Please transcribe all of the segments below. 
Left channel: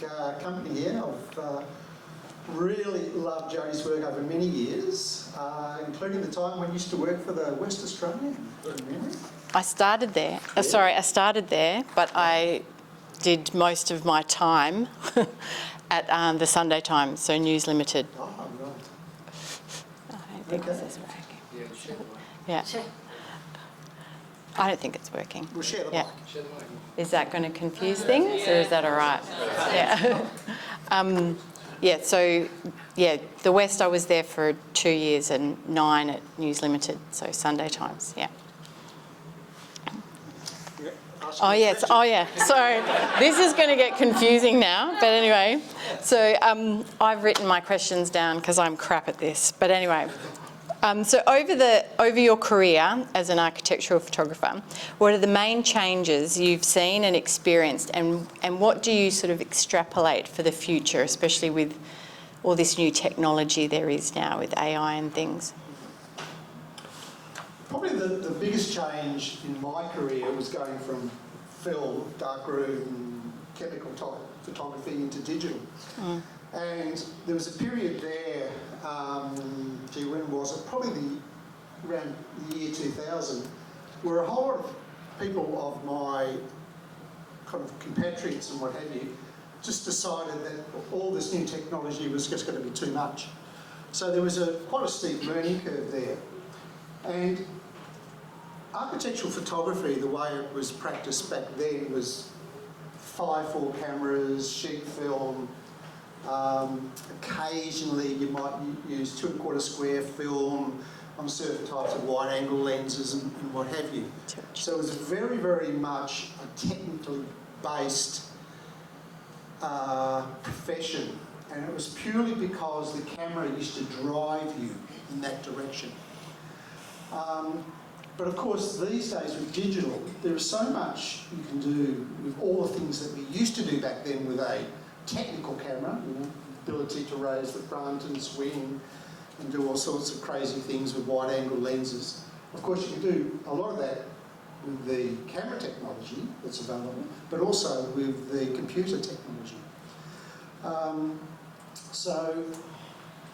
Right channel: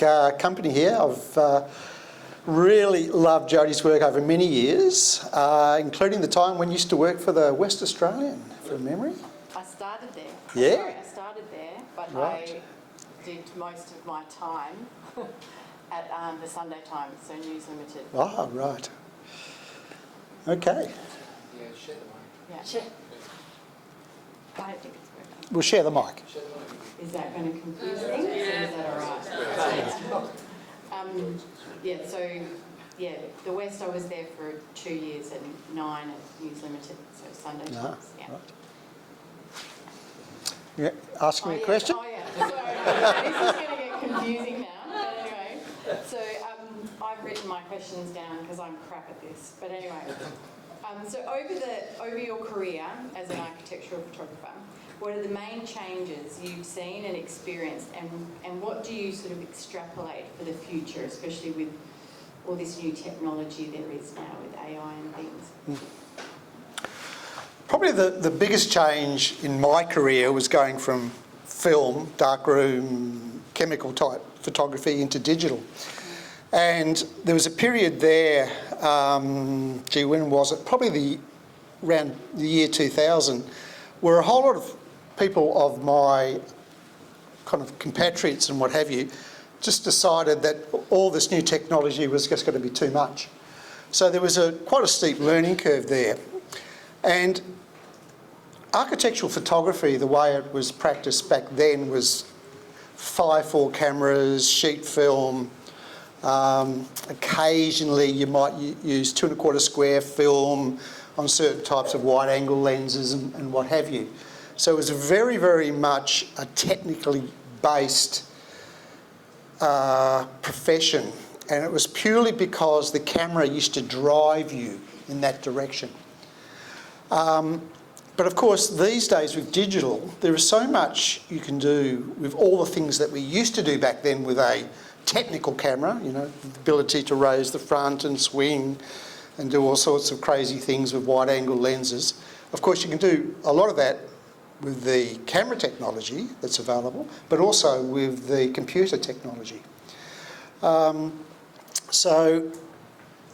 company here. I've really loved Jodie's work over many years, including the time when you used to work for the West Australian, from memory. I started there. Yeah. I started there, but Right. I did most of my time at the Sunday Times, so News Limited. Oh, right. Okay. Yeah. I don't think it's working. We'll share the Yeah. mic. Is that going to confuse things, or is that all right? Yeah. The West, I was there for 2 years and 9 at News Limited, so Sunday Times. Yeah. Yeah. Asking a question. Oh, yeah. Sorry. This is going to get confusing now. But anyway, so I've written my questions down because I'm crap at this. But anyway, so over your career as an architectural photographer, what are the main changes you've seen and experienced, and what do you sort of extrapolate for the future, especially with all this new technology there is now with AI and things? Probably the biggest change in my career was going from film, darkroom, chemical type photography into digital. And there was a period there, when was it? Probably around the year 2000, where a whole lot of people of my kind of compatriots and what have you just decided that all this new technology was just going to be too much. So there was quite a steep learning curve there. And architectural photography, the way it was practiced back then, was 5.4 cameras, sheet film. Occasionally you might use 2.25 square film on certain types of wide angle lenses and what have you. So it was very, very much a technically based profession, and it was purely because the camera used to drive you in that direction. But of course, these days with digital, there is so much you can do with all the things that we used to do back then with a technical camera, the ability to raise the front and swing and do all sorts of crazy things with wide angle lenses. Of course, you can do a lot of that with the camera technology that's available, but also with the computer technology. So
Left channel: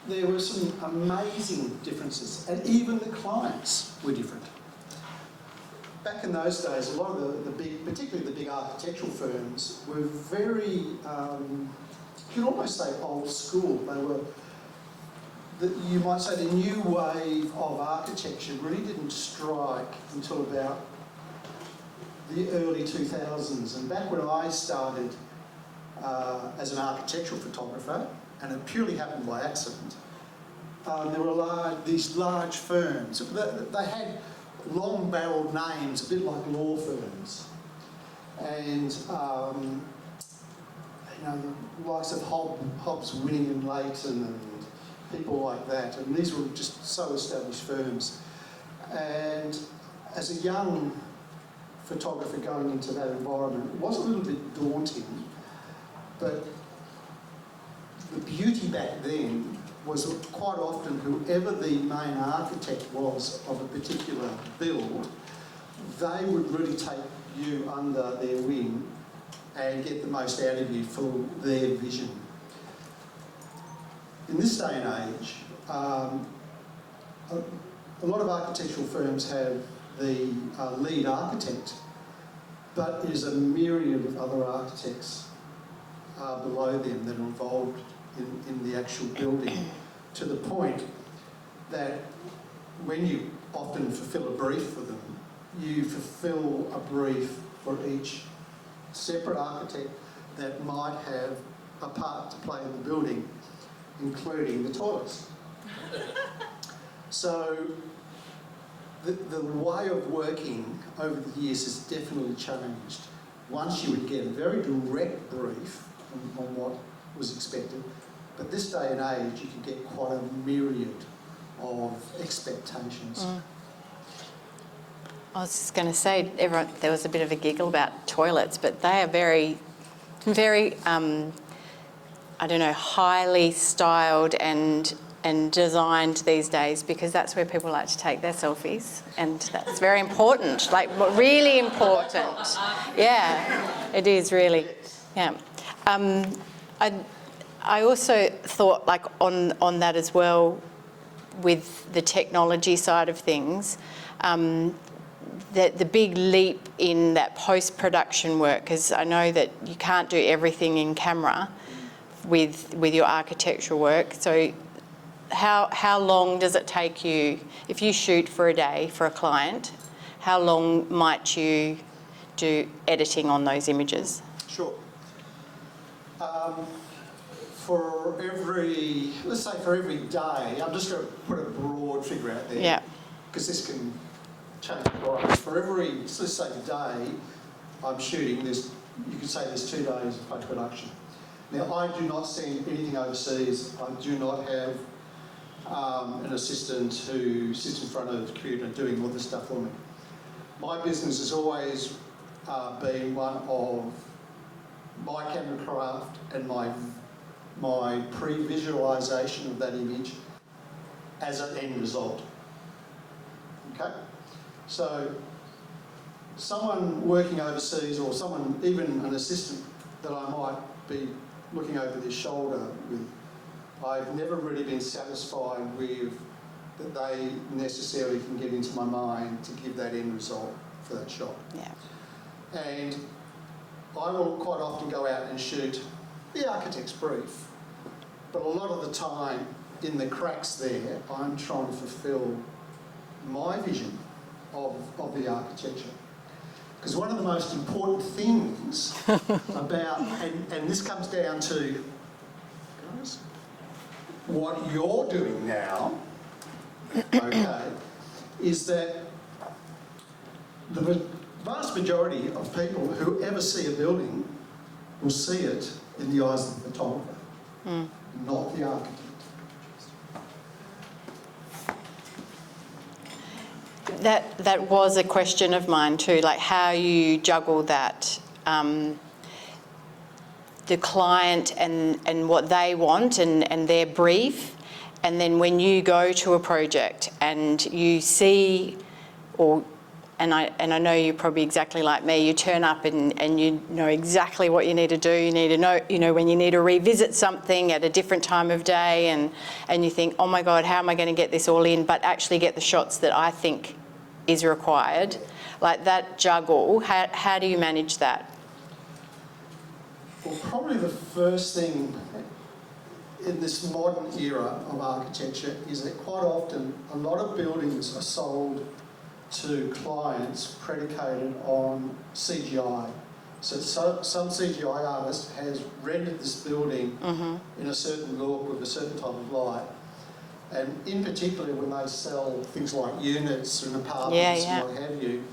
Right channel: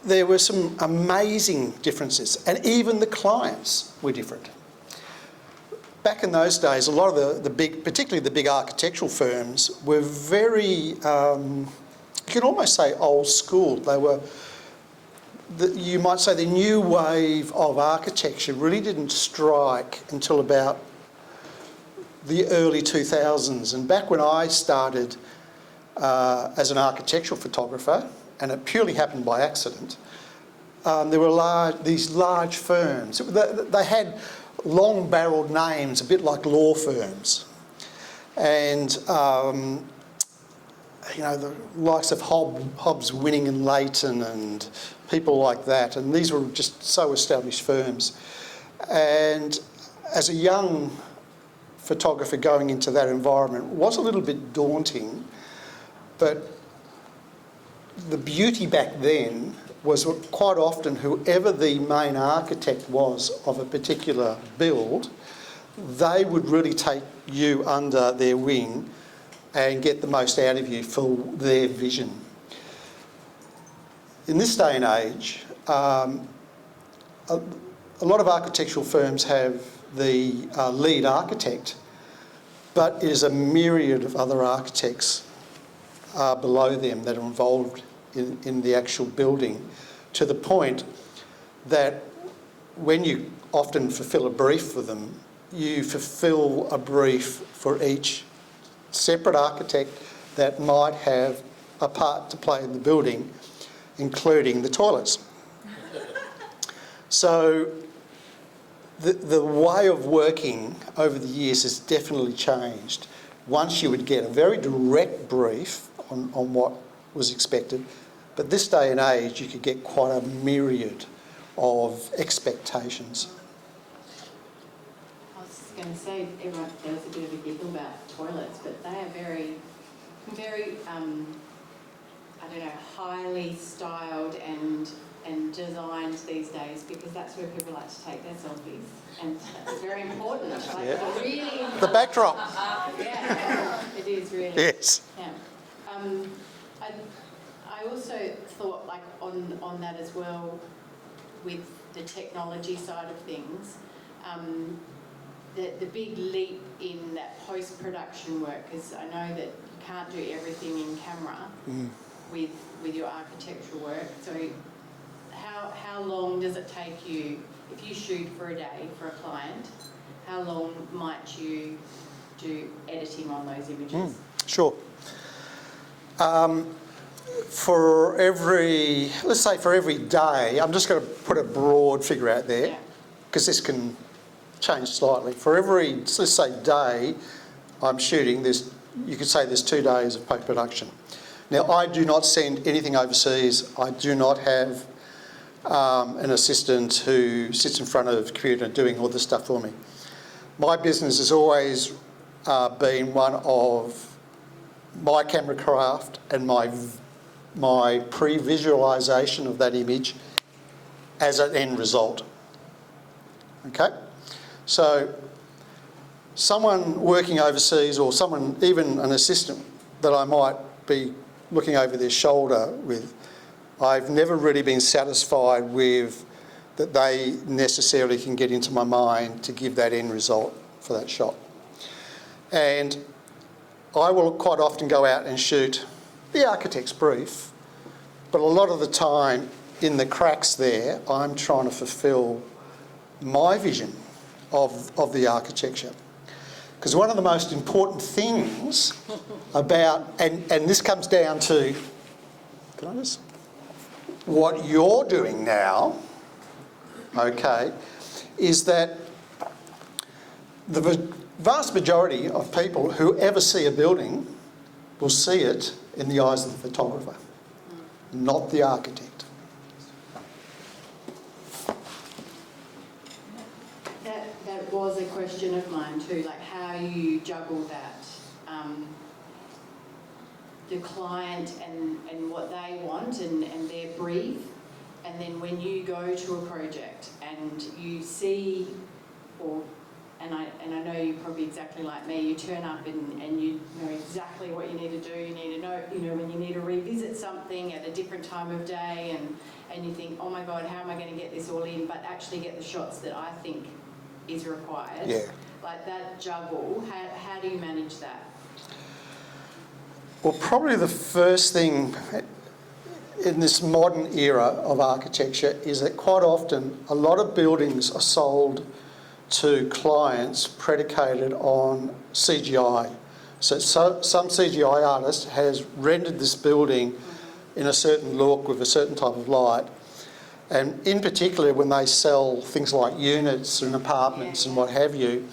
there were some amazing differences, and even the clients were different. Back in those days, a lot of the big, particularly the big architectural firms, were very, you can almost say old school. They were, you might say, the new wave of architecture really didn't strike until about the early 2000s. And back when I started as an architectural photographer, and it purely happened by accident, there were these large firms. They had long-barreled names, a bit like law firms. And, the likes of Hobbs, Winning and Layton and people like that. And these were just so established firms. And as a young photographer going into that environment was a little bit daunting, but the beauty back then was quite often whoever the main architect was of a particular build, they would really take you under their wing and get the most out of you for their vision. In this day and age, a lot of architectural firms have the lead architect, but it is a myriad of other architects below them that are involved in the actual building, to the point that when you often fulfil a brief for them, you fulfil a brief for each separate architect that might have a part to play in the building, including the toilets. So the way of working over the years has definitely changed. Once you would get a very direct brief on what was expected, but this day and age you could get quite a myriad of expectations. I was just going to say, there was a bit of a giggle about toilets, but they are very, very, highly styled and designed these days, because that's where people like to take their selfies, and that's very important, really important. The backdrops. Yeah, it is really. Yes. Yeah. I also thought, like, on that as well, with the technology side of things, that the big leap in that post-production work, because I know that you can't do everything in camera with your architectural work. So how long does it take you, if you shoot for a day for a client, how long might you do editing on those images? Sure. For every, let's say for every day, I'm just going to put a broad figure out there. Yeah. Because this can change slightly. For every, let's say, day I'm shooting, you could say there's 2 days of post-production. Now, I do not send anything overseas. I do not have an assistant who sits in front of a computer doing all this stuff for me. My business has always been one of my camera craft and my pre-visualisation of that image as an end result. Okay? So someone working overseas, or someone, even an assistant that I might be looking over their shoulder with, I've never really been satisfied with that they necessarily can get into my mind to give that end result for that shot. Yeah. And I will quite often go out and shoot the architect's brief, but a lot of the time in the cracks there, I'm trying to fulfil my vision of the architecture. Because one of the most important things about, and this comes down to, what you're doing now, okay, is that the vast majority of people who ever see a building will see it in the eyes of the photographer, not the architect. That was a question of mine too, like how you juggle that, the client and what they want and their brief, and then when you go to a project and you see, and I know you're probably exactly like me, you turn up and you know exactly what you need to do. You need to know, when you need to revisit something at a different time of day, and you think, oh my God, how am I going to get this all in, but actually get the shots that I think is required. Yeah. Like that juggle, how do you manage that? Well, probably the first thing in this modern era of architecture is that quite often a lot of buildings are sold to clients predicated on CGI. So some CGI artist has rendered this building in a certain look with a certain type of light. And in particular, when they sell things like units and apartments and what have you,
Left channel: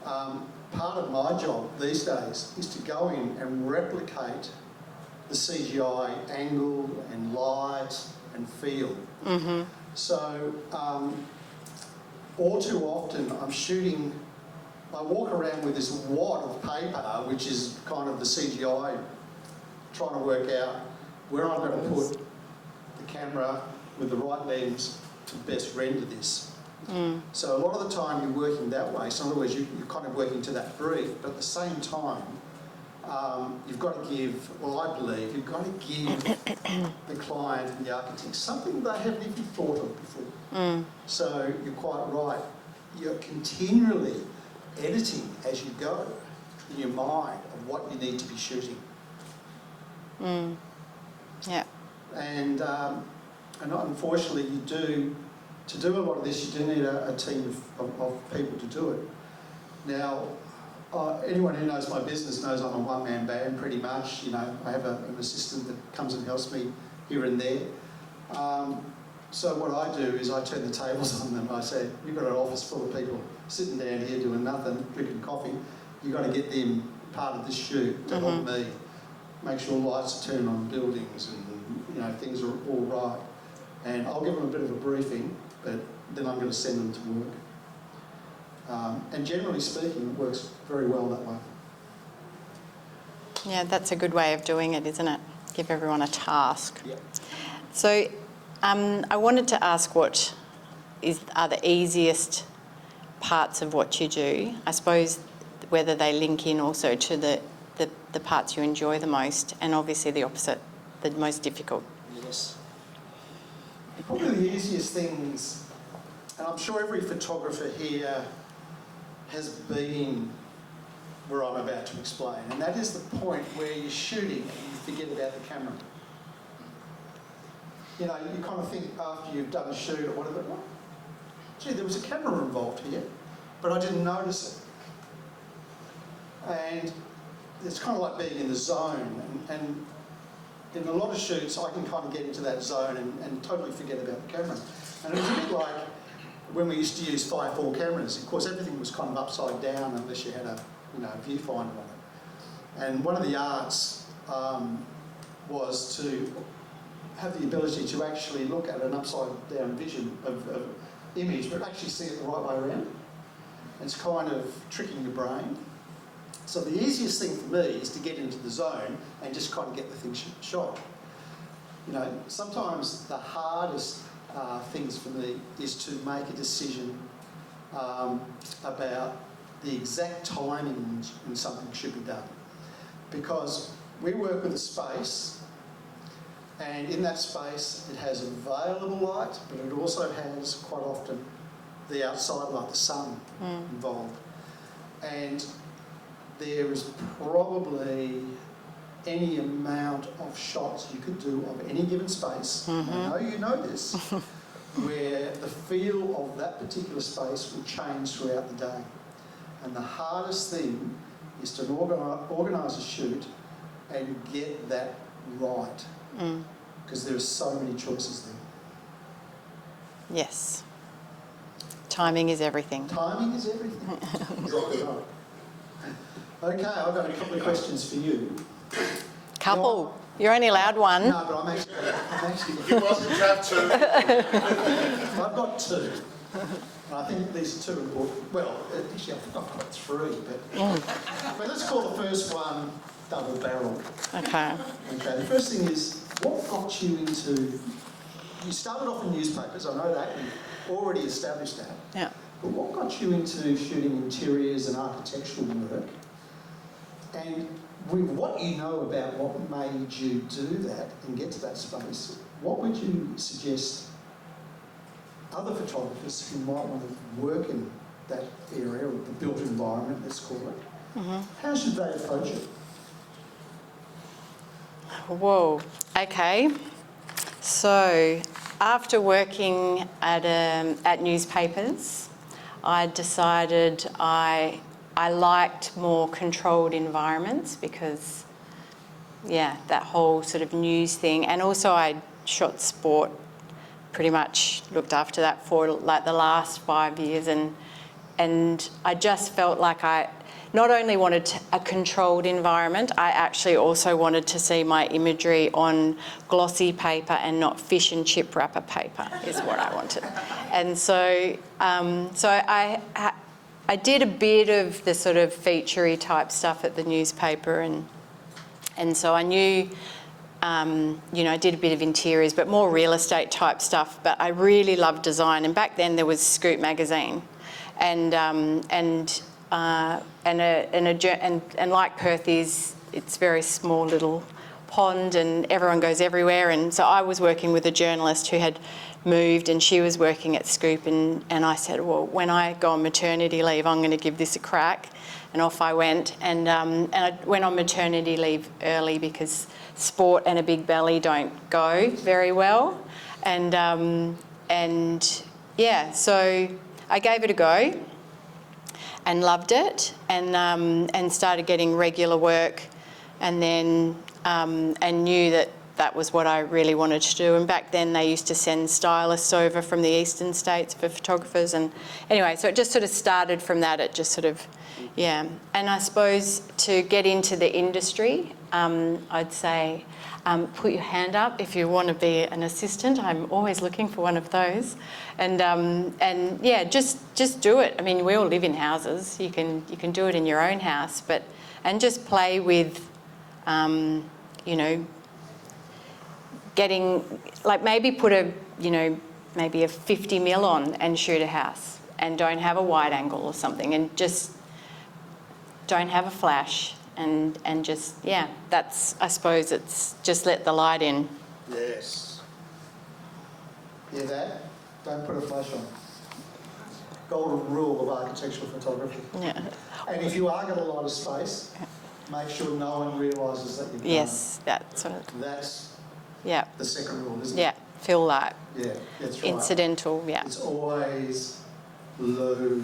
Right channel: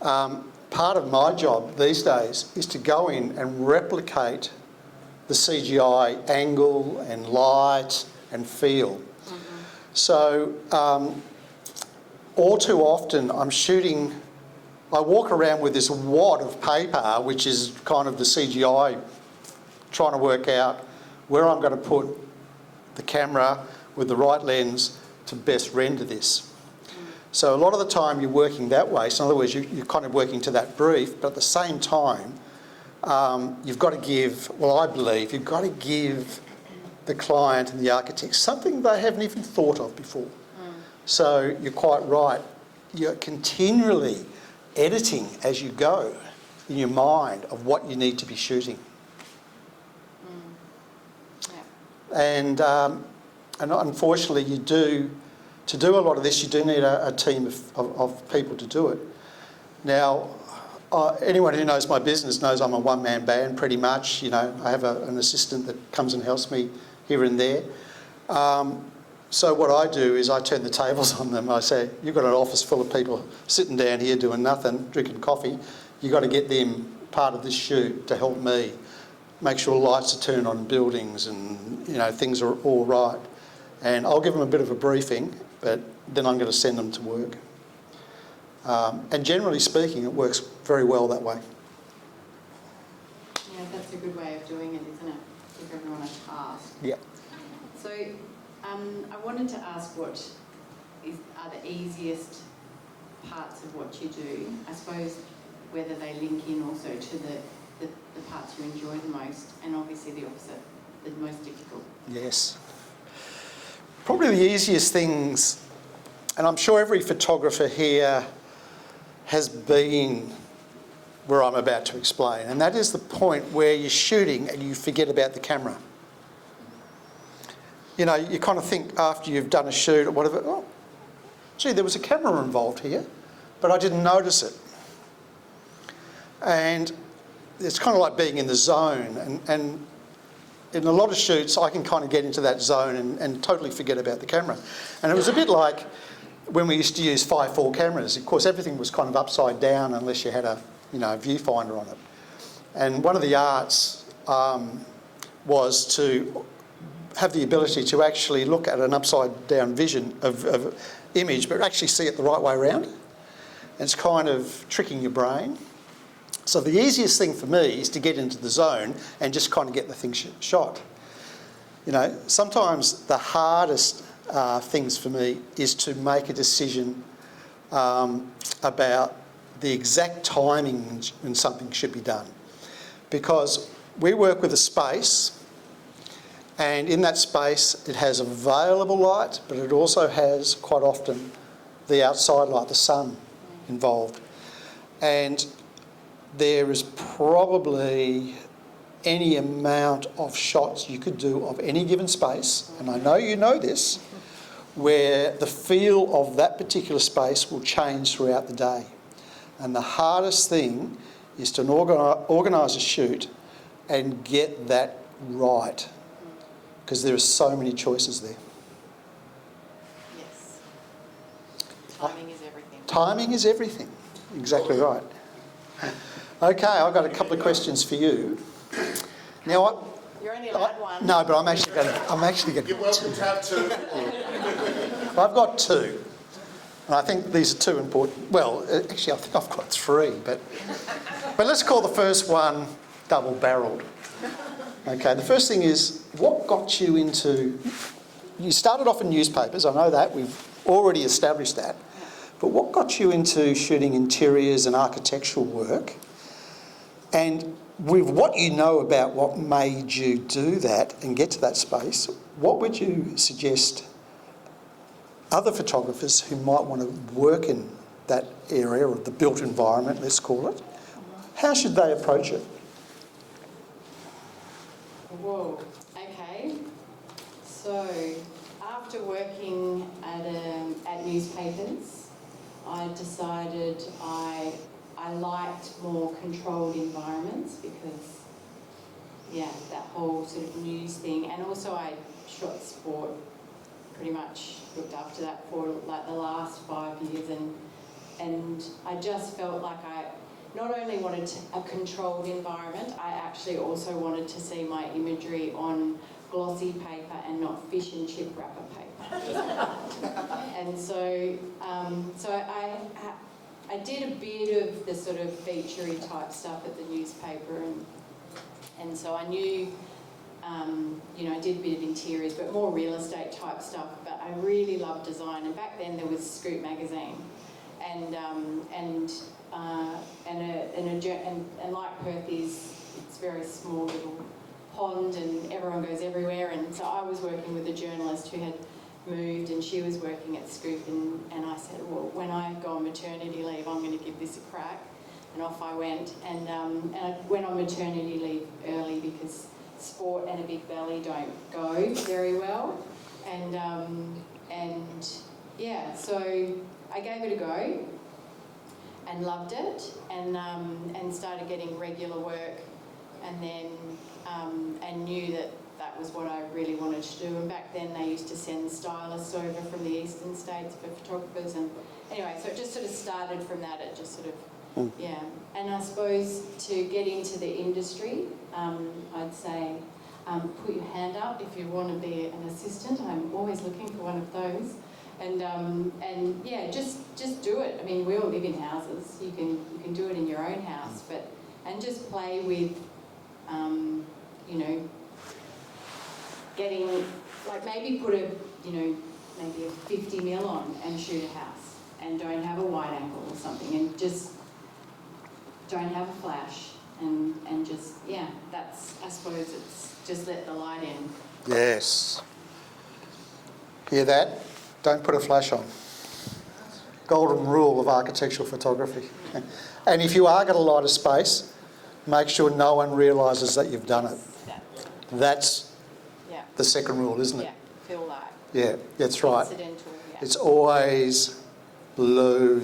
part of my job these days is to go in and replicate the CGI angle and light and feel. So all too often I'm shooting, I walk around with this wad of paper, which is kind of the CGI, trying to work out where I'm going to put the camera with the right lens to best render this. So a lot of the time you're working that way. So in other words, you're kind of working to that brief, but at the same time, you've got to give, well, I believe, you've got to give the client and the architect something they haven't even thought of before. So you're quite right. You're continually editing as you go in your mind of what you need to be shooting. Yeah. And unfortunately, to do a lot of this, you do need a team of people to do it. Now, anyone who knows my business knows I'm a one-man band pretty much. I have an assistant that comes and helps me here and there. So what I do is I turn the tables on them. I say, you've got an office full of people sitting down here doing nothing, drinking coffee. You've got to get them part of this shoot to help me. Make sure lights are turned on in buildings and, things are all right. And I'll give them a bit of a briefing, but then I'm going to send them to work. And generally speaking, it works very well that way. Yeah, that's a good way of doing it, isn't it? Give everyone a task. Yeah. So I wanted to ask what are the easiest parts of what you do? I suppose whether they link in also to the parts you enjoy the most, and obviously the opposite the most difficult? Yes. Probably the easiest things, and I'm sure every photographer here has been where I'm about to explain, and that is the point where you're shooting and you forget about the camera. You know, you kind of think after you've done a shoot or whatever, oh, gee, there was a camera involved here, but I didn't notice it. And it's kind of like being in the zone, and in a lot of shoots I can kind of get into that zone and totally forget about the camera. And it was a bit like when we used to use 5.4 cameras. Of course, everything was kind of upside down unless you had a viewfinder on it. And one of the arts was to have the ability to actually look at an upside down vision of image, but actually see it the right way around. It's kind of tricking your brain. So the easiest thing for me is to get into the zone and just kind of get the thing shot. You know, sometimes the hardest things for me is to make a decision about the exact timing when something should be done. Because we work with a space, and in that space it has available light, but it also has quite often the outside light, the sun, involved. And there is probably any amount of shots you could do of any given space, and I know you know this, where the feel of that particular space will change throughout the day. And the hardest thing is to organise a shoot and get that right, because there are so many choices there. Yes. Timing is everything. Timing is everything. Exactly right. Okay, I've got a couple of questions for you. Couple? You're only allowed one. No, but I'm actually going to... You're welcome to have two. I've got two. And I think these are two important. Well, actually, I think I've got three, but let's call the first one double-barrelled. Okay. Okay, the first thing is, what got you into... You started off in newspapers, I know that, we've already established that. Yeah. But what got you into shooting interiors and architectural work? And with what you know about what made you do that and get to that space, what would you suggest other photographers who might want to work in that area of the built environment, let's call it, how should they approach it? Whoa, okay. So after working at newspapers, I decided I liked more controlled environments because, yeah, that whole sort of news thing. And also I shot sport, pretty much looked after that for like the last 5 years. And I just felt like I not only wanted a controlled environment, I actually also wanted to see my imagery on glossy paper and not fish and chip wrapper paper is what I wanted. And so, I did a bit of the sort of featurey type stuff at the newspaper, and so I knew, I did a bit of interiors, but more real estate type stuff. But I really loved design, and back then there was Scoop magazine, and like Perth is, it's very small little pond, and everyone goes everywhere. And so I was working with a journalist who had moved, and she was working at Scoop, and I said, well, when I go on maternity leave, I'm going to give this a crack. And off I went, and I went on maternity leave early because sport and a big belly don't go very well. And yeah, so I gave it a go and loved it, and started getting regular work, and then and knew that was what I really wanted to do. And back then they used to send stylists over from the eastern states for photographers, and anyway, so it just sort of started from that. It just sort of, yeah. And I suppose to get into the industry, I'd say put your hand up if you want to be an assistant. I'm always looking for one of those. And yeah, just do it. I mean, we all live in houses. You can do it in your own house, and just play with, getting, like, maybe put maybe a 50 mil on and shoot a house, and don't have a wide angle or something, and just don't have a flash, and just, yeah, that's, I suppose it's just let the light in. Yes. Hear that? Don't put a flash on. Golden rule of architectural photography. Yeah. And if you are going to light a space, make sure no one realises that you've done Yes, that's what it. That's yeah. the second rule, isn't it? Yeah, feel light. Yeah, that's right. Incidental, yeah. It's always low,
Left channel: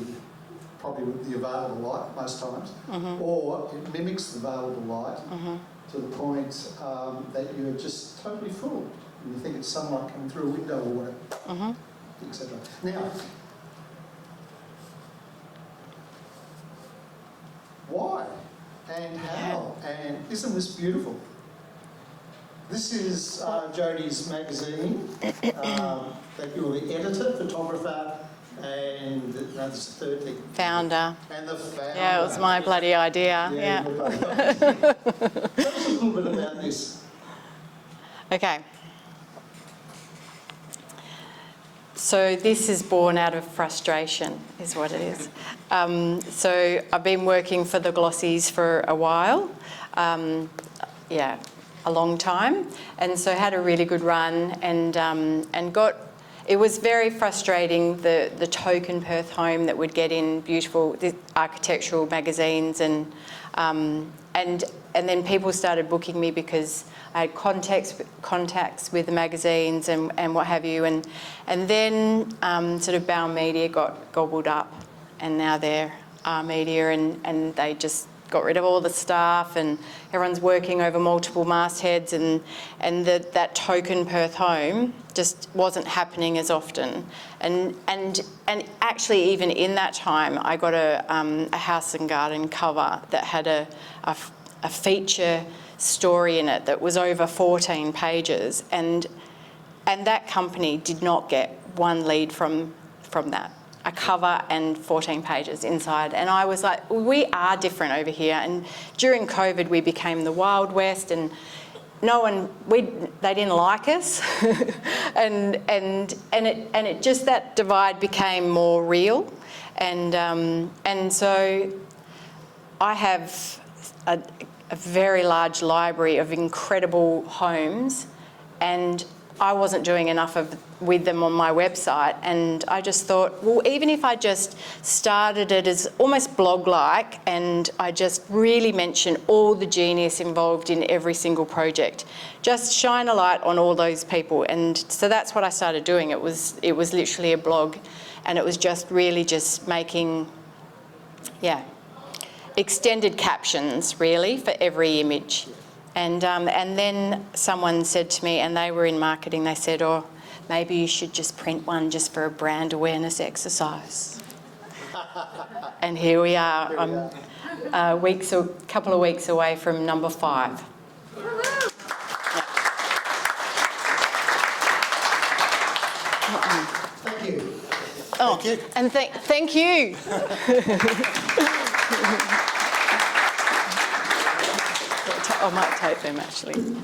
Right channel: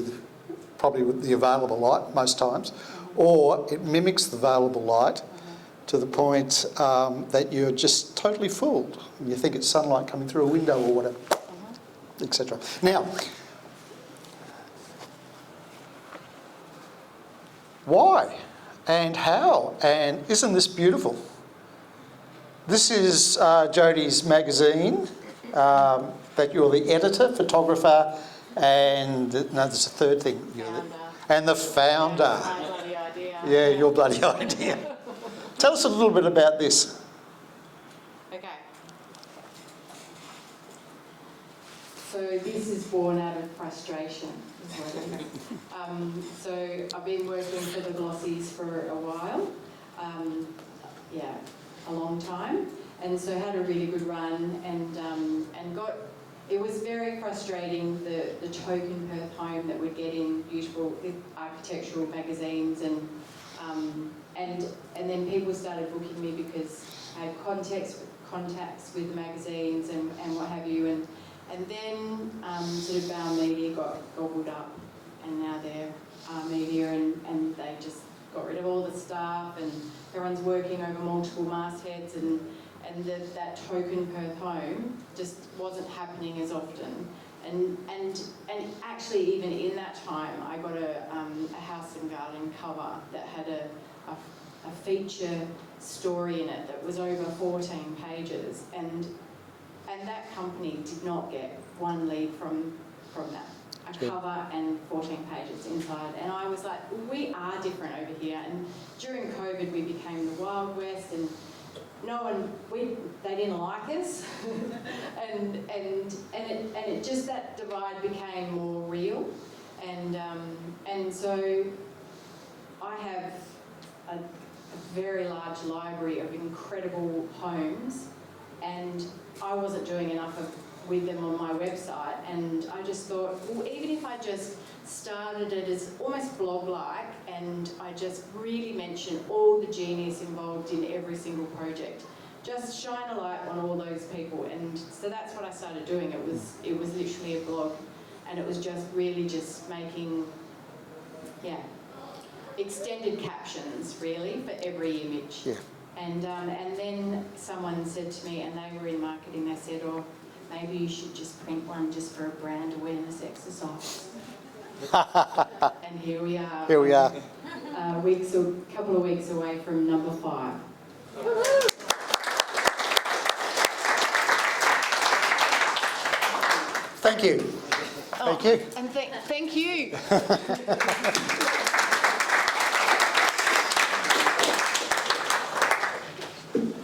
probably with the available light most times, or it mimics the available light to the point that you're just totally fooled. You think it's sunlight coming through a window or whatever, etc. Now, why and how, and isn't this beautiful? This is Jodie's magazine, that you're the editor, photographer, and no, there's a third thing. Founder. And the founder. Yeah, it was my bloody idea. Yeah, your bloody idea. Tell us a little bit about this. Okay. So this is born out of frustration, is what it is. So I've been working for the Glossies for a while, yeah, a long time, and so had a really good run, and got. It was very frustrating, the token Perth home that would get in beautiful architectural magazines, and then people started booking me because I had contacts with the magazines and what have you, and then sort of Bauer Media got gobbled up, and now they're our media, and they just got rid of all the staff, and everyone's working over multiple mastheads, and that token Perth home just wasn't happening as often. And actually, even in that time, I got a house and garden cover that had a feature story in it that was over 14 pages, and that company did not get one lead from that. A cover and 14 pages inside, and I was like, we are different over here. And during COVID, we became the Wild West, and they didn't like us, and it just, that divide became more real, and so I have a very large library of incredible homes, and I wasn't doing enough with them on my website, and I just thought, well, even if I just started it as almost blog-like, and I just really mention all the genius involved in every single project, just shine a light on all those people. And so that's what I started doing. It was literally a blog, and it was just really just making, yeah, extended captions really for every image. Yeah. And then someone said to me, and they were in marketing, they said, oh, maybe you should just print one just for a brand awareness exercise. And here we are. Here we are. A couple of weeks away from number 5. Thank you. Oh, Thank you. and thank you. I might tape them actually.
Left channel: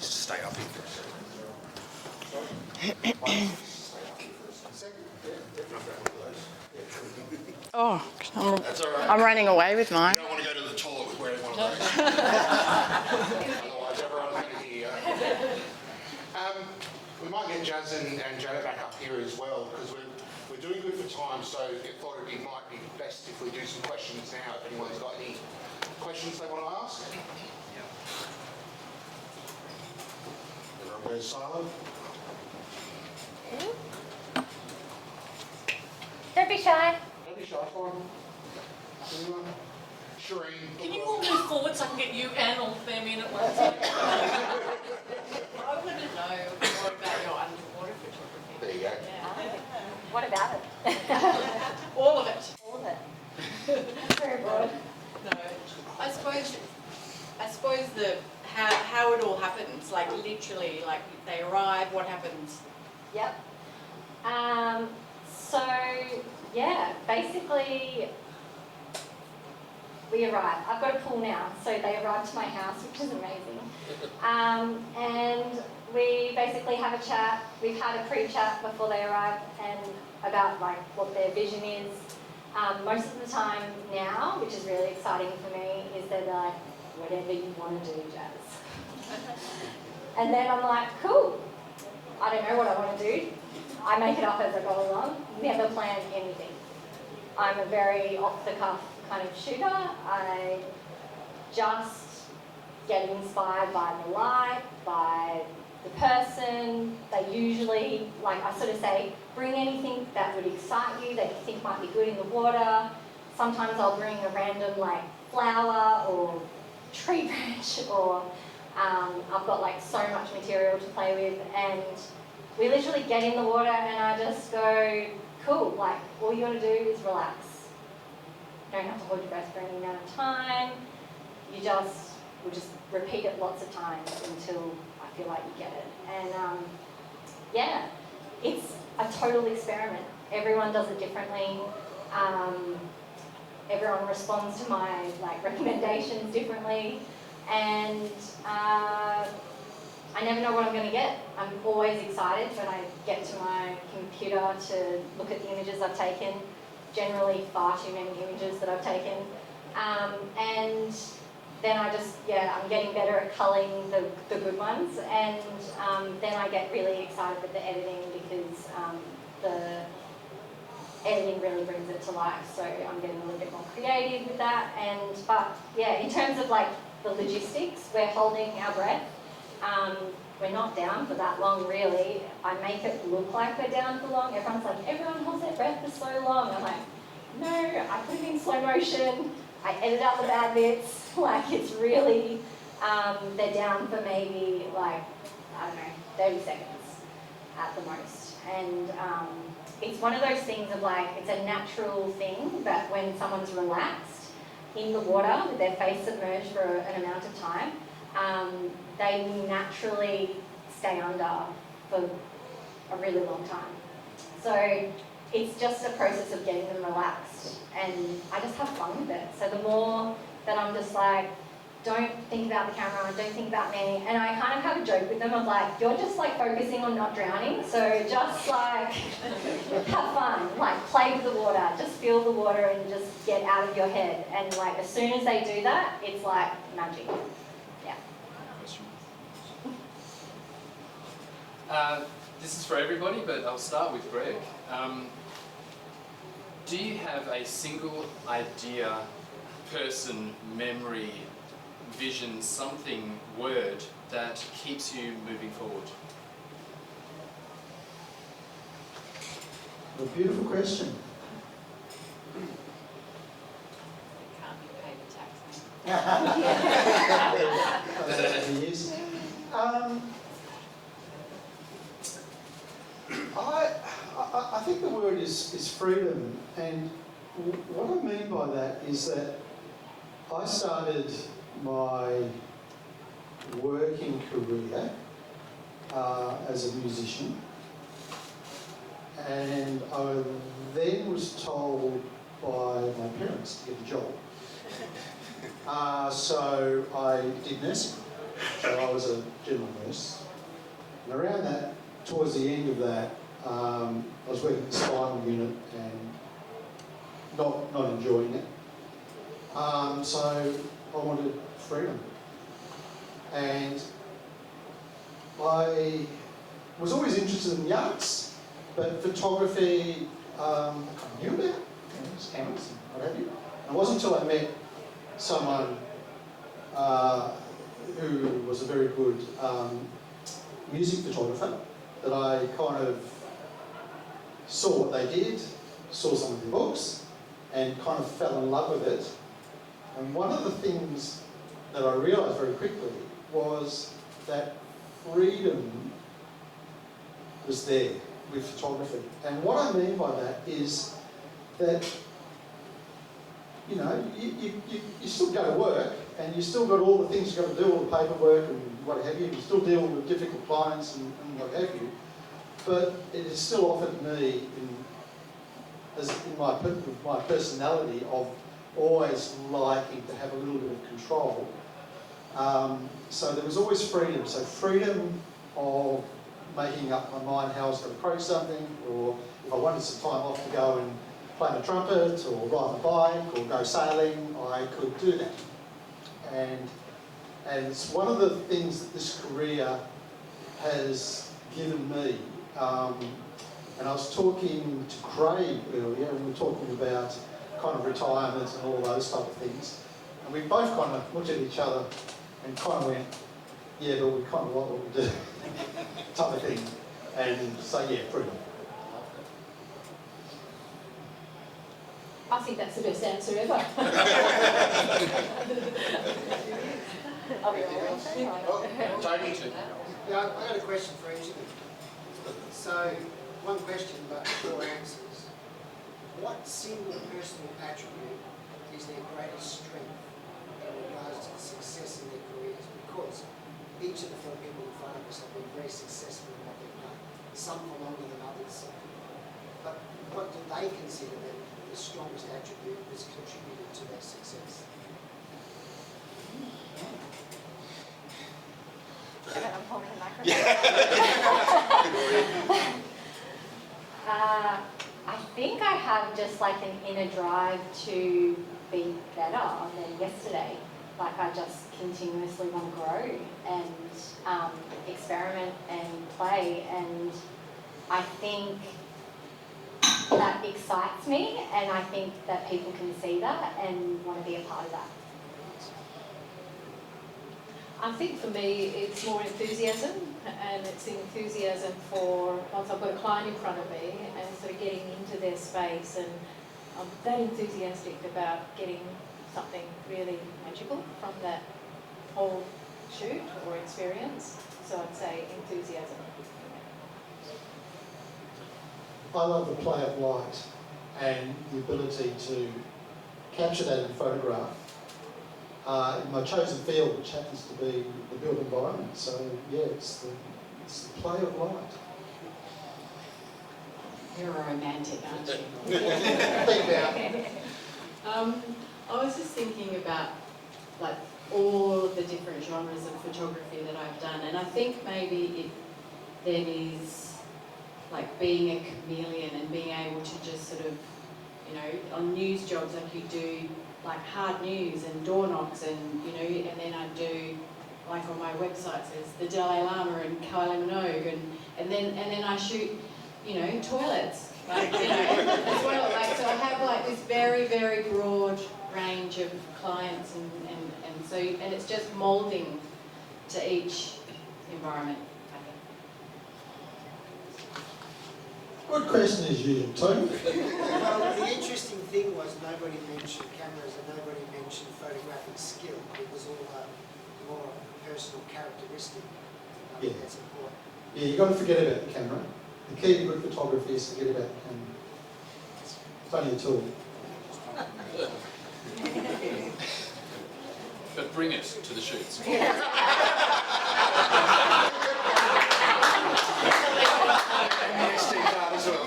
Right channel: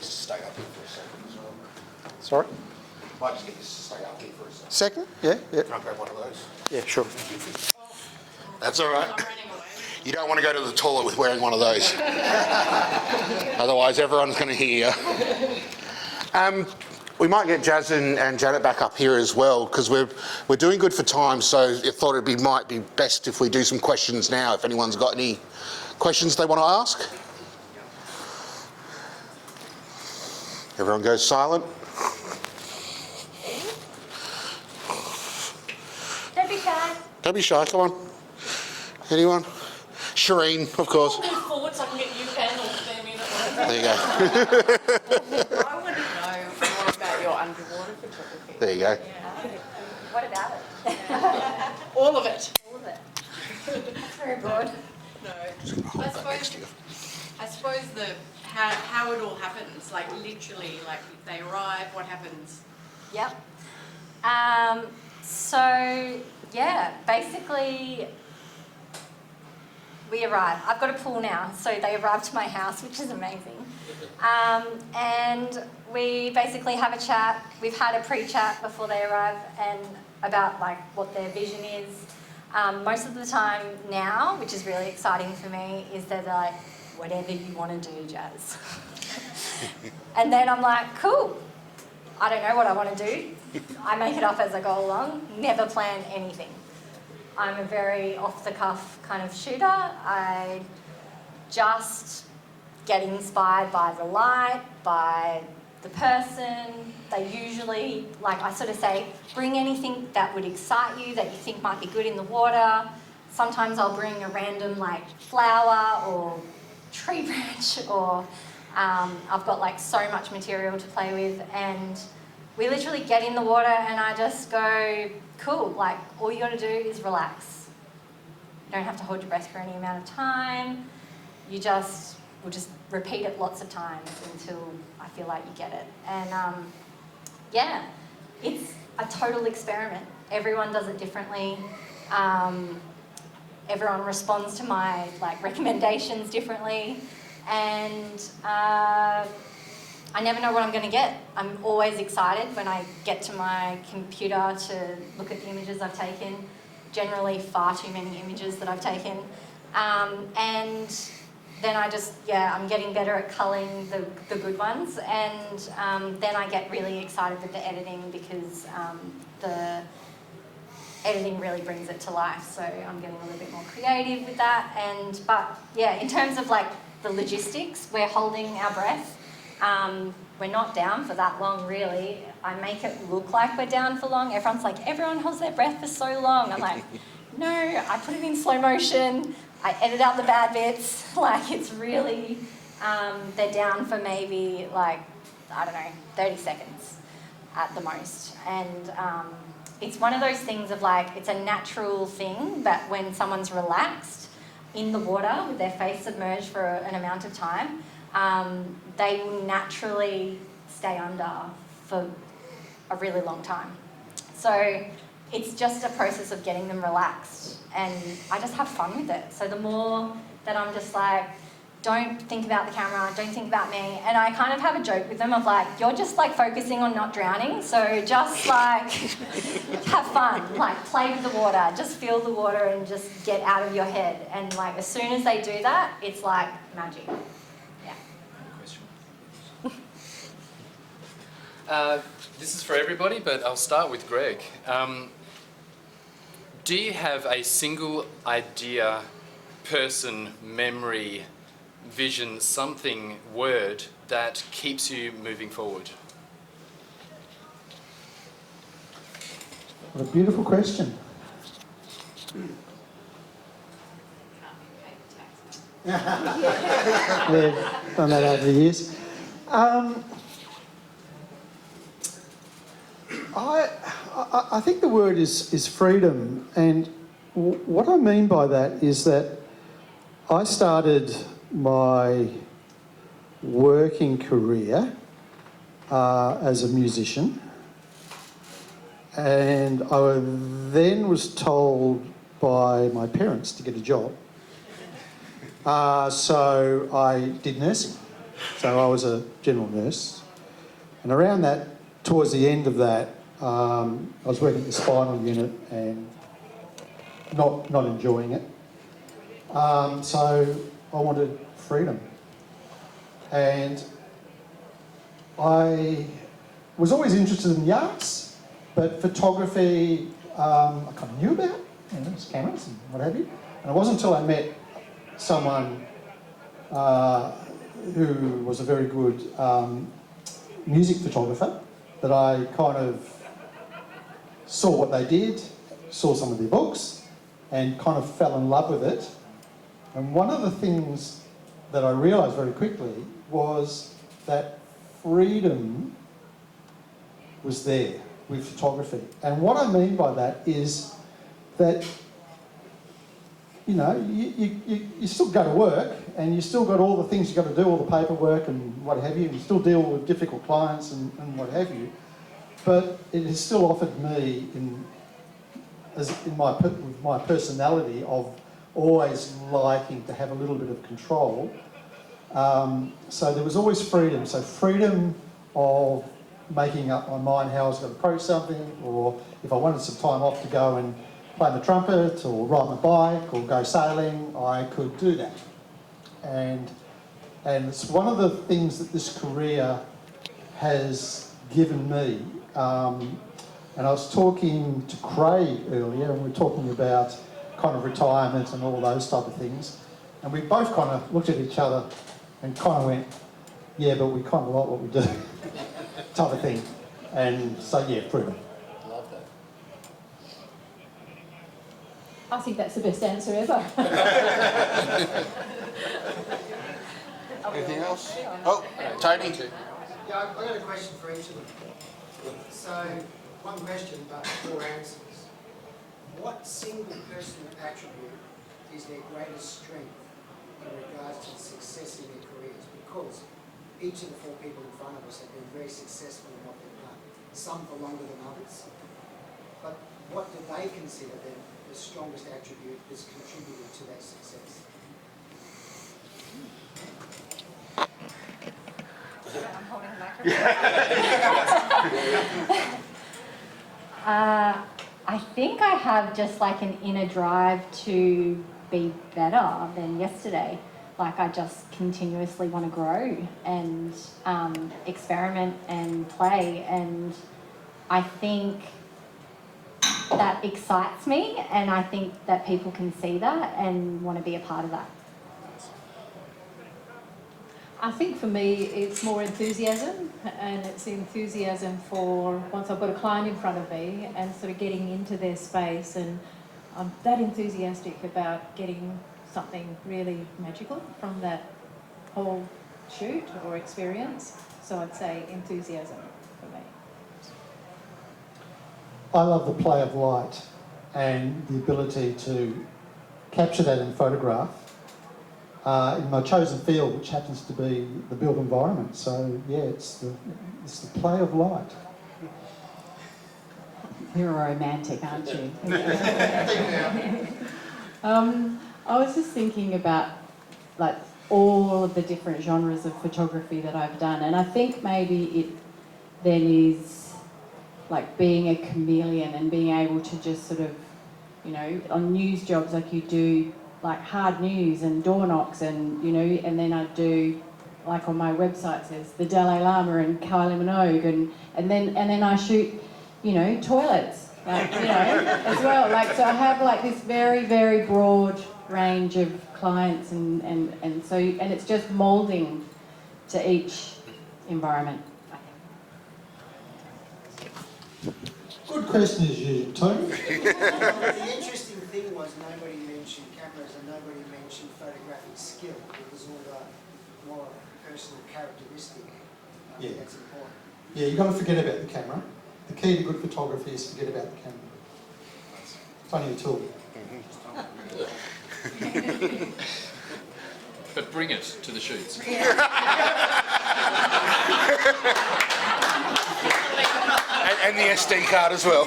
Stay up here for a second. Sorry? Stay up here for a second. Second? Yeah, yeah. Can I grab one of those? Yeah, sure. Oh, That's all right. I'm running away with mine. You don't want to go to the toilet with wearing one of those. Otherwise, everyone's going to hear you. We might get Jazz and Janet back up here as well, because we're doing good for time, so I thought might be best if we do some questions now, if anyone's got any questions they want to ask. Everyone goes silent. Don't be shy. Don't be shy, come on. Anyone? Shireen, of course. Move forward so I can get you and all the family at once. There you go. I want to know more about your underwater photography. There you go. What about it? All of it. All of it. Very good. No, I suppose how it all happens, like literally, like they arrive, what happens? Yep. So, yeah, basically we arrive. I've got a pool now, so they arrive to my house, which is amazing. And we basically basically have a chat. We've had a pre-chat before they arrive and about like what their vision is. Most of the time now, which is really exciting for me, is that they're like, whatever you want to do, Jazz. And then I'm like, cool. I don't know what I want to do. I make it up as I go along. Never plan anything. I'm a very off-the-cuff kind of shooter. I just get inspired by the light, by the person. They usually, like I sort of say, bring anything that would excite you, that you think might be good in the water. Sometimes I'll bring a random like flower or tree branch, or I've got like so much material to play with, and we literally get in the water and I just go, cool, like all you gotta do is relax. You don't have to hold your breath for any amount of time. We'll just repeat it lots of times until I feel like you get it. And yeah, it's a total experiment. Everyone does it differently. Everyone responds to my like recommendations differently, and I never know what I'm going to get. I'm always excited when I get to my computer to look at the images I've taken. Generally, far too many images that I've taken, and then I'm getting better at culling the good ones, and then I get really excited with the editing because the editing really brings it to life. So I'm getting a little bit more creative with that. But yeah, in terms of like the logistics, we're holding our breath. We're not down for that long, really. I make it look like we're down for long. Everyone's like, everyone holds their breath for so long. I'm like, no, I put it in slow motion. I edit out the bad bits. Like, it's really, they're down for maybe like, I don't know, 30 seconds at the most. And it's one of those things of like, it's a natural thing that when someone's relaxed in the water with their face submerged for an amount of time, they will naturally stay under for a really long time. So it's just a process of getting them relaxed, and I just have fun with it. So the more that I'm just like, don't think about the camera, don't think about me, and I kind of have a joke with them of like, you're just like focusing on not drowning, so just like have fun, like play with the water, just feel the water and just get out of your head. And like as soon as they do that, it's like magic. This is for everybody, but I'll start with Greg. Do you have a single idea, person, memory, vision, something, word that keeps you moving forward? What a beautiful question. We've done that over the years. I think the word is freedom, and what I mean by that is that I started my working career as a musician, and I then was told by my parents to get a job. So I did nursing. So I was a general nurse, and around that, towards the end of that, I was working at the spinal unit and not enjoying it. So I wanted freedom. And I was always interested in the arts, but photography, I kind of knew about it, cameras and what have you. And it wasn't until I met someone who was a very good music photographer that I kind of saw what they did, saw some of their books, and kind of fell in love with it. And one of the things that I realised very quickly was that freedom was there with photography. And what I mean by that is that, you know, you still go to work and you still got all the things you've got to do, all the paperwork and what have you. You still deal with difficult clients and what have you. But it has still offered me, with my personality of always liking to have a little bit of control. So there was always freedom. So freedom of making up my mind how I was going to approach something, or if I wanted some time off to go and play the trumpet or ride my bike or go sailing, I could do that. And it's one of the things that this career has given me. And I was talking to Craig earlier, and we were talking about kind of retirement and all those type of things. And we both kind of looked at each other and kind of went, yeah, but we kind of like what we do, type of thing. And so, yeah, freedom. I think that's the best answer ever. Anything else? Oh, Tony. Yeah, I got a question for each of them. So, one question but 4 answers. What single personal attribute is their greatest strength in regards to success in their careers? Because each of the 4 people in front of us have been very successful in what they've done, some for longer than others. But what do they consider the strongest attribute that's contributed to their success? I think I have just like an inner drive to be better than yesterday. Like I just continuously want to grow and experiment and play, and I think that excites me, and I think that people can see that and want to be a part of that. I think for me it's more enthusiasm, and it's enthusiasm for once I've got a client in front of me and sort of getting into their space, and I'm that enthusiastic about getting something really magical from that whole shoot or experience. So I'd say enthusiasm for me. I love the play of light and the ability to capture that in photograph in my chosen field, which happens to be the built environment. So yeah, it's the play of light. You're a romantic, aren't you? I was just thinking about like all of the different genres of photography that I've done, and I think maybe it then is like being a chameleon and being able to just sort of, you know, on news jobs like you do like hard news and door knocks, and you know, and then I do like on my website says the Dalai Lama and Kylie Minogue, and then I shoot, you know, toilets, like, you know, as well. Like, so I have like this very, very broad range of clients, and it's just moulding to each environment. Good question as usual, Tony. The interesting thing was nobody mentioned cameras and nobody mentioned photographic skill. It was all more personal characteristic. Yeah. That's important. Yeah, you've got to forget about the camera. The key to good photography is forget about the camera. It's only a tool. But bring it to the shoots. And the SD card as well.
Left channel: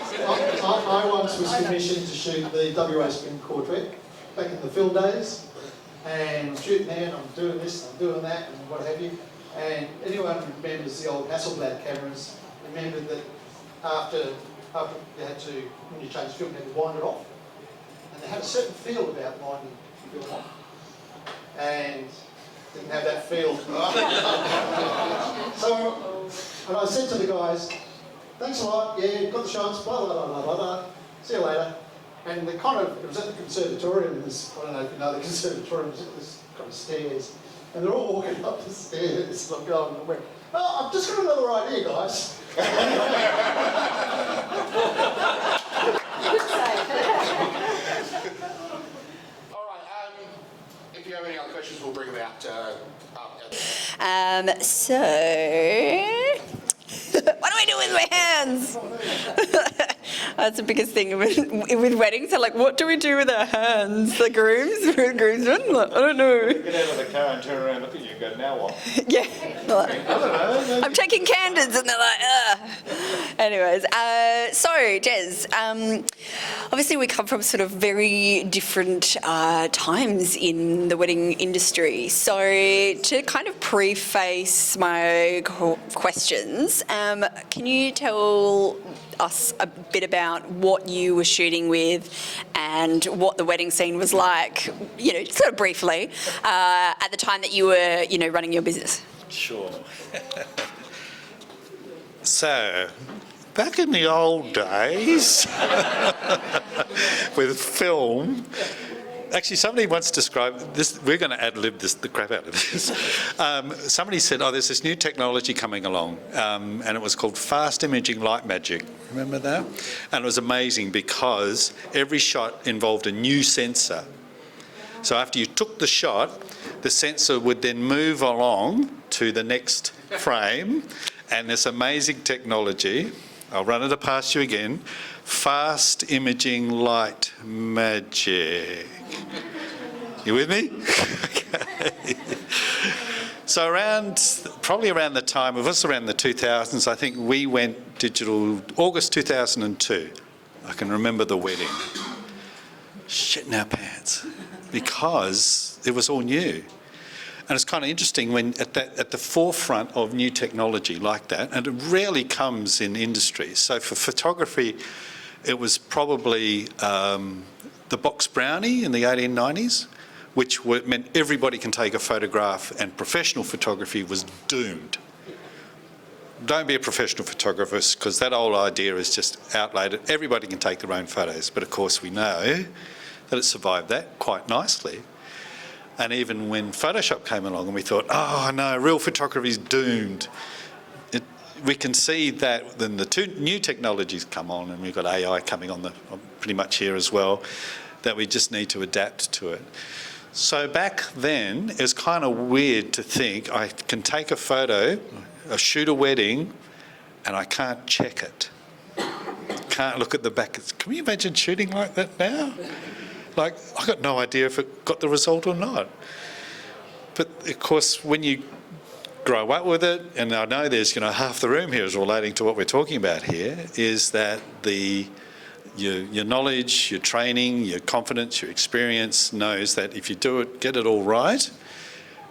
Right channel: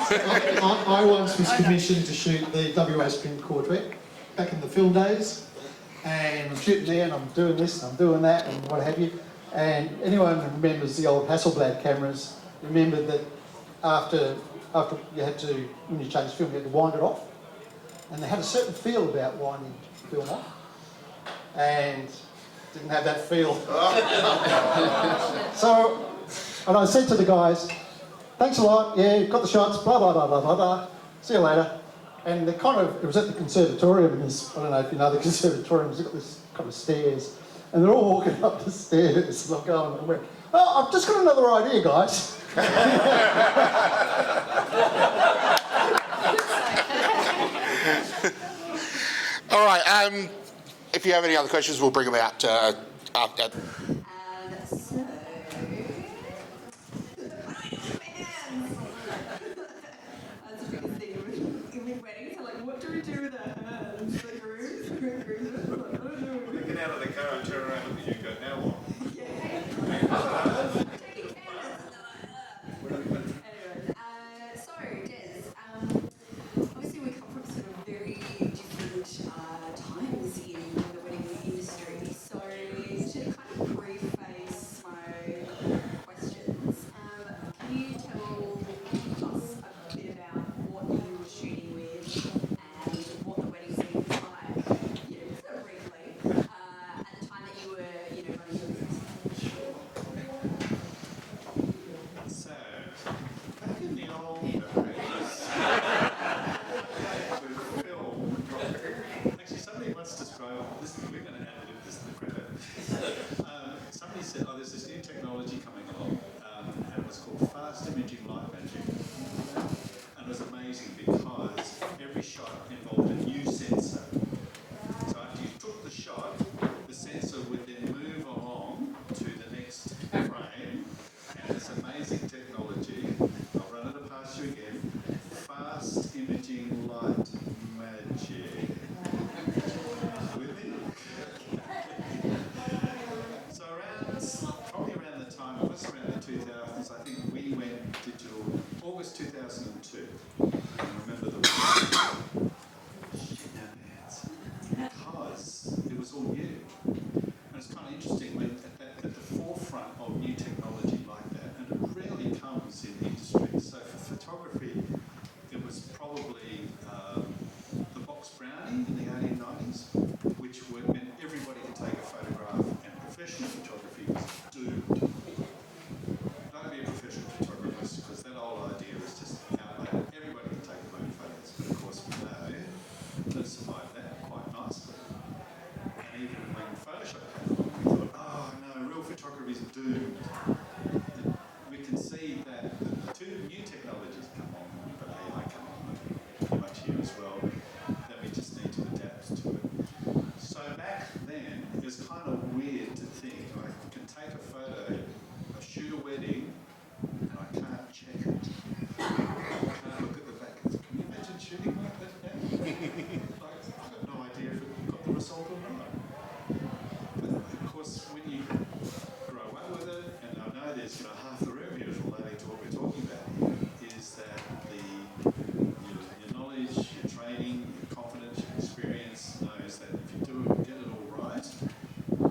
I once was commissioned to shoot the WA Spring Quartet back in the film days, and I'm shooting there and I'm doing this and I'm doing that and what have you. And anyone who remembers the old Hasselblad cameras remembered that after you had to, when you changed film, you had to wind it off, and they had a certain feel about winding film off, and didn't have that feel. So, and I said to the guys, thanks a lot, yeah, got the shots, blah, blah, blah, blah, blah, blah. See you later. And it was at the conservatorium, and I don't know if you know the conservatorium, it's got this kind of stairs, and they're all walking up the stairs, like going, and I went, oh, I've just got another idea, guys. All right, if you have any other questions, we'll bring them out after. So, what do I do with my hands? That's the biggest thing with weddings. They're like, what do we do with our hands? The groomsmen? I don't know. Get out of the car and turn around and look at you and go, now what? Yeah. I'm taking candidates, and they're like, ugh. Anyways, so Jez, obviously we come from sort of very different times in the wedding industry. So to kind of preface my questions, can you tell us a bit about what you were shooting with and what the wedding scene was like, you know, sort of briefly, at the time that you were, you know, running your business? Sure. So, back in the old days, with film, actually somebody once described this, we're going to ad-lib the crap out of this. Somebody said, oh, there's this new technology coming along, and it was called fast imaging light magic. Remember that? And it was amazing because every shot involved a new sensor. So after you took the shot, the sensor would then move along to the next frame, and this amazing technology, I'll run it past you again, fast imaging light magic. You with me? Okay. So probably around the time, it was around the 2000s, I think we went digital August 2002. I can remember the wedding. Shitting our pants. Because it was all new. And it's kind of interesting when at the forefront of new technology like that, and it rarely comes in industries. So for photography, it was probably the box brownie in the 1890s, which meant everybody can take a photograph, and professional photography was doomed. Don't be a professional photographer, because that old idea is just outdated. Everybody can take their own photos, but of course we know that it survived that quite nicely. And even when Photoshop came along and we thought, oh no, real photography is doomed, we can see that then the two new technologies come on, and we've got AI coming on pretty much here as well, that we just need to adapt to it. So back then, it was kind of weird to think I can take a photo, shoot a wedding, and I can't check it. Can't look at the back. Can you imagine shooting like that now? Like, I got no idea if it got the result or not. But of course, when you grow up with it, and I know there's, you know, half the room here is relating to what we're talking about here, is that your knowledge, your training, your confidence, your experience knows that if you do it, get it all right,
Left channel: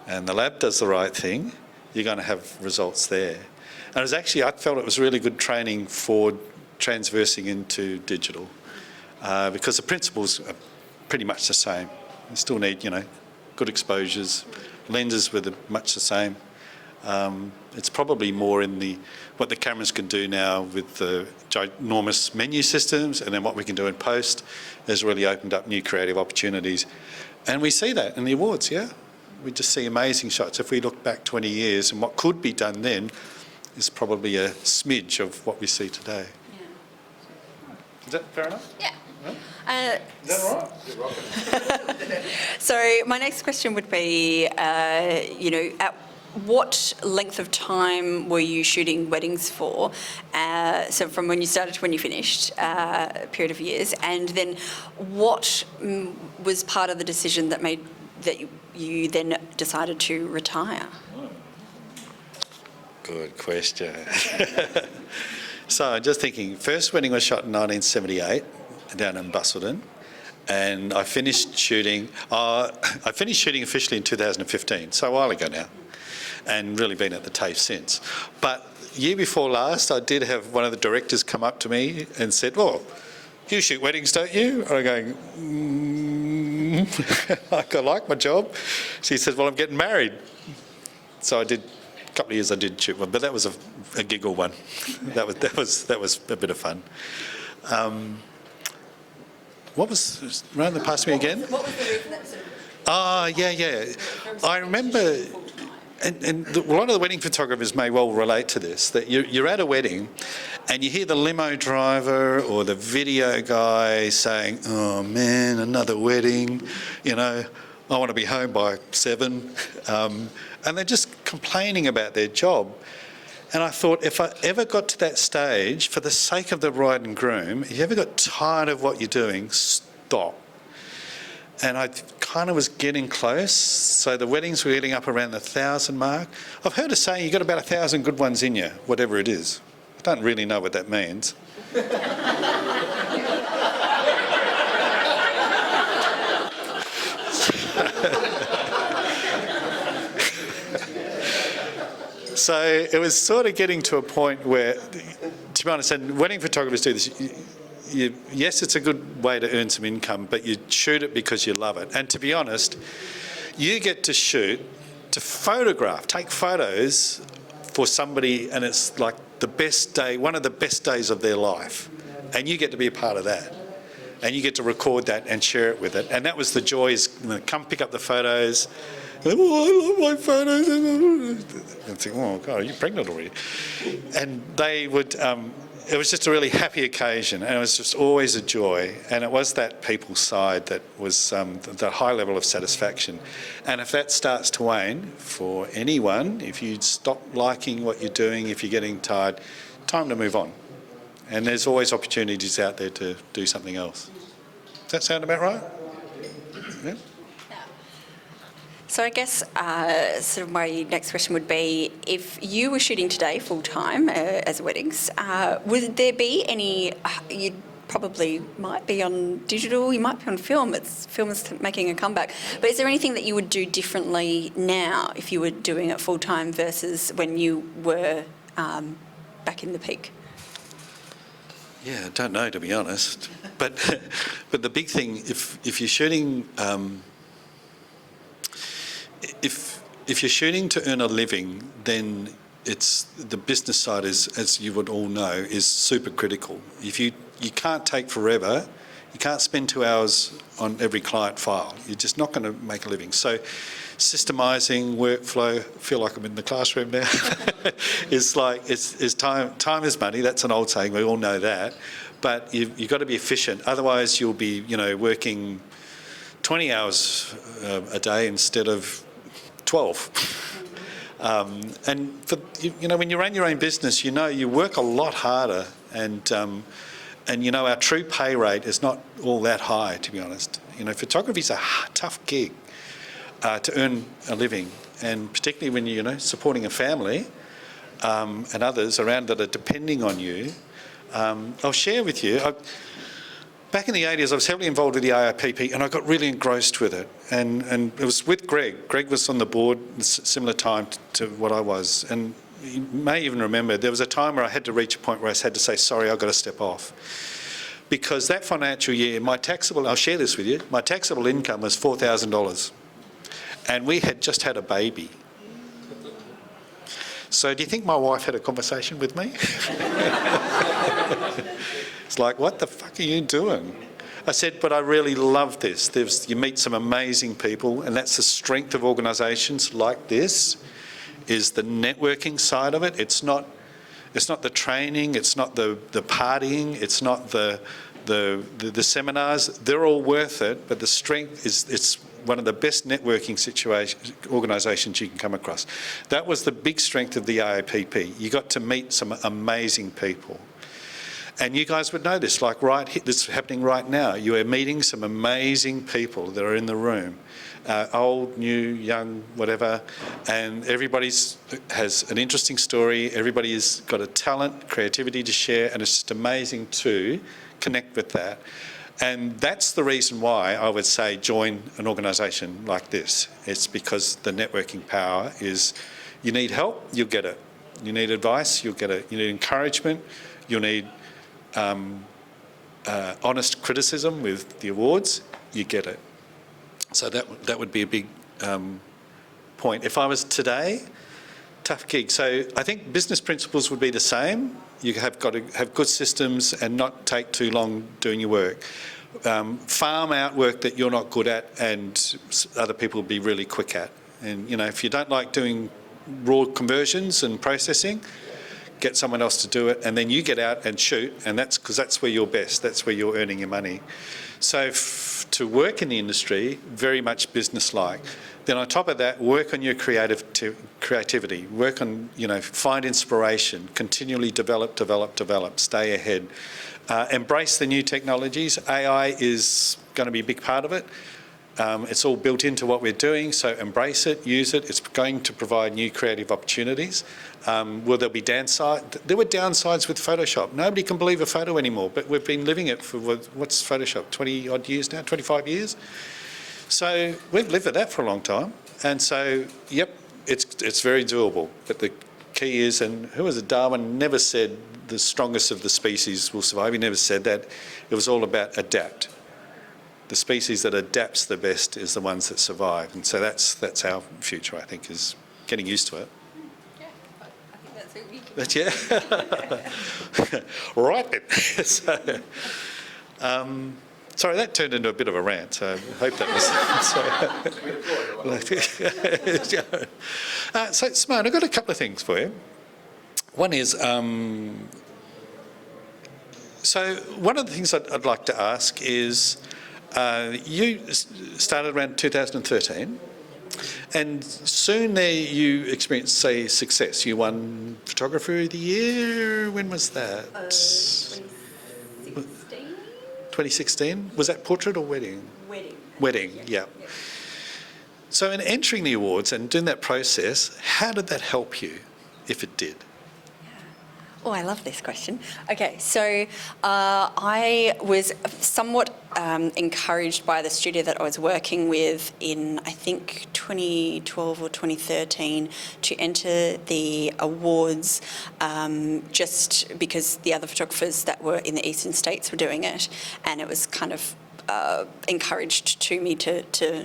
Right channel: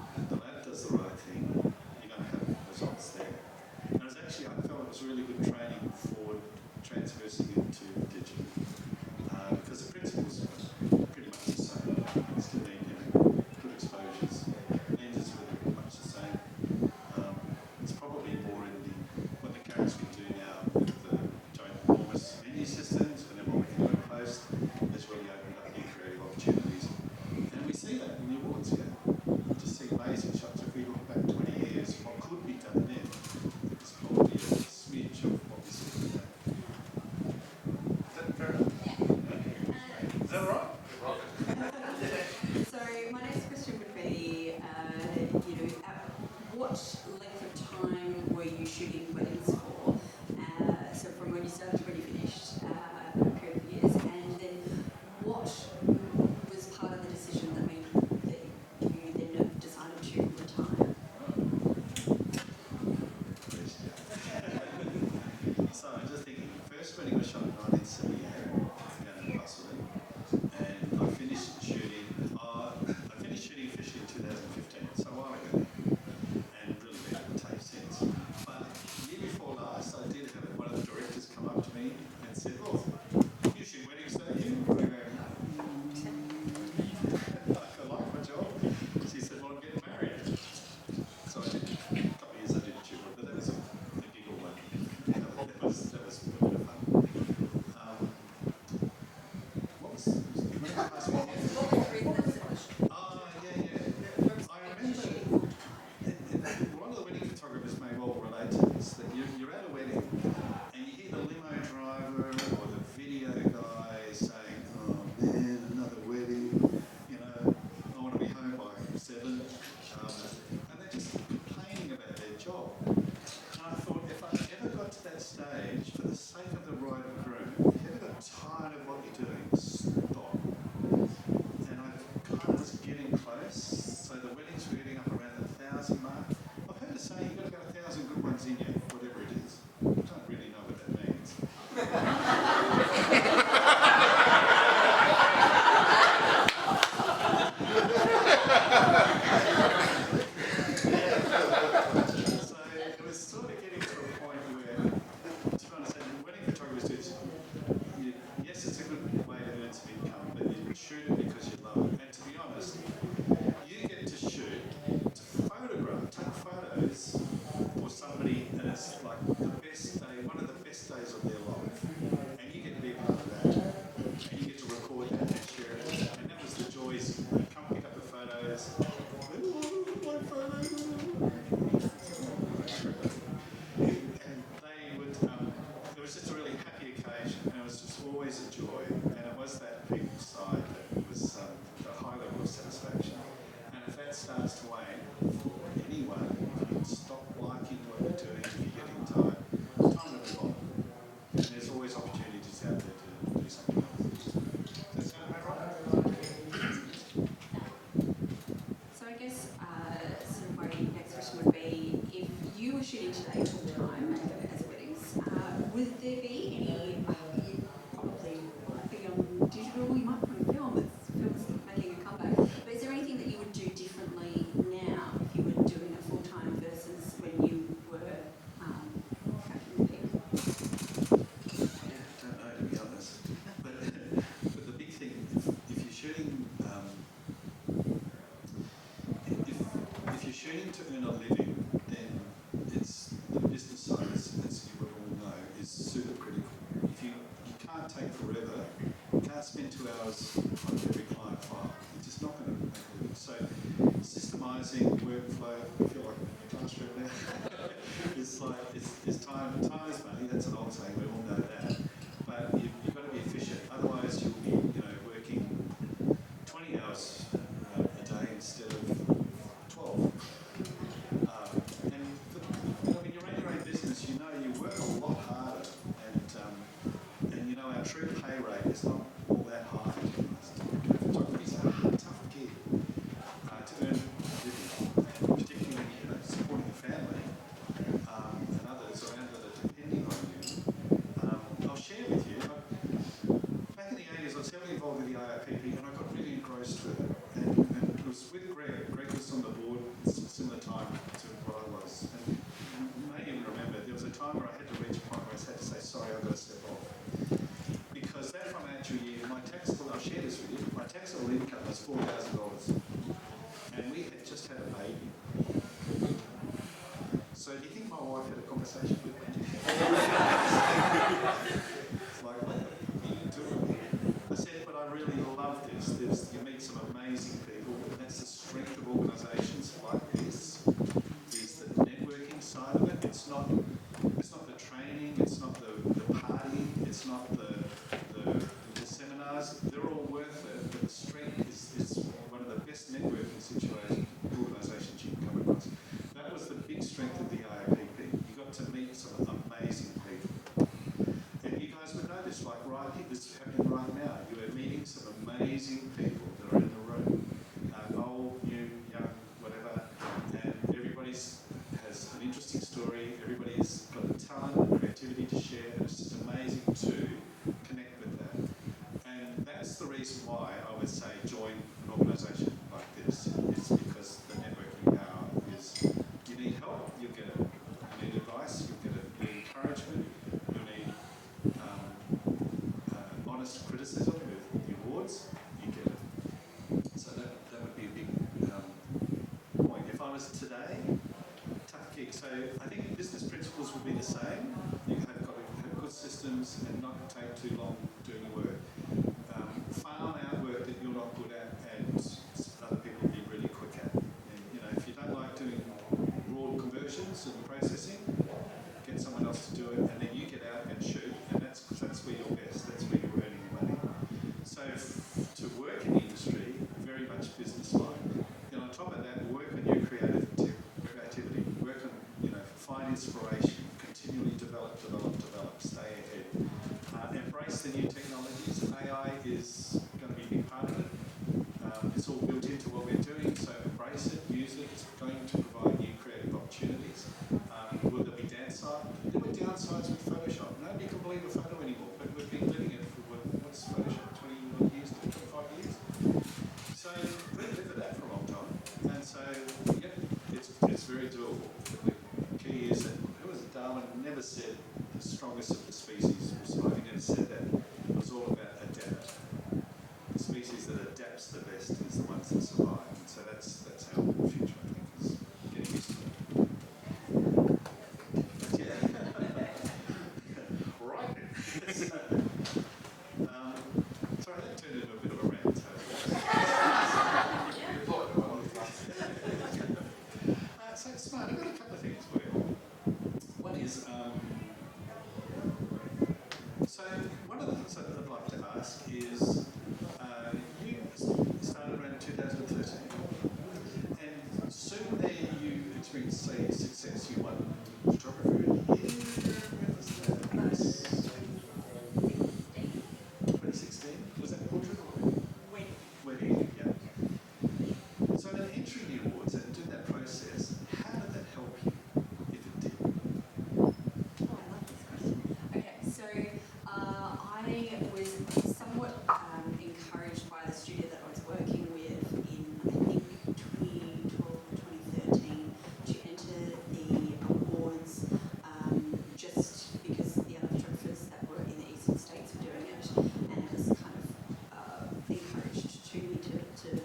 and the lab does the right thing, you're going to have results there. And it was actually, I felt it was really good training for transversing into digital. Because the principles are pretty much the same. You still need, you know, good exposures. Lenses were much the same. It's probably more in what the cameras can do now with the ginormous menu systems, and then what we can do in post has really opened up new creative opportunities. And we see that in the awards, yeah? We just see amazing shots. If we look back 20 years, and what could be done then is probably a smidge of what we see today. Is that fair enough? Yeah. Is that all right? So my next question would be, you know, at what length of time were you shooting weddings for? So from when you started to when you finished, a period of years, and then what was part of the decision that made that you then decided to retire? Good question. So I'm just thinking, first wedding was shot in 1978 down in Busselton, and I finished shooting officially in 2015, so a while ago now, and really been at the TAFE since. But year before last, I did have one of the directors come up to me and said, "Oh, you shoot weddings, don't you?" And I'm going, like, I like my job. She said, "Well, I'm getting married." So I did, a couple of years I did shoot one, but that was a giggle one. That was a bit of fun. What was, run the past me again? Yeah. I remember, and a lot of the wedding photographers may well relate to this, that you're at a wedding and you hear the limo driver or the video guy saying, "Oh man, another wedding, you know, I want to be home by 7. And they're just complaining about their job. And I thought, if I ever got to that stage, for the sake of the bride and groom, if you ever got tired of what you're doing, stop. And I kind of was getting close. So the weddings were getting up around the 1,000 mark. I've heard a saying, you've got about 1,000 good ones in you, whatever it is. I don't really know what that means. So it was sort of getting to a point where, to be honest, and wedding photographers do this, yes, it's a good way to earn some income, but you shoot it because you love it. And to be honest, you get to shoot, to photograph, take photos for somebody, and it's like the best day, one of the best days of their life. And you get to be a part of that. And you get to record that and share it with it. And that was the joys. Come pick up the photos. Oh, I love my photos. And think, oh God, are you pregnant already? And they would, it was just a really happy occasion, and it was just always a joy. And it was that people side that was the high level of satisfaction. And if that starts to wane for anyone, if you stop liking what you're doing, if you're getting tired, time to move on. And there's always opportunities out there to do something else. Does that sound about right? Yeah. So I guess sort of my next question would be, if you were shooting today full-time as weddings, would there be any, you probably might be on digital, you might be on film, film is making a comeback, but is there anything that you would do differently now if you were doing it full-time versus when you were back in the peak? Yeah, I don't know, to be honest. But the big thing, if you're shooting, if you're shooting to earn a living, then it's the business side is, as you would all know, is super critical. If you can't take forever, you can't spend 2 hours on every client file. You're just not going to make a living. So systemising workflow, I feel like I'm in the classroom now, is like, it's time is money. That's an old saying, we all know that. But you've got to be efficient. Otherwise you'll be, working 20 hours a day instead of 12. And for, when you run your own business, you work a lot harder, and our true pay rate is not all that high, to be honest. Photography's a tough gig to earn a living, and particularly when you're supporting a family and others around that are depending on you. I'll share with you. Back in the 80s, I was heavily involved with the AIPP, and I got really engrossed with it. And it was with Greg. Greg was on the board similar time to what I was. And you may even remember, there was a time where I had to reach a point where I had to say, sorry, I've got to step off. Because that financial year, I'll share this with you, my taxable income was $4,000. And we had just had a baby. So do you think my wife had a conversation with me? It's like, what the fuck are you doing? I said, but I really love this. You meet some amazing people, and that's the strength of organisations like this, is the networking side of it. It's not the training, it's not the partying, it's not the seminars. They're all worth it, but the strength is, it's one of the best networking organisations you can come across. That was the big strength of the AIPP. You got to meet some amazing people. And you guys would know this, like this is happening right now. You are meeting some amazing people that are in the room, old, new, young, whatever, and everybody has an interesting story. Everybody has got a talent, creativity to share, and it's just amazing to connect with that. And that's the reason why I would say join an organisation like this. It's because the networking power is, you need help, you'll get it. You need advice, you'll get it. You need encouragement, you'll need honest criticism with the awards, you get it. So that would be a big point. If I was today, tough gig. So I think business principles would be the same. You have got to have good systems and not take too long doing your work. Farm out work that you're not good at and other people will be really quick at. And if you don't like doing raw conversions and processing, get someone else to do it, and then you get out and shoot, and that's because that's where you're best, that's where you're earning your money. So to work in the industry, very much business-like. Then on top of that, work on your creativity, work on, find inspiration, continually develop, stay ahead. Embrace the new technologies. AI is going to be a big part of it. It's all built into what we're doing, so embrace it, use it. It's going to provide new creative opportunities. Will there be downsides? There were downsides with Photoshop. Nobody can believe a photo anymore, but we've been living it for, what's Photoshop, 20 odd years now, 25 years? So we've lived with that for a long time. And so, yep, it's very doable. But the key is, and who was it, Darwin never said the strongest of the species will survive. He never said that. It was all about adapt. The species that adapts the best is the ones that survive. And so that's our future, I think, is getting used to it. But yeah. Right then. So, sorry, that turned into a bit of a rant, so I hope that was... So, Simone, I've got a couple of things for you. One is, so one of the things I'd like to ask is, you started around 2013, and soon there you experienced, say, success. You won Photographer of the Year. When was that? 2016. Was that portrait or wedding? Wedding, yeah. So in entering the awards and doing that process, how did that help you, if it did? Oh, I love this question. Okay, so I was somewhat encouraged by the studio that I was working with in, I think, 2012 or 2013 to enter the awards just because the other photographers that were in the eastern states were doing it, and it was kind of encouraged to me to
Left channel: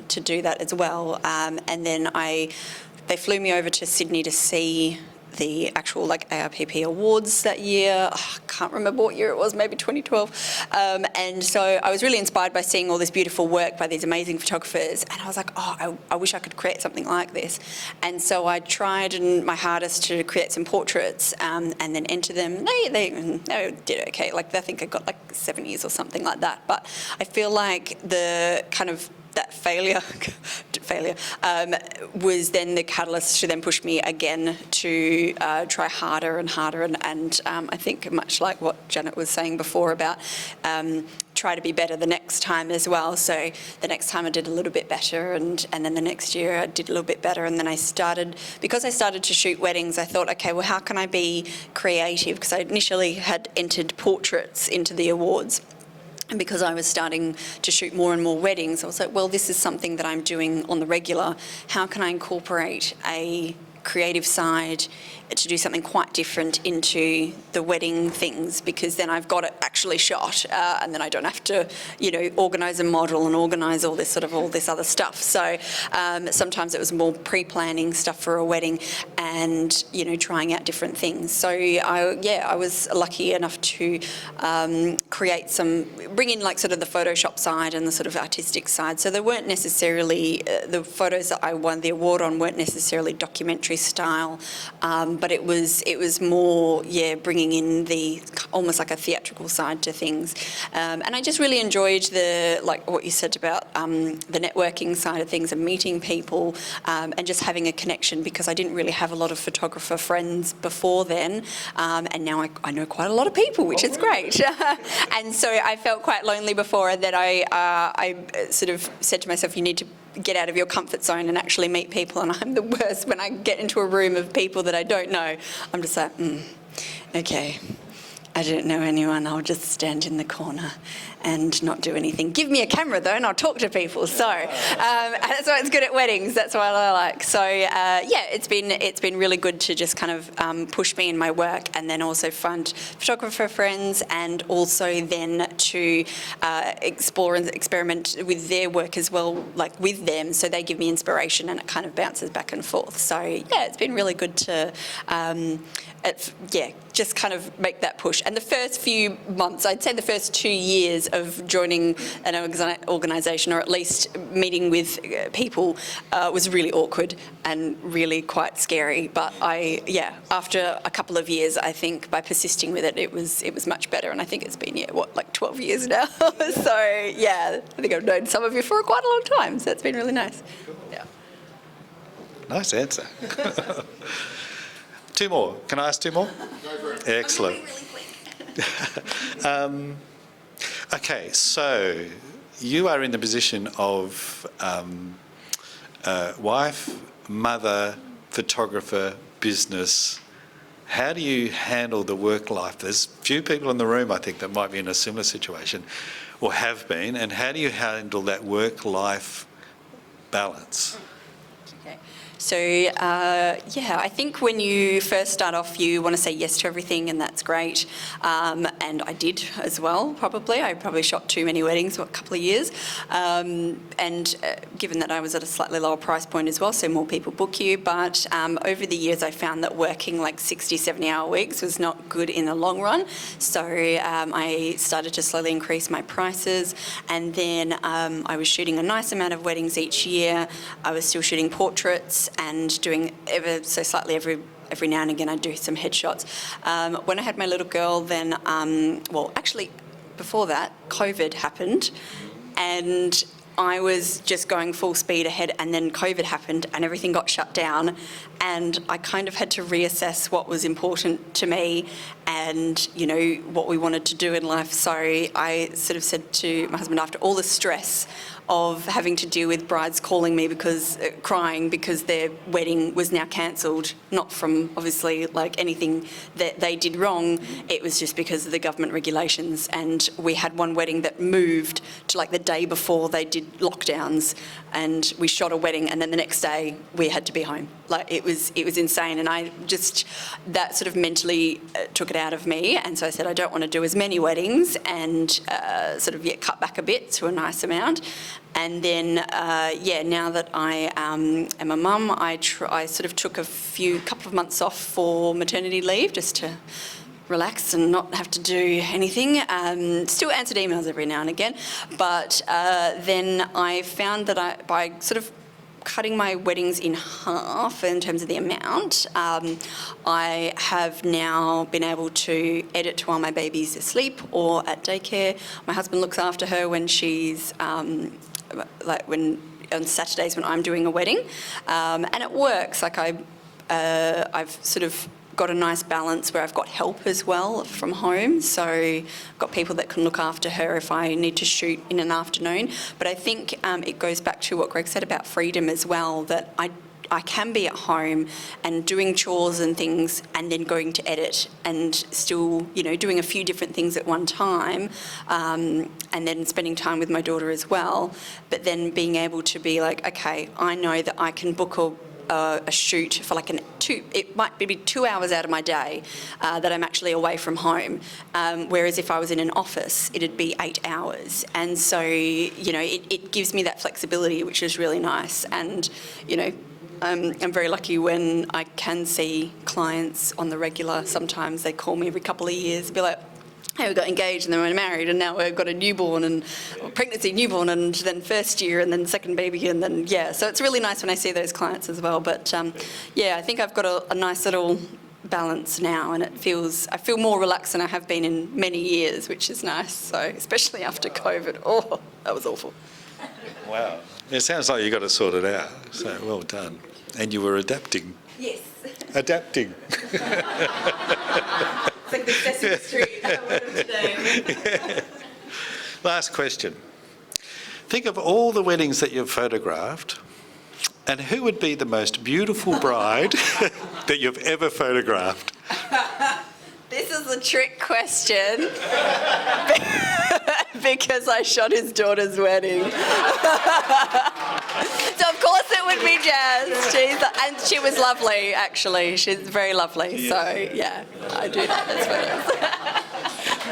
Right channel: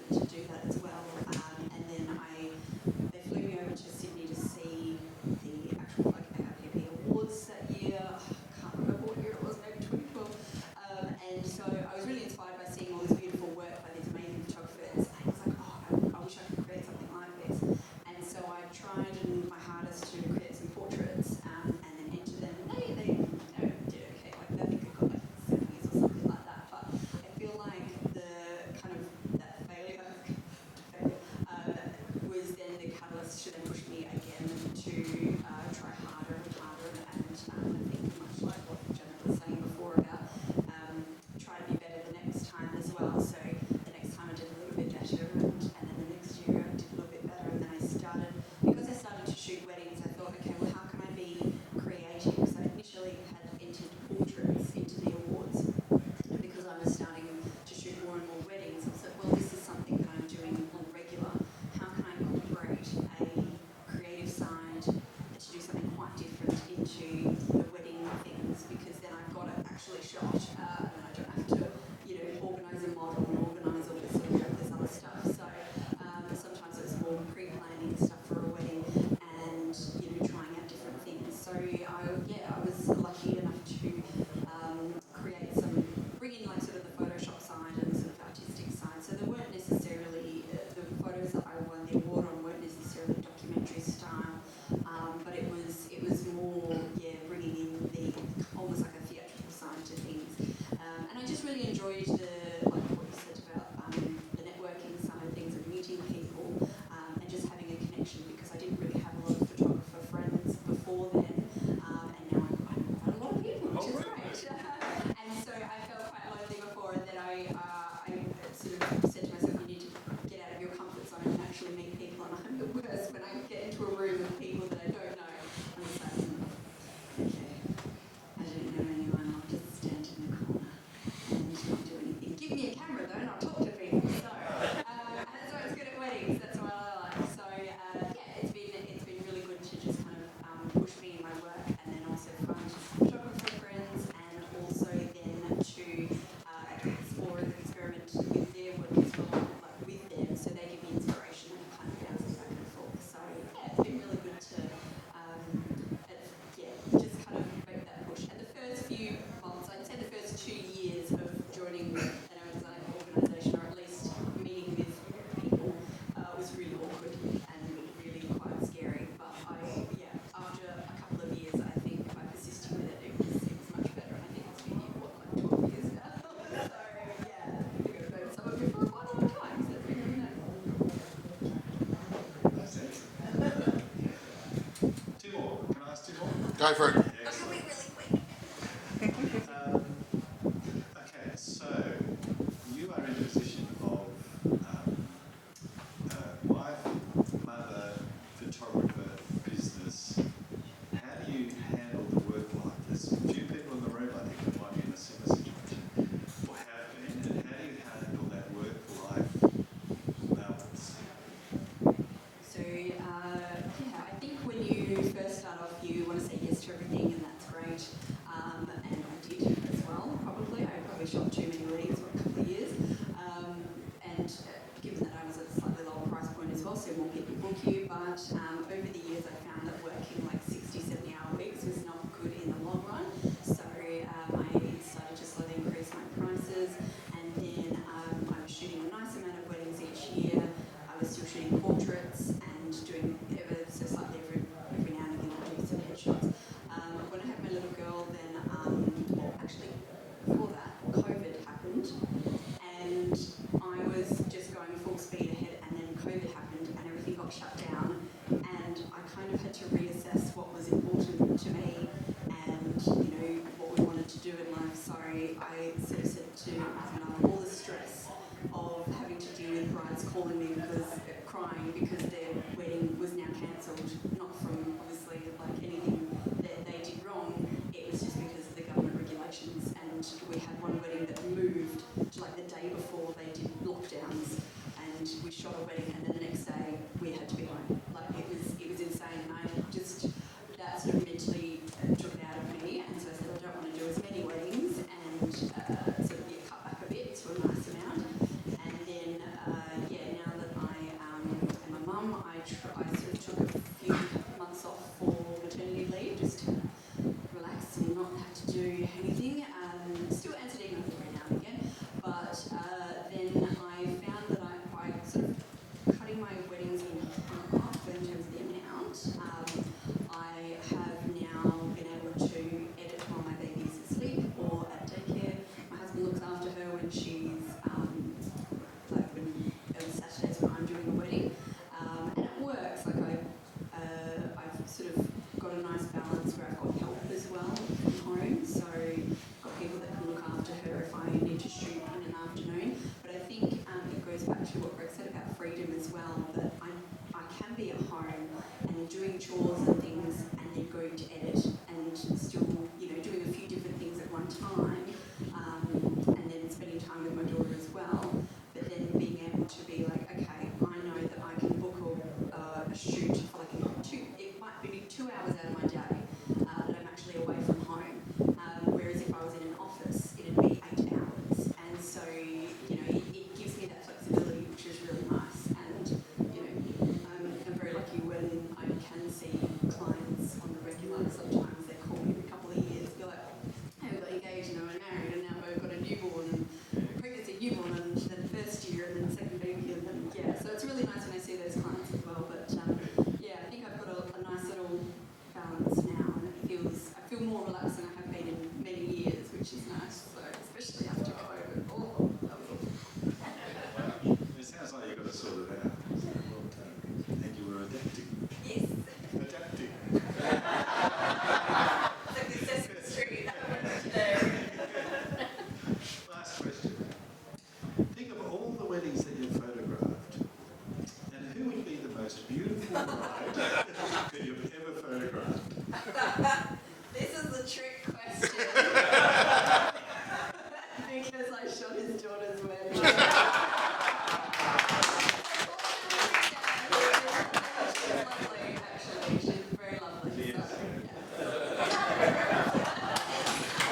do that as well. And then they flew me over to Sydney to see the actual ARPP awards that year. I can't remember what year it was, maybe 2012. And so I was really inspired by seeing all this beautiful work by these amazing photographers. And I was like, oh, I wish I could create something like this. And so I tried my hardest to create some portraits and then enter them. They did okay. I think I got 70s or something like that. But I feel like the kind of that failure was then the catalyst to then push me again to try harder and harder, and I think much like what Janet was saying before about try to be better the next time as well. So the next time I did a little bit better, and then the next year I did a little bit better, and then because I started to shoot weddings, I thought, okay, well, how can I be creative? Because I initially had entered portraits into the awards. And because I was starting to shoot more and more weddings, I was like, well, this is something that I'm doing on the regular. How can I incorporate a creative side to do something quite different into the wedding things, because then I've got it actually shot, and then I don't have to, organise a model and organise all this other stuff. So sometimes it was more pre-planning stuff for a wedding, and trying out different things. So I was lucky enough to bring in the Photoshop side and the sort of artistic side. So they weren't necessarily the photos that I won the award on weren't necessarily documentary style, but it was more bringing in the almost like a theatrical side to things, and I just really enjoyed what you said about the networking side of things and meeting people, and just having a connection, because I didn't really have a lot of photographer friends before then, and now I know quite a lot of people, which is great. And so I felt quite lonely before, and then I sort of said to myself, you need to get out of your comfort zone and actually meet people. And I'm the worst when I get into a room of people that I don't know. I'm just like, okay, I don't know anyone, I'll just stand in the corner and not do anything. Give me a camera though and I'll talk to people. So that's why it's good at weddings, that's what I like. So it's been really good to just kind of push me in my work, and then also find photographer friends, and also then to explore and experiment with their work as well, like with them, so they give me inspiration and it kind of bounces back and forth. So it's been really good to just kind of make that push. And the first few months, I'd say the first 2 years of joining an organisation, or at least meeting with people, was really awkward and really quite scary. But after a couple of years, I think by persisting with it, it was much better. And I think it's been 12 years now. So I think I've known some of you for quite a long time. So it's been really nice. Yeah. Nice answer. Two more. Can I ask two more? Go for it. Excellent. Okay, so you are in the position of wife, mother, photographer, business. How do you handle the work life? There's few people in the room, I think, that might be in a similar situation or have been. And how do you handle that work-life balance? So, I think when you first start off, you want to say yes to everything, and that's great. And I did as well, probably. I probably shot too many weddings for a couple of years. Given that I was at a slightly lower price point as well, so more people book you. But over the years, I found that working like 60, 70-hour weeks was not good in the long run. So I started to slowly increase my prices. And then I was shooting a nice amount of weddings each year. I was still shooting portraits and doing ever so slightly every now and again I do some headshots. When I had my little girl, then actually before that COVID happened, and I was just going full speed ahead, and then COVID happened and everything got shut down, and I kind of had to reassess what was important to me and, what we wanted to do in life. So I sort of said to my husband, after all the stress of having to deal with brides calling me crying because their wedding was now cancelled, not from obviously like anything that they did wrong, it was just because of the government regulations. And we had one wedding that moved to like the day before they did lockdowns, and we shot a wedding, and then the next day we had to be home. Like it was insane, and I just, that sort of mentally took it out of me, and so I said I don't want to do as many weddings, and cut back a bit to a nice amount. And then now that I am a mum, I sort of took a couple of months off for maternity leave just to relax and not have to do anything. Still answered emails every now and again, but then I found that by sort of cutting my weddings in half in terms of the amount, I have now been able to edit while my baby's asleep or at daycare. My husband looks after her when she's on Saturdays when I'm doing a wedding, and it works. Like I've sort of got a nice balance where I've got help as well from home, so I've got people that can look after her if I need to shoot in an afternoon. But I think it goes back to what Greg said about freedom as well, that I can be at home and doing chores and things and then going to edit and still, doing a few different things at one time, and then spending time with my daughter as well. But then being able to be like, okay, I know that I can book a shoot for like it might be 2 hours out of my day that I'm actually away from home. Whereas if I was in an office, it'd be 8 hours. And so, it gives me that flexibility, which is really nice. And, I'm very lucky when I can see clients on the regular. Sometimes they call me every couple of years, be like, hey, we got engaged and then we're married and now we've got a newborn and pregnancy, newborn, and then first year and then second baby, and then, so it's really nice when I see those clients as well. But I think I've got a nice little balance now, and I feel more relaxed than I have been in many years, which is nice. So especially after COVID, that was awful. Wow. It sounds like you got to sort it out. So well done. And you were adapting. Yes. Adapting. It's like the Sesame Street. Last question. Think of all the weddings that you've photographed, and who would be the most beautiful bride that you've ever photographed? This is a trick question because I shot his daughter's wedding. So of course it would be Jazz. And she was lovely, actually. She's very lovely. So yeah, I do. That's what it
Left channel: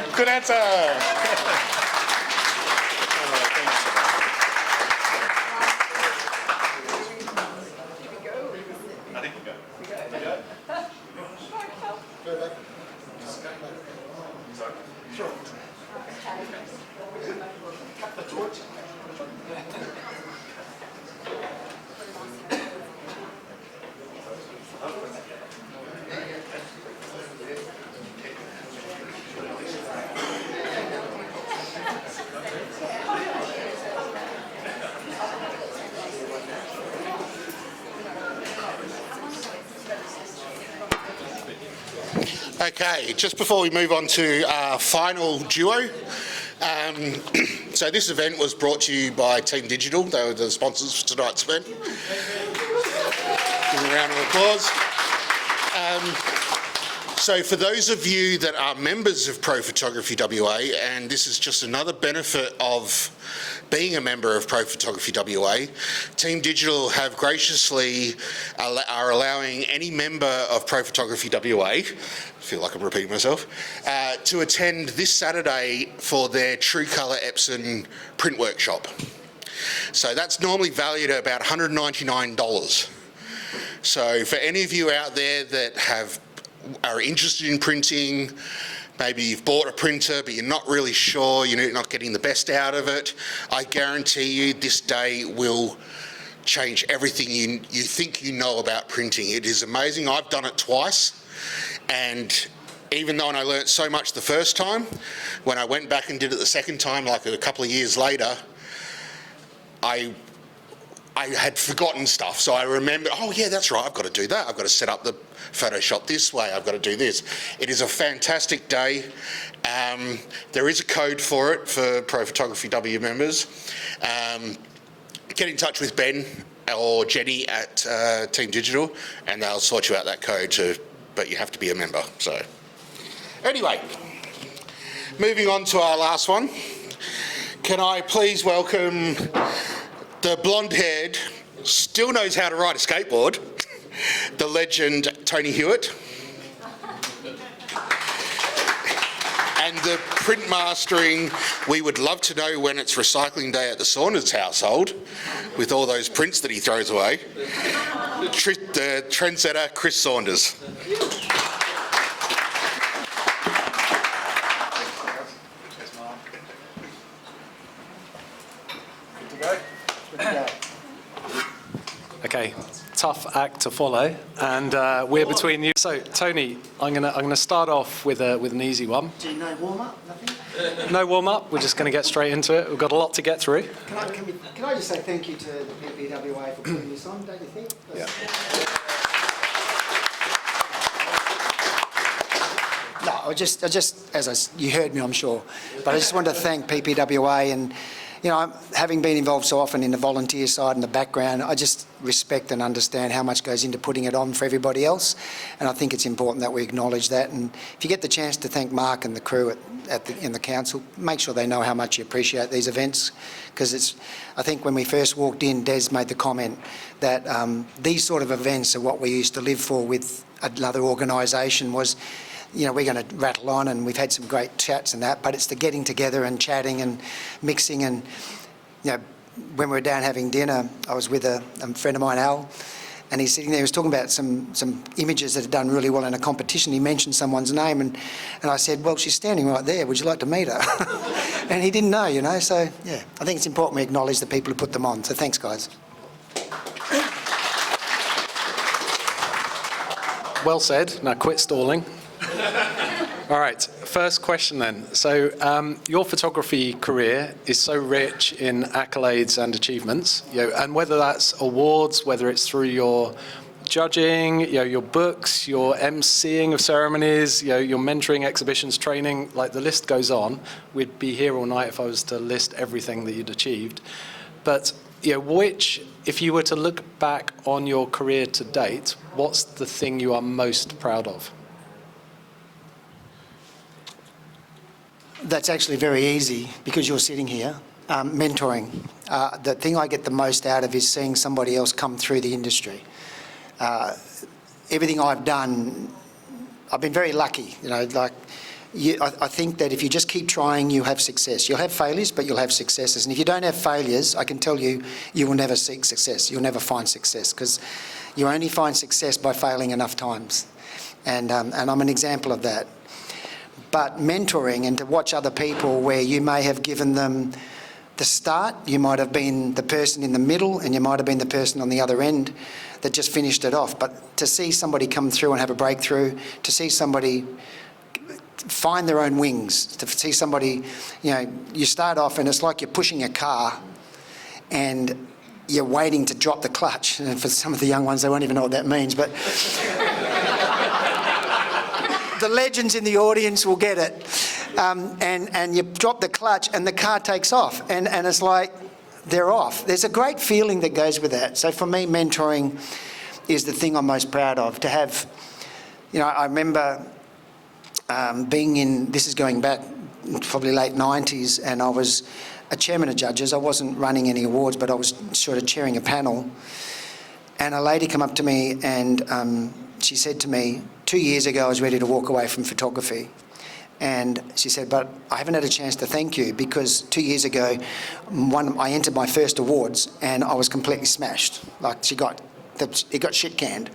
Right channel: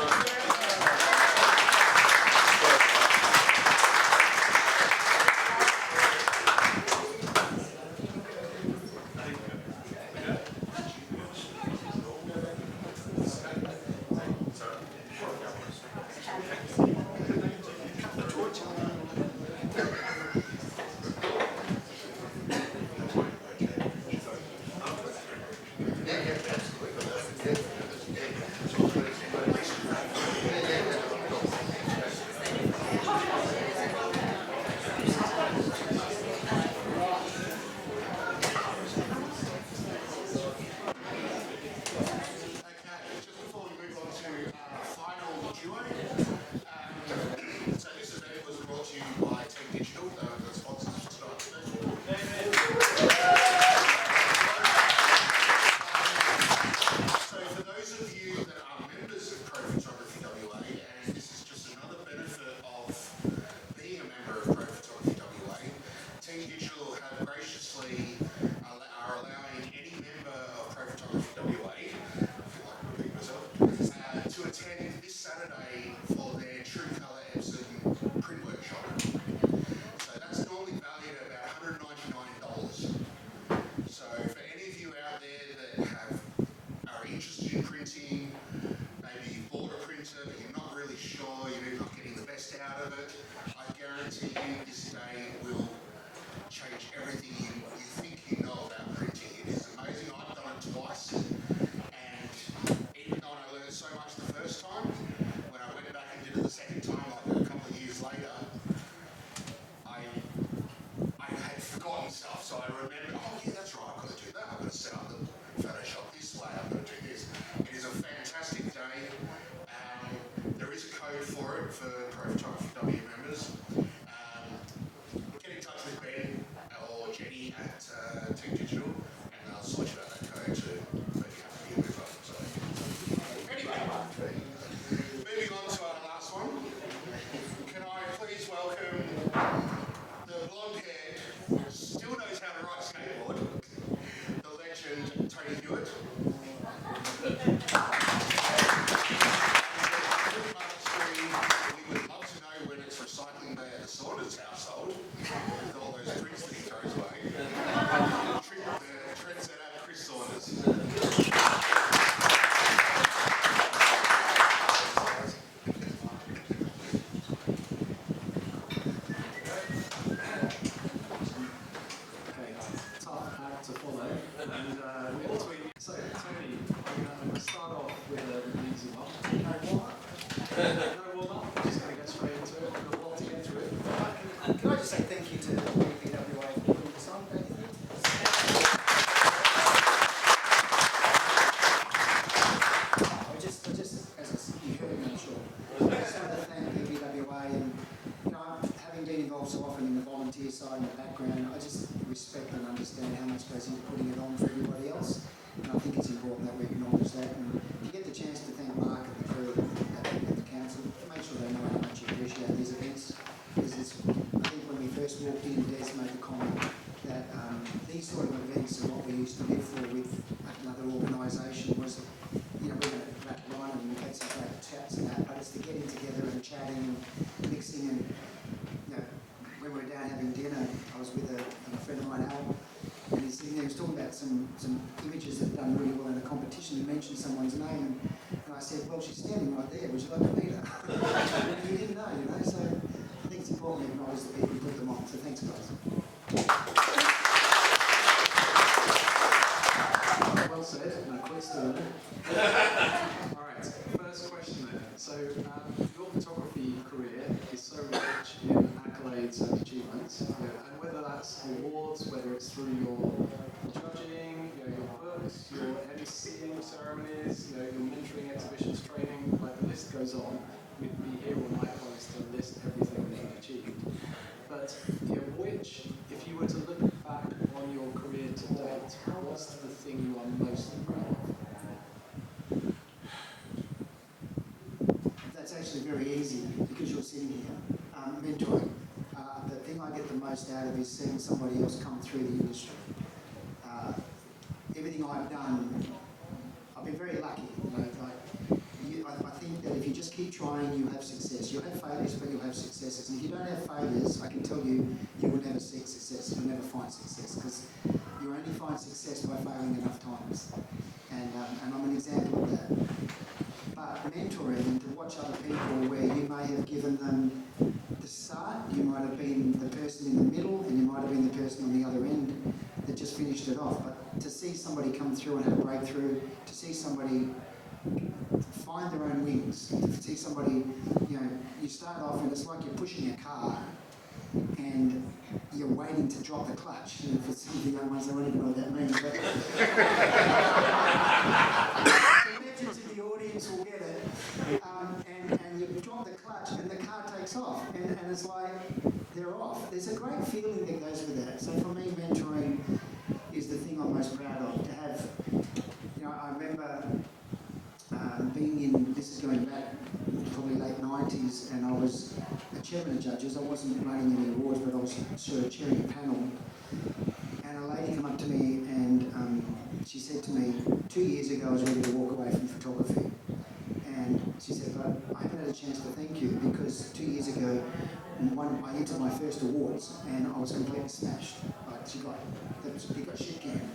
is. Good answer. Okay, just before we move on to our final duo, so this event was brought to you by Team Digital. They were the sponsors for tonight's event. Give them a round of applause. So for those of you that are members of Pro Photography WA, and this is just another benefit of being a member of Pro Photography WA, Team Digital have graciously are allowing any member of Pro Photography WA, I feel like I'm repeating myself, to attend this Saturday for their True Colour Epson print workshop. So that's normally valued at about $199. So for any of you out there that are interested in printing, maybe you've bought a printer but you're not really sure, you're not getting the best out of it, I guarantee you this day will change everything you think you know about printing. It is amazing. I've done it twice, and even though I learnt so much the first time, when I went back and did it the second time, like a couple of years later, I had forgotten stuff, so I remember, oh yeah, that's right, I've got to do that. I've got to set up the Photoshop this way, I've got to do this. It is a fantastic day. There is a code for it for Pro Photography W members. Get in touch with Ben or Jenny at Team Digital and they'll sort you out that code too, but you have to be a member. So anyway, moving on to our last one. Can I please welcome the blonde-haired, still knows how to ride a skateboard, the legend Tony Hewitt. And the print mastering, we would love to know when it's recycling day at the Saunders household, with all those prints that he throws away. The trendsetter, Chris Saunders. Okay, tough act to follow, and we're between you. So, Tony, I'm gonna start off with an easy one. Do you know warm-up? No warm-up. We're just gonna get straight into it. We've got a lot to get through. Can I just say thank you to BBWA for putting this on, don't you think? Yeah. No, I just, you heard me, I'm sure, but I just wanted to thank PPWA and, having been involved so often in the volunteer side and the background, I just respect and understand how much goes into putting it on for everybody else, and I think it's important that we acknowledge that. And if you get the chance to thank Mark and the crew in the council, make sure they know how much you appreciate these events, because I think when we first walked in, Des made the comment that these sort of events are what we used to live for with another organisation. Was, we're going to rattle on, and we've had some great chats and that, but it's the getting together and chatting and mixing. And when we were down having dinner, I was with a friend of mine, Al, and he's sitting there, he was talking about some images that had done really well in a competition. He mentioned someone's name, and I said, well, she's standing right there, would you like to meet her? And he didn't know, so yeah, I think it's important we acknowledge the people who put them on. So thanks, guys. Well said. Now quit stalling. All right, first question then. So your photography career is so rich in accolades and achievements, and whether that's awards, whether it's through your judging, your books, your emceeing of ceremonies, your mentoring, exhibitions, training, like the list goes on. We'd be here all night if I was to list everything that you'd achieved. But if you were to look back on your career to date, what's the thing you are most proud of? That's actually very easy because you're sitting here. Mentoring. The thing I get the most out of is seeing somebody else come through the industry. Everything I've done, I've been very lucky. I think that if you just keep trying, you have success. You'll have failures, but you'll have successes. And if you don't have failures, I can tell you, you will never seek success. You'll never find success, because you only find success by failing enough times. And I'm an example of that. But mentoring, and to watch other people where you may have given them the start, you might have been the person in the middle, and you might have been the person on the other end that just finished it off. But to see somebody come through and have a breakthrough, to see somebody find their own wings, to see somebody, you start off and it's like you're pushing a car and you're waiting to drop the clutch. And for some of the young ones, they won't even know what that means. But the legends in the audience will get it. And you drop the clutch and the car takes off, and it's like they're off. There's a great feeling that goes with that. So for me, mentoring is the thing I'm most proud of. To have, I remember being in, this is going back probably late 90s, and I was a chairman of judges. I wasn't running any awards, but I was sort of chairing a panel. And a lady came up to me and she said to me, 2 years ago I was ready to walk away from photography. And she said, but I haven't had a chance to thank you because 2 years ago I entered my first awards and I was completely smashed. Like it got shit canned.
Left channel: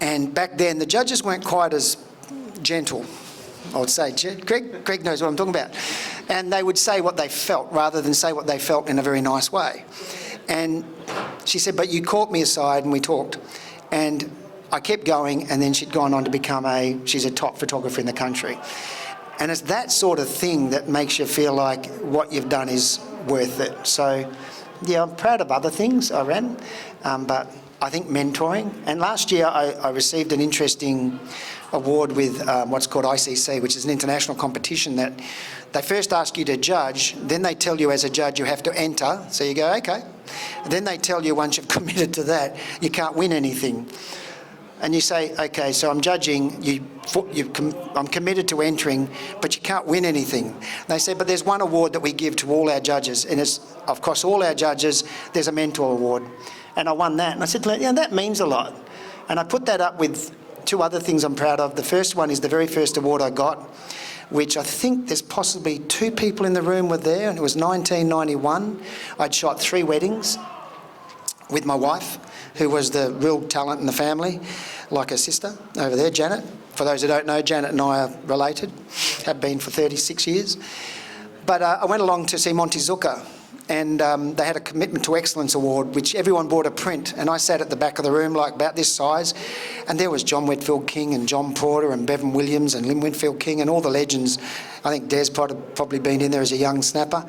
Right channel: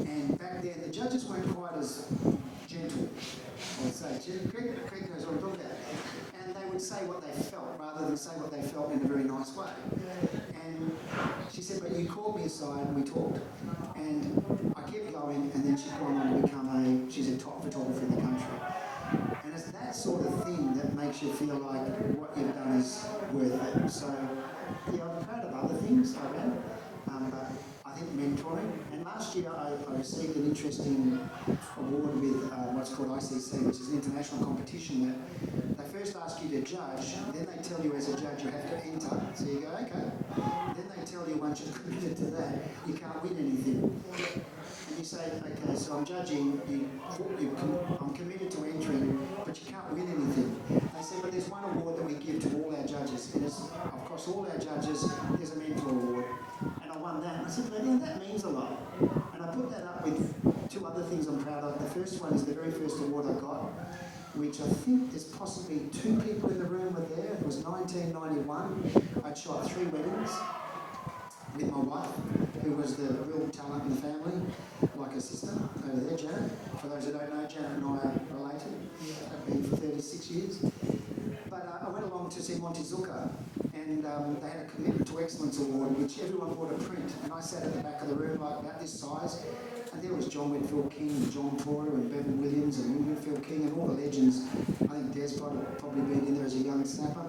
And back then the judges weren't quite as gentle, I would say. Greg knows what I'm talking about. And they would say what they felt rather than say what they felt in a very nice way. And she said, but you caught me aside and we talked. And I kept going, and then she'd gone on to become she's a top photographer in the country. And it's that sort of thing that makes you feel like what you've done is worth it. So, yeah, I'm proud of other things I ran, but I think mentoring. And last year I received an interesting award with what's called ICC, which is an international competition that they first ask you to judge, then they tell you as a judge you have to enter, so you go, okay. Then they tell you once you've committed to that, you can't win anything. And you say, okay, so I'm judging, I'm committed to entering, but you can't win anything. They say, but there's one award that we give to all our judges, and it's, of course, all our judges, there's a mentor award. And I won that, and I said, yeah, that means a lot. And I put that up with two other things I'm proud of. The first one is the very first award I got, which I think there's possibly 2 people in the room were there, and it was 1991. I'd shot 3 weddings with my wife, who was the real talent in the family, like her sister over there, Janet. For those who don't know, Janet and I are related, have been for 36 years. But I went along to see Monty Zucker, and they had a Commitment to Excellence award, which everyone bought a print, and I sat at the back of the room, like about this size, and there was John Whitfield King and John Porter and Bevan Williams and Lynn Whitfield King and all the legends. I think Des probably been in there as a young snapper.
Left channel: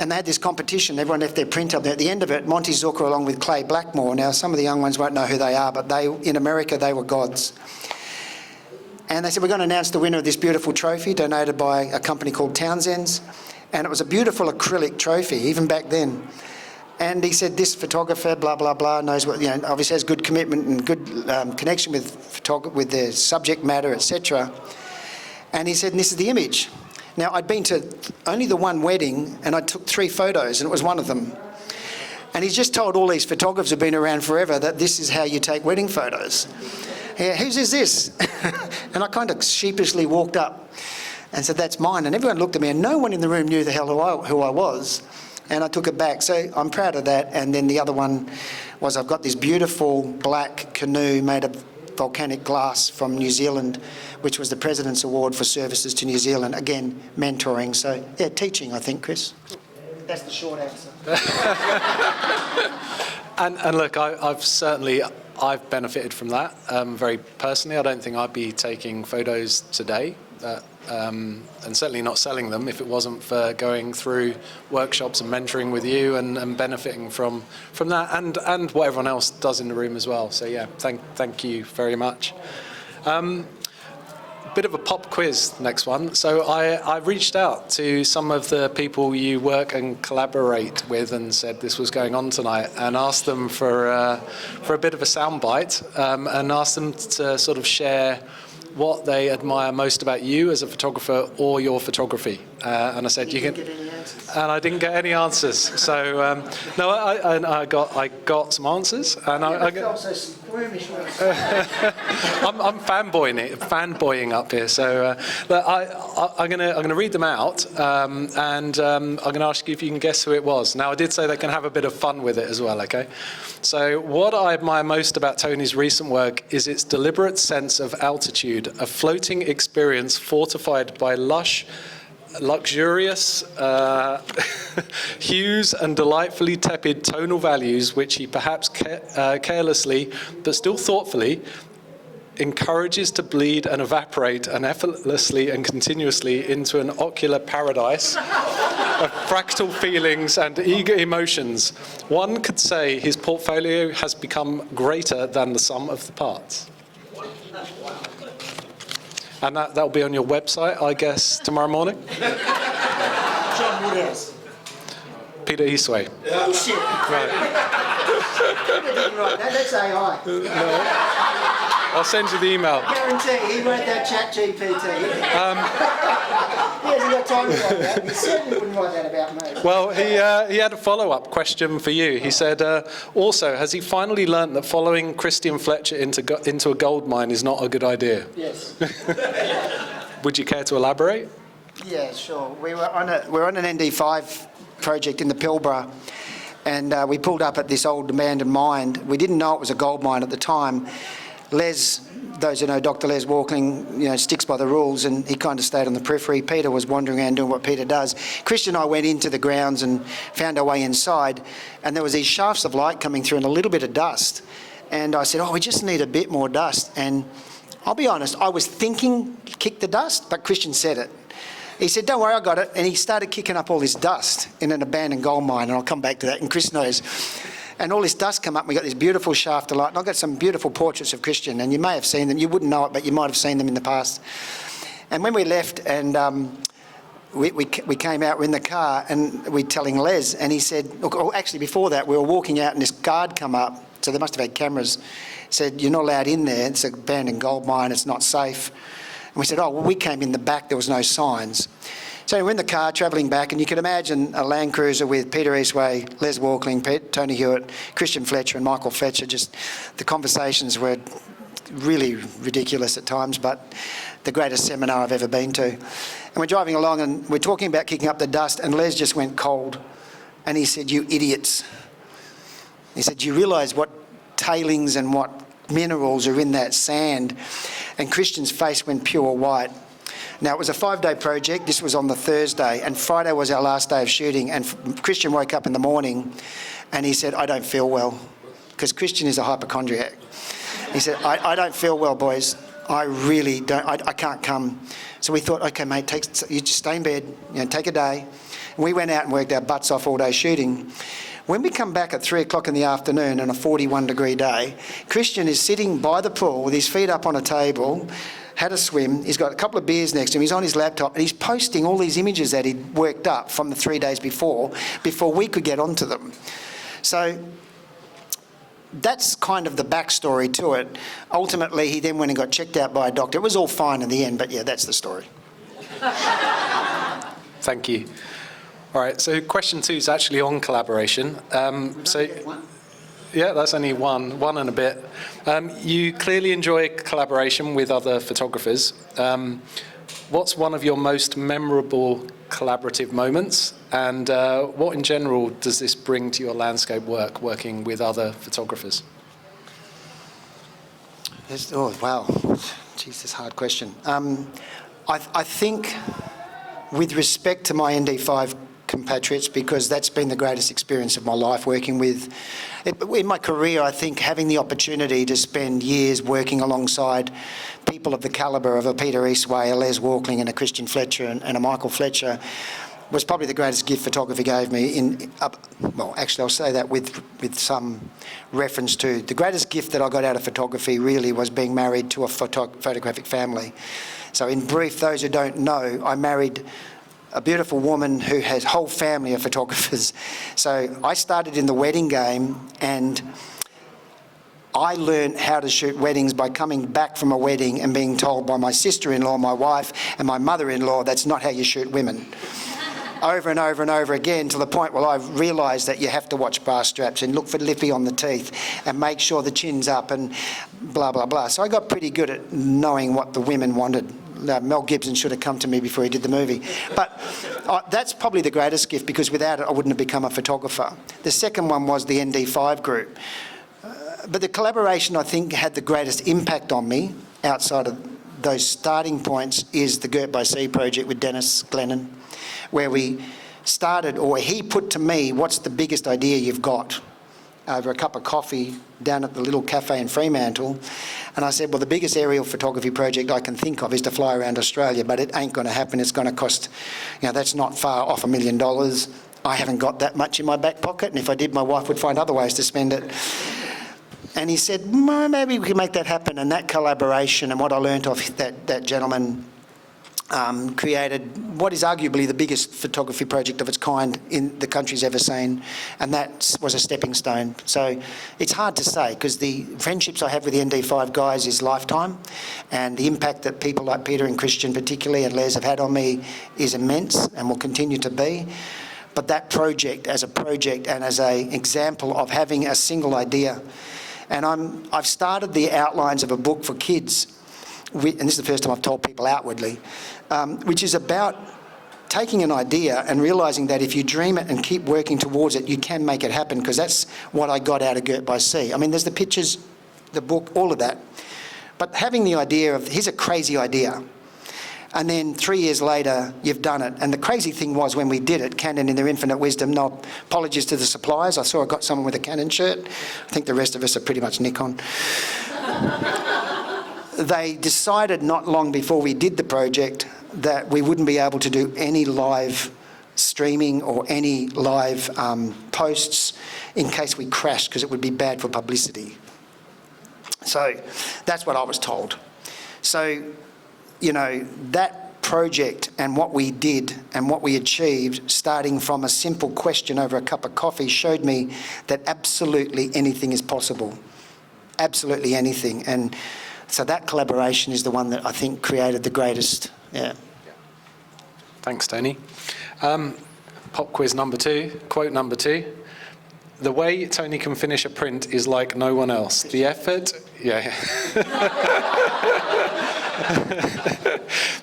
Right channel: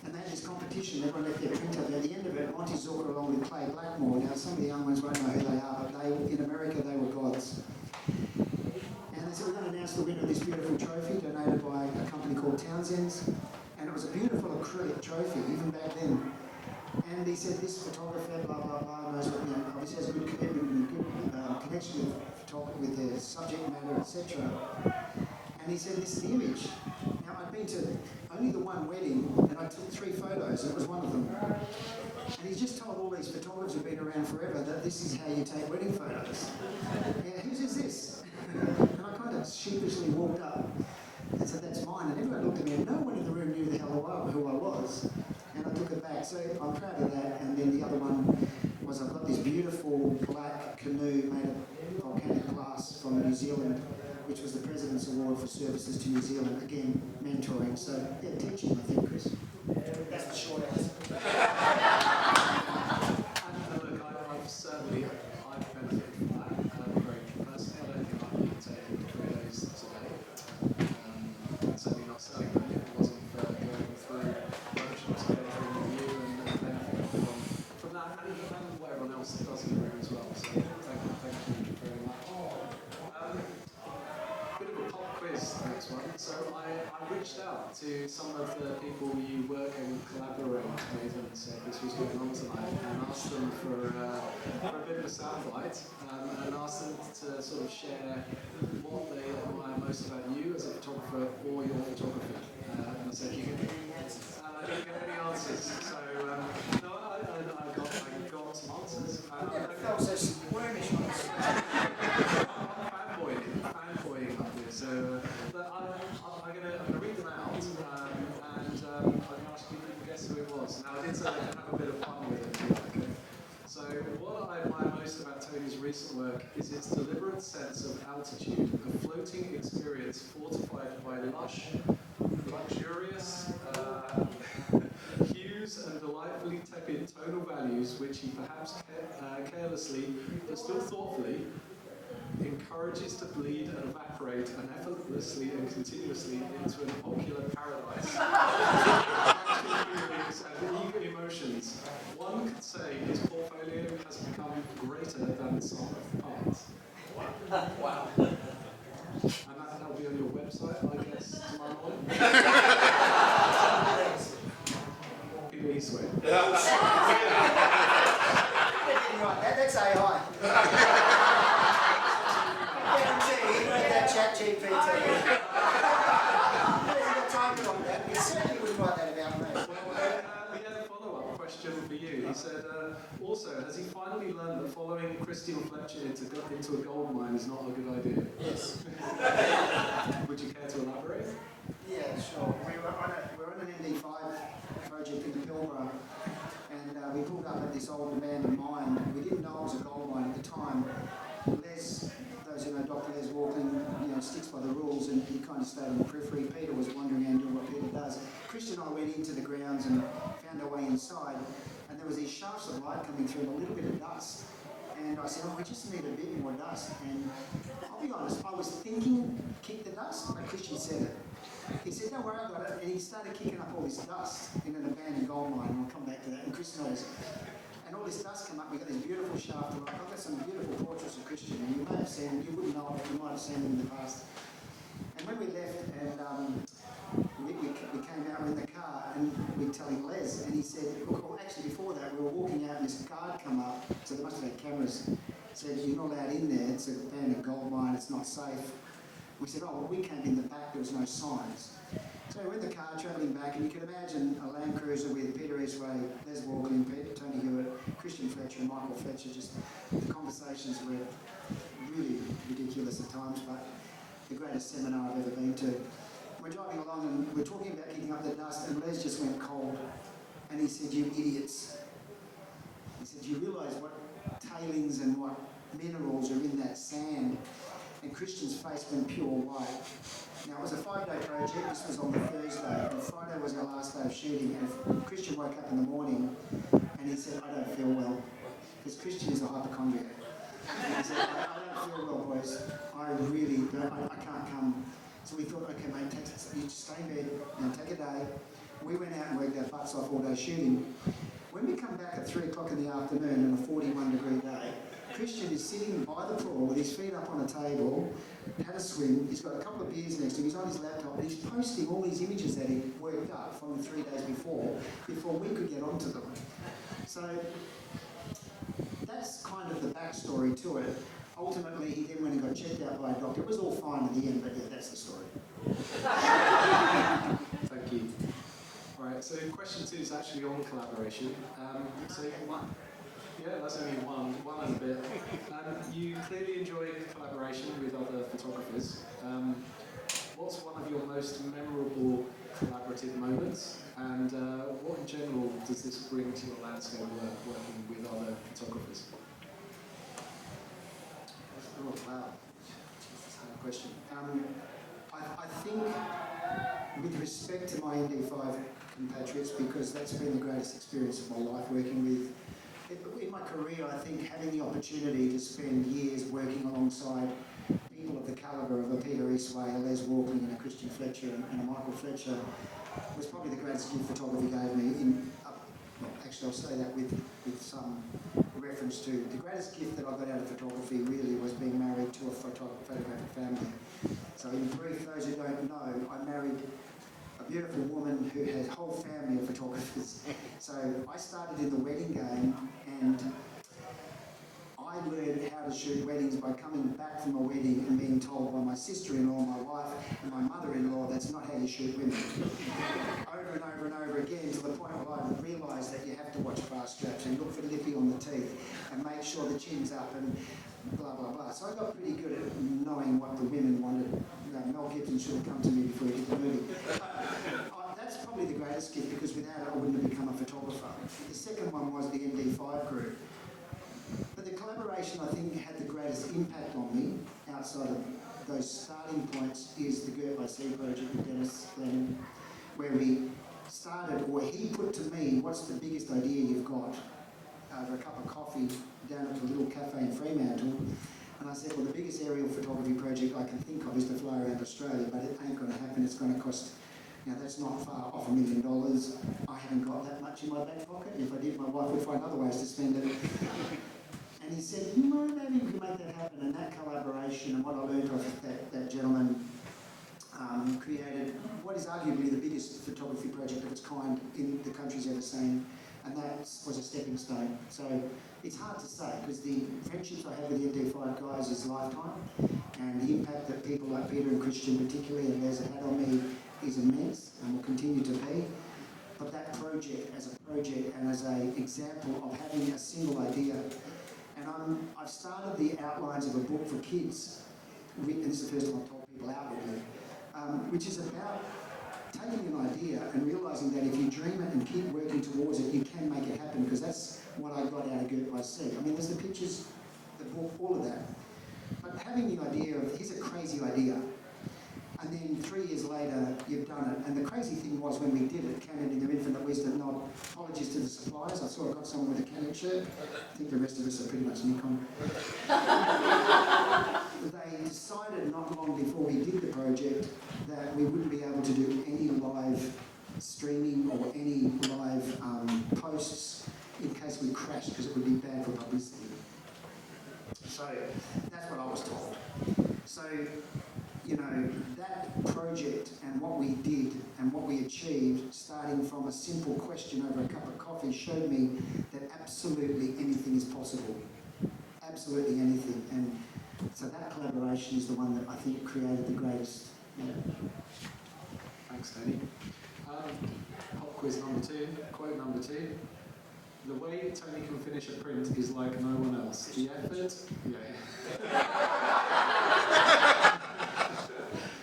And they had this competition. Everyone left their print up there. At the end of it, Monty Zucker along with Clay Blackmore. Now, some of the young ones won't know who they are, but in America, they were gods. And they said, we're going to announce the winner of this beautiful trophy donated by a company called Townsend's. And it was a beautiful acrylic trophy, even back then. And he said, this photographer, blah, blah, blah, knows what, obviously has good commitment and good connection with the subject matter, etc. And he said, and this is the image. Now, I'd been to only the one wedding, and I took 3 photos, and it was one of them. And he's just told all these photographers who've been around forever that this is how you take wedding photos. Yeah, whose is this? And I kind of sheepishly walked up and said, that's mine. And everyone looked at me, and no one in the room knew the hell who I was. And I took it back. So I'm proud of that. And then the other one was I've got this beautiful black canoe made of volcanic glass from New Zealand, which was the President's Award for Services to New Zealand. Again, mentoring. So, yeah, teaching, I think, Chris. That's the short answer. And look, I've benefited from that very personally. I don't think I'd be taking photos today, and certainly not selling them if it wasn't for going through workshops and mentoring with you and benefiting from that and what everyone else does in the room as well. So yeah, thank you very much. Bit of a pop quiz, next one. So I reached out to some of the people you work and collaborate with and said this was going on tonight, and asked them for a bit of a soundbite, and asked them to sort of share what they admire most about you as a photographer or your photography. And I said you can. And I didn't get any answers. So no, I got some answers, and I'm fanboying up here. So I'm gonna read them out, and I'm gonna ask you if you can guess who it was. Now I did say they can have a bit of fun with it as well. Okay. So what I admire most about Tony's recent work is its deliberate sense of altitude, a floating experience fortified by luxurious hues and delightfully tepid tonal values, which he perhaps carelessly, but still thoughtfully, encourages to bleed and evaporate and effortlessly and continuously into an ocular paradise of fractal feelings and eager emotions. One could say his portfolio has become greater than the sum of the parts. And that'll be on your website, I guess, tomorrow morning? John Woodhouse. Peter Eastway. Shit. He didn't write that. That's AI. I'll send you the email. Guarantee he wrote that chat GPT. He hasn't got time to write that. He certainly wouldn't write that about me. Well, he had a follow-up question for you. He said, also, has he finally learnt that following Christian Fletcher into a gold mine is not a good idea? Yes. Would you care to elaborate? Yeah, sure. We're on an ND5 project in the Pilbara, and we pulled up at this old abandoned mine. We didn't know it was a gold mine at the time. Les, those who know Dr. Les Walkling, sticks by the rules, and he kind of stayed on the periphery. Peter was wandering around doing what Peter does. Christian and I went into the grounds and found our way inside, and there was these shafts of light coming through and a little bit of dust. And I said, we just need a bit more dust. And I'll be honest, I was thinking kick the dust, but Christian said it. He said, don't worry, I got it. And he started kicking up all this dust in an abandoned gold mine, and I'll come back to that, and Chris knows. And all this dust come up, and we got this beautiful shaft of light, and I've got some beautiful portraits of Christian, and you may have seen them. You wouldn't know it, but you might have seen them in the past. And when we left, and we came out, we're in the car, and we're telling Les, and he said, look, actually before that, we were walking out, and this guard come up, so they must have had cameras, said, you're not allowed in there, it's an abandoned gold mine, it's not safe. And we said, we came in the back, there was no signs. So we're in the car travelling back, and you can imagine a Land Cruiser with Peter Eastway, Les Walkling, Tony Hewitt, Christian Fletcher and Michael Fletcher. Just the conversations were really ridiculous at times, but the greatest seminar I've ever been to. And we're driving along, and we're talking about kicking up the dust, and Les just went cold. And he said, you idiots. He said, do you realise what tailings and what minerals are in that sand? And Christian's face went pure white. Now, it was a 5-day project. This was on the Thursday, and Friday was our last day of shooting. And Christian woke up in the morning, and he said, I don't feel well, because Christian is a hypochondriac. He said, I don't feel well, boys. I really don't. I can't come. So we thought, OK, mate, you just stay in bed, take a day. And we went out and worked our butts off all day shooting. When we come back at 3 o'clock in the afternoon on a 41-degree day, Christian is sitting by the pool with his feet up on a table, had a swim, he's got a couple of beers next to him, he's on his laptop, and he's posting all these images that he'd worked up from the 3 days before we could get onto them. So that's kind of the backstory to it. Ultimately, he then went and got checked out by a doctor. It was all fine in the end, but yeah, that's the story. Thank you. All right, so question 2 is actually on collaboration. Yeah, that's only one and a bit. You clearly enjoy collaboration with other photographers. What's one of your most memorable collaborative moments? And what in general does this bring to your landscape work, working with other photographers? Oh, wow. Jeez, that's a hard question. I think with respect to my ND5 compatriots, because that's been the greatest experience of my life working with. In my career, I think having the opportunity to spend years working alongside people of the calibre of a Peter Eastway, a Les Walkling and a Christian Fletcher and a Michael Fletcher was probably the greatest gift photography gave me. Well, actually, I'll say that with some reference to the greatest gift that I got out of photography really was being married to a photographic family. So in brief, those who don't know, I married a beautiful woman who has a whole family of photographers. So I started in the wedding game, and I learned how to shoot weddings by coming back from a wedding and being told by my sister-in-law, my wife, and my mother-in-law, that's not how you shoot women. Over and over and over again, to the point where I realised that you have to watch bra straps and look for lippy on the teeth and make sure the chin's up and blah, blah, blah. So I got pretty good at knowing what the women wanted. Mel Gibson should have come to me before he did the movie. But that's probably the greatest gift, because without it I wouldn't have become a photographer. The second one was the ND5 group. But the collaboration I think had the greatest impact on me outside of those starting points is the Girt by Sea project with Dennis Glennon, where we started, or he put to me, what's the biggest idea you've got, over a cup of coffee down at the little cafe in Fremantle. And I said, well, the biggest aerial photography project I can think of is to fly around Australia, but it ain't going to happen. It's going to cost, that's not far off $1 million. I haven't got that much in my back pocket, and if I did, my wife would find other ways to spend it. And he said, "Well, maybe we can make that happen." And that collaboration and what I learnt off that gentleman created what is arguably the biggest photography project of its kind in the country's ever seen, and that was a stepping stone. So it's hard to say, because the friendships I have with the ND5 guys is lifetime, and the impact that people like Peter and Christian particularly and Les have had on me is immense and will continue to be. But that project as a project and as an example of having a single idea, and I've started the outlines of a book for kids, and this is the first time I've told people outwardly, which is about taking an idea and realising that if you dream it and keep working towards it, you can make it happen, because that's what I got out of Girt by Sea. I mean, there's the pictures, the book, all of that. But having the idea of, here's a crazy idea, and then 3 years later, you've done it. And the crazy thing was when we did it, Canon in their infinite wisdom, no apologies to the suppliers, I saw I got someone with a Canon shirt. I think the rest of us are pretty much Nikon. They decided not long before we did the project that we wouldn't be able to do any live streaming or any live posts in case we crashed, because it would be bad for publicity. So that's what I was told. So, you know, that project and what we did and what we achieved, starting from a simple question over a cup of coffee, showed me that absolutely anything is possible. Absolutely anything. And so that collaboration is the one that I think created the greatest, yeah. Thanks, Tony. Pop quiz number 2, quote number 2. The way Tony can finish a print is like no one else. The effort, yeah.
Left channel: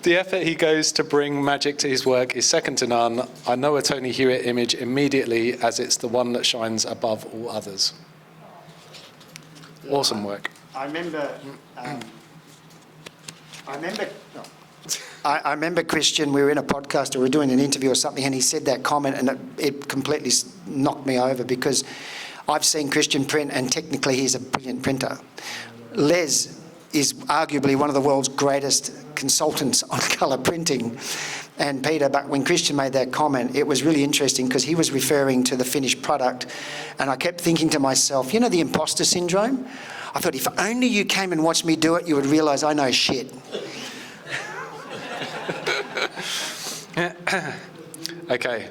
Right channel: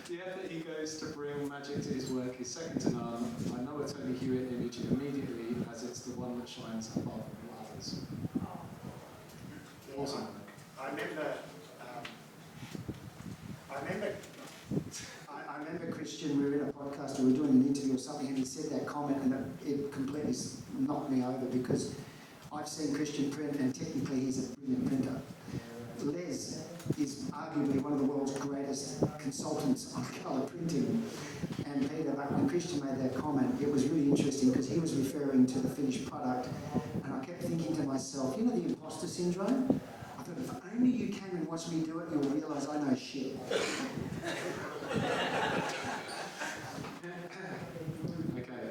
The effort he goes to bring magic to his work is second to none. I know a Tony Hewitt image immediately, as it's the one that shines above all others. Awesome work. I remember Christian, we were in a podcast or we were doing an interview or something, and he said that comment, and it completely knocked me over, because I've seen Christian print and technically he's a brilliant printer. Les is arguably one of the world's greatest consultants on colour printing, and Peter, but when Christian made that comment, it was really interesting because he was referring to the finished product, and I kept thinking to myself, you know, the imposter syndrome? I thought, if only you came and watched me do it, you would realise I know shit. Okay,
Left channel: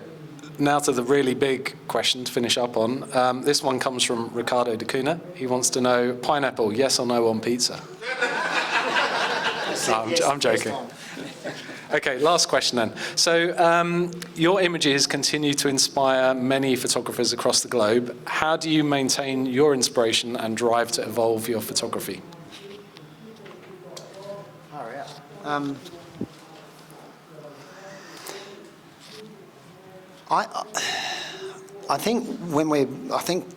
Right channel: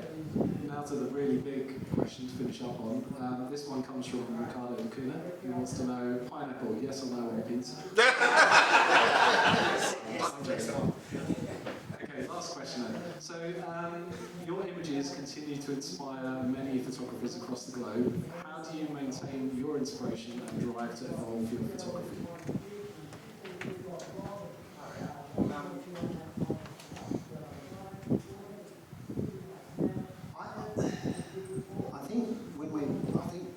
now to the really big question to finish up on. This one comes from Ricardo de Cunha. He wants to know, pineapple, yes or no on pizza? No, I'm joking. Okay, last question then. So your images continue to inspire many photographers across the globe. How do you maintain your inspiration and drive to evolve your photography? I think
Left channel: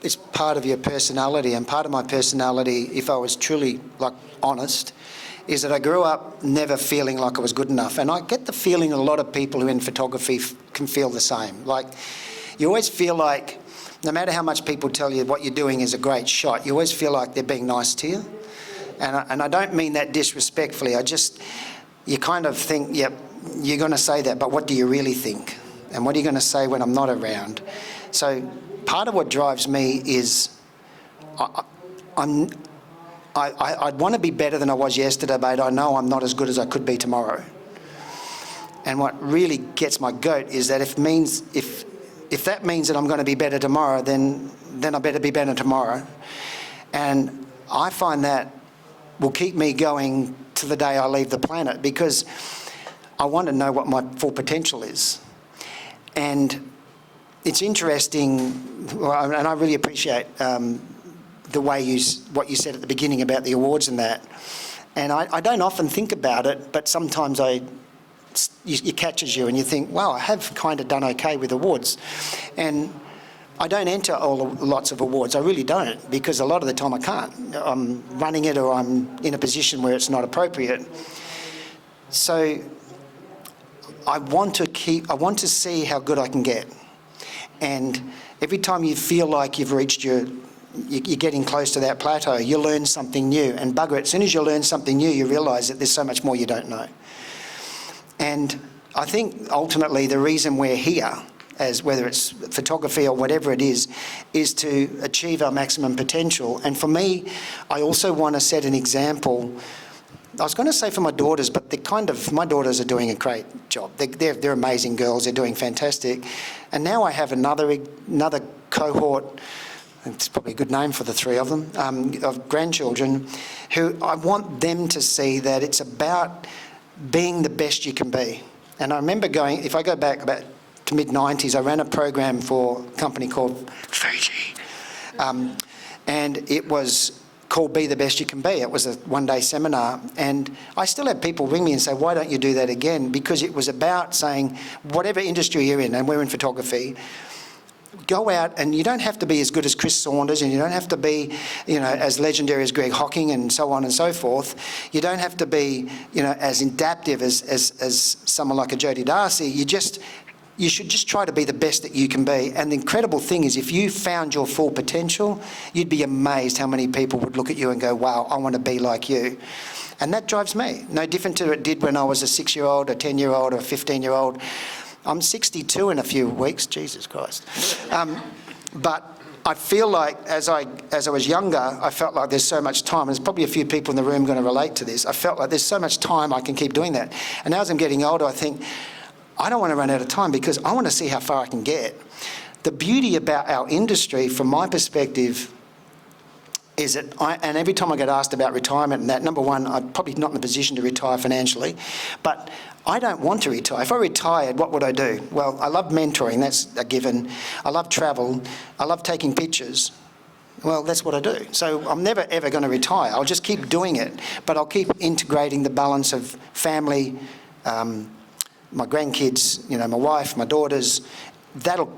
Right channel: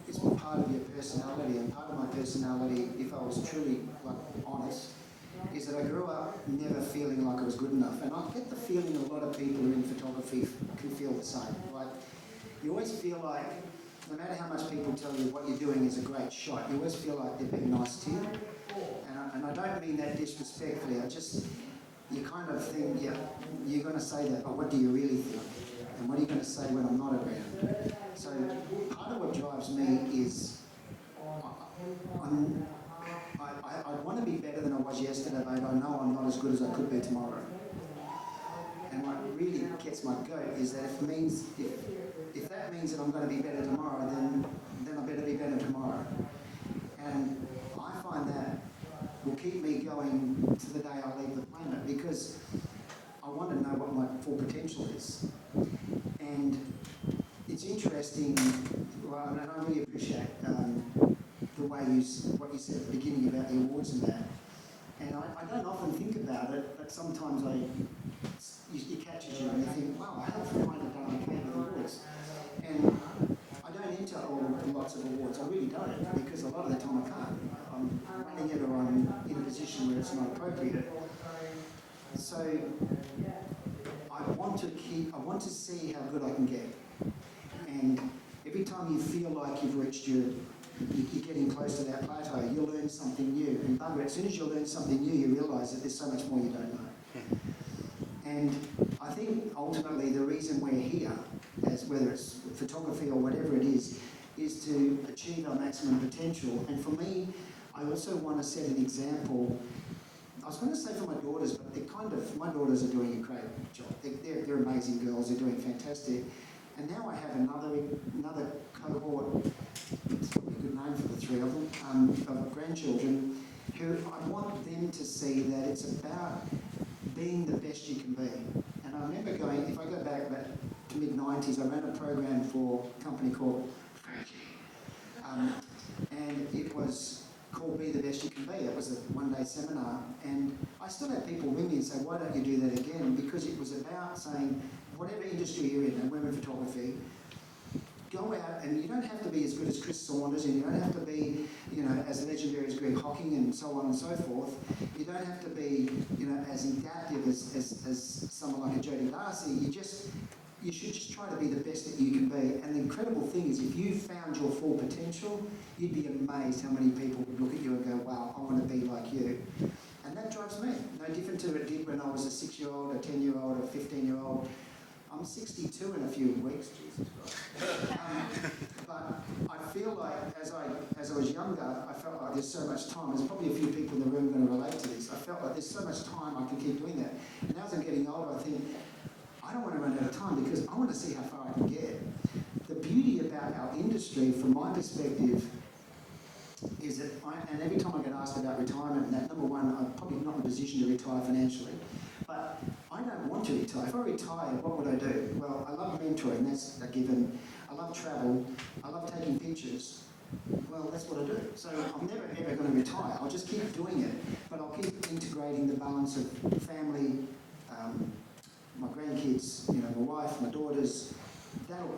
it's part of your personality, and part of my personality, if I was truly honest, is that I grew up never feeling like I was good enough. And I get the feeling a lot of people who are in photography can feel the same. Like, you always feel like, no matter how much people tell you what you're doing is a great shot, you always feel like they're being nice to you. And I don't mean that disrespectfully. You kind of think, yeah, you're going to say that, but what do you really think? And what are you going to say when I'm not around? So part of what drives me is I'd want to be better than I was yesterday, but I know I'm not as good as I could be tomorrow. And what really gets my goat is that if that means that I'm going to be better tomorrow, then I better be better tomorrow. And I find that will keep me going to the day I leave the planet, because I want to know what my full potential is. And it's interesting, and I really appreciate the way what you said at the beginning about the awards and that. And I don't often think about it, but sometimes it catches you and you think, wow, I have kind of done okay with awards. And I don't enter lots of awards, I really don't, because a lot of the time I can't. I'm running it, or I'm in a position where it's not appropriate. So I want to see how good I can get. And every time you feel like you've reached you're getting close to that plateau, you learn something new. And bugger it, as soon as you learn something new, you realise that there's so much more you don't know. And I think ultimately the reason we're here as whether it's photography or whatever it is to achieve our maximum potential. And for me, I also want to set an example. I was going to say for my daughters, but my daughters are doing a great job. They're amazing girls. They're doing fantastic. And now I have another cohort, it's probably a good name for the three of them, of grandchildren, who I want them to see that it's about being the best you can be. And I remember if I go back about to mid-90s, I ran a program for a company called Fiji. And it was called Be the Best You Can Be. It was a one-day seminar. And I still have people ring me and say, why don't you do that again? Because it was about saying, whatever industry you're in, and we're in photography, go out, and you don't have to be as good as Chris Saunders, and you don't have to be, as legendary as Greg Hocking and so on and so forth. You don't have to be, as adaptive as someone like a Jodie Darcy. You should just try to be the best that you can be. And the incredible thing is, if you found your full potential, you'd be amazed how many people would look at you and go, wow, I want to be like you. And that drives me. No different to it did when I was a 6-year-old, a 10-year-old, or a 15-year-old. I'm 62 in a few weeks, Jesus Christ. But I feel like as I was younger, I felt like there's so much time. There's probably a few people in the room going to relate to this. I felt like there's so much time I can keep doing that. And now as I'm getting older, I think, I don't want to run out of time because I want to see how far I can get. The beauty about our industry, from my perspective, is that and every time I get asked about retirement and that, number one, I'm probably not in a position to retire financially, but I don't want to retire. If I retired, what would I do? Well, I love mentoring, that's a given. I love travel. I love taking pictures. Well, that's what I do. So I'm never, ever going to retire. I'll just keep doing it, but I'll keep integrating the balance of family, my grandkids, my wife, my daughters. That'll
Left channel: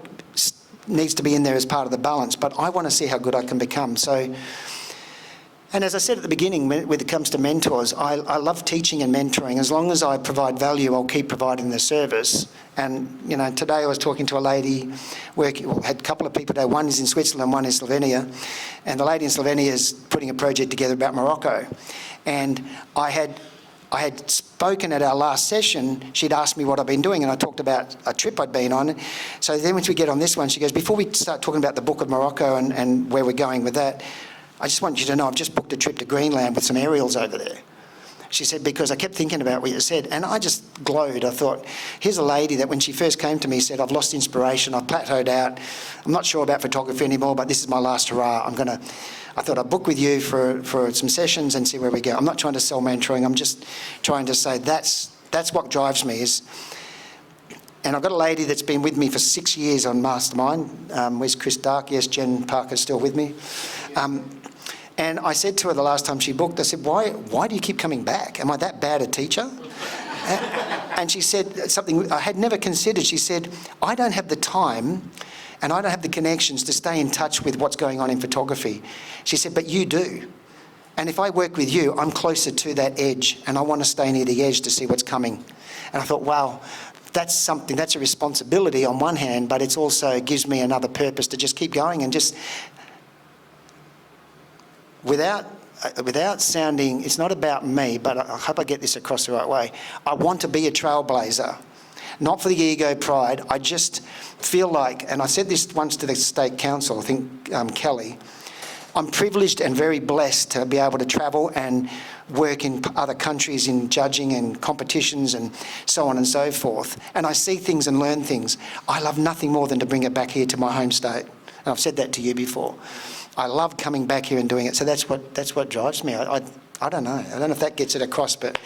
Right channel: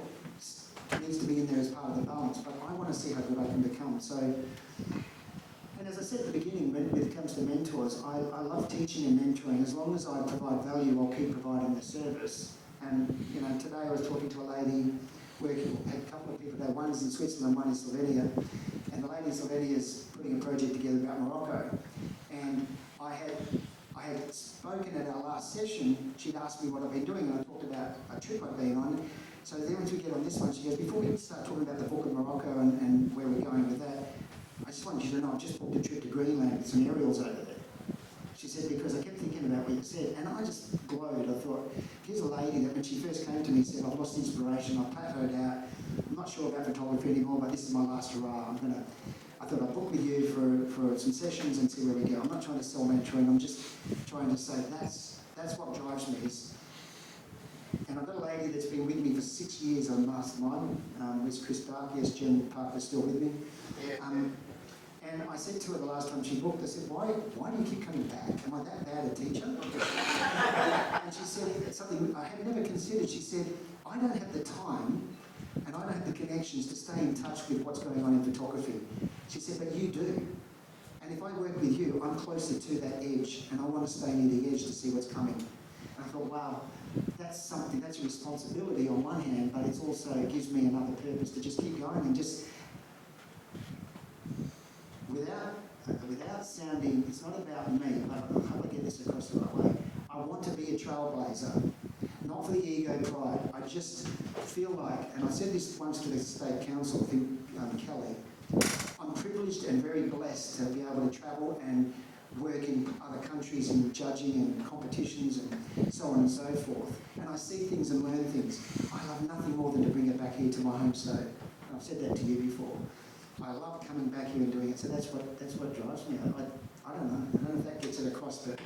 needs to be in there as part of the balance, but I want to see how good I can become. So, and as I said at the beginning, when it comes to mentors, I love teaching and mentoring. As long as I provide value, I'll keep providing the service. And, today I was talking to a lady, had a couple of people today, one is in Switzerland, one in Slovenia, and the lady in Slovenia is putting a project together about Morocco. And I had spoken at our last session. She'd asked me what I've been doing, and I talked about a trip I'd been on. So then once we get on this one, she goes, before we start talking about the Book of Morocco and where we're going with that, I just want you to know I've just booked a trip to Greenland with some aerials over there. She said, because I kept thinking about what you said, and I just glowed. I thought, here's a lady that when she first came to me said, I've lost inspiration, I've plateaued out, I'm not sure about photography anymore, but this is my last hurrah. I thought I'd book with you for some sessions and see where we go. I'm not trying to sell mentoring. I'm just trying to say that's what drives me. And I've got a lady that's been with me for 6 years on Mastermind. Where's Chris Dark? Yes, Jen Parker's still with me. And I said to her the last time she booked, I said, why do you keep coming back? Am I that bad a teacher? And she said something I had never considered. She said, I don't have the time and I don't have the connections to stay in touch with what's going on in photography. She said, but you do. And if I work with you, I'm closer to that edge, and I want to stay near the edge to see what's coming. And I thought, wow, that's a responsibility on one hand, but it also gives me another purpose to just keep going and just, without sounding, it's not about me, but I hope I get this across the right way. I want to be a trailblazer, not for the ego pride. I just feel like, and I said this once to the State Council, I think Kelly, I'm privileged and very blessed to be able to travel and work in other countries in judging and competitions and so on and so forth. And I see things and learn things. I love nothing more than to bring it back here to my home state. And I've said that to you before. I love coming back here and doing it. So that's what drives me. I don't know. I don't know if that gets it across, but,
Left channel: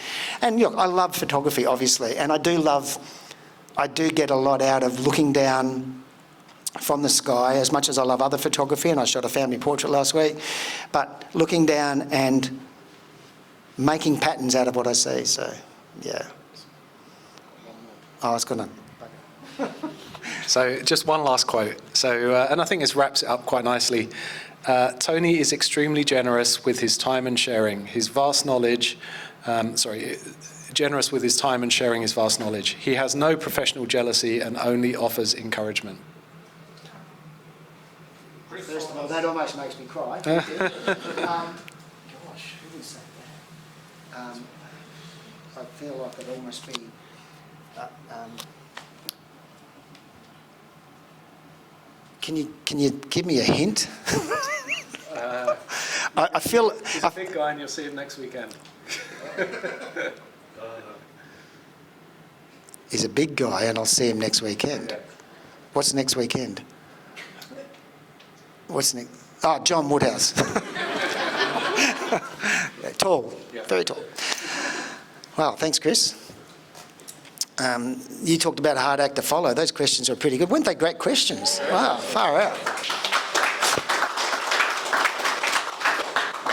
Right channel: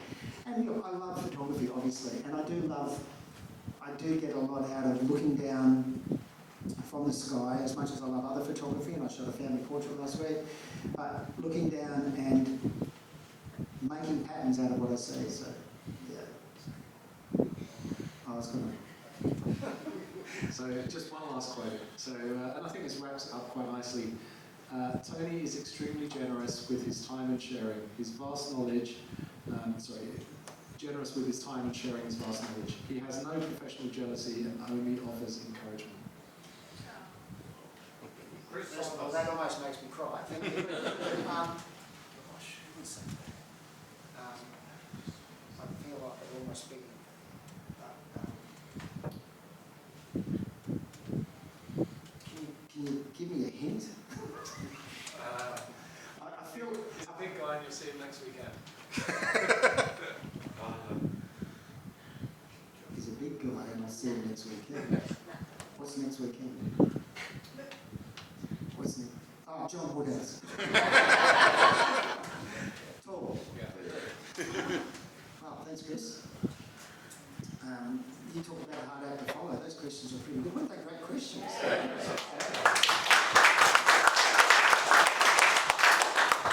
and look, I love photography, obviously, and I do get a lot out of looking down from the sky, as much as I love other photography, and I shot a family portrait last week, but looking down and making patterns out of what I see. So, yeah. I was gonna. So just one last quote. So, and I think this wraps it up quite nicely. Tony is extremely generous with his time and sharing his vast knowledge. Generous with his time and sharing his vast knowledge. He has no professional jealousy and only offers encouragement. First of all, that almost makes me cry. Gosh, who would say that? I feel like it'd almost be. Can you give me a hint? I feel... He's a big guy and you'll see him next weekend. He's a big guy and I'll see him next weekend. Yeah. What's next weekend? What's next? Oh, John Woodhouse. Tall, very tall. Wow, thanks, Chris. You talked about a hard act to follow. Those questions are pretty good. Weren't they great questions? Wow, far out.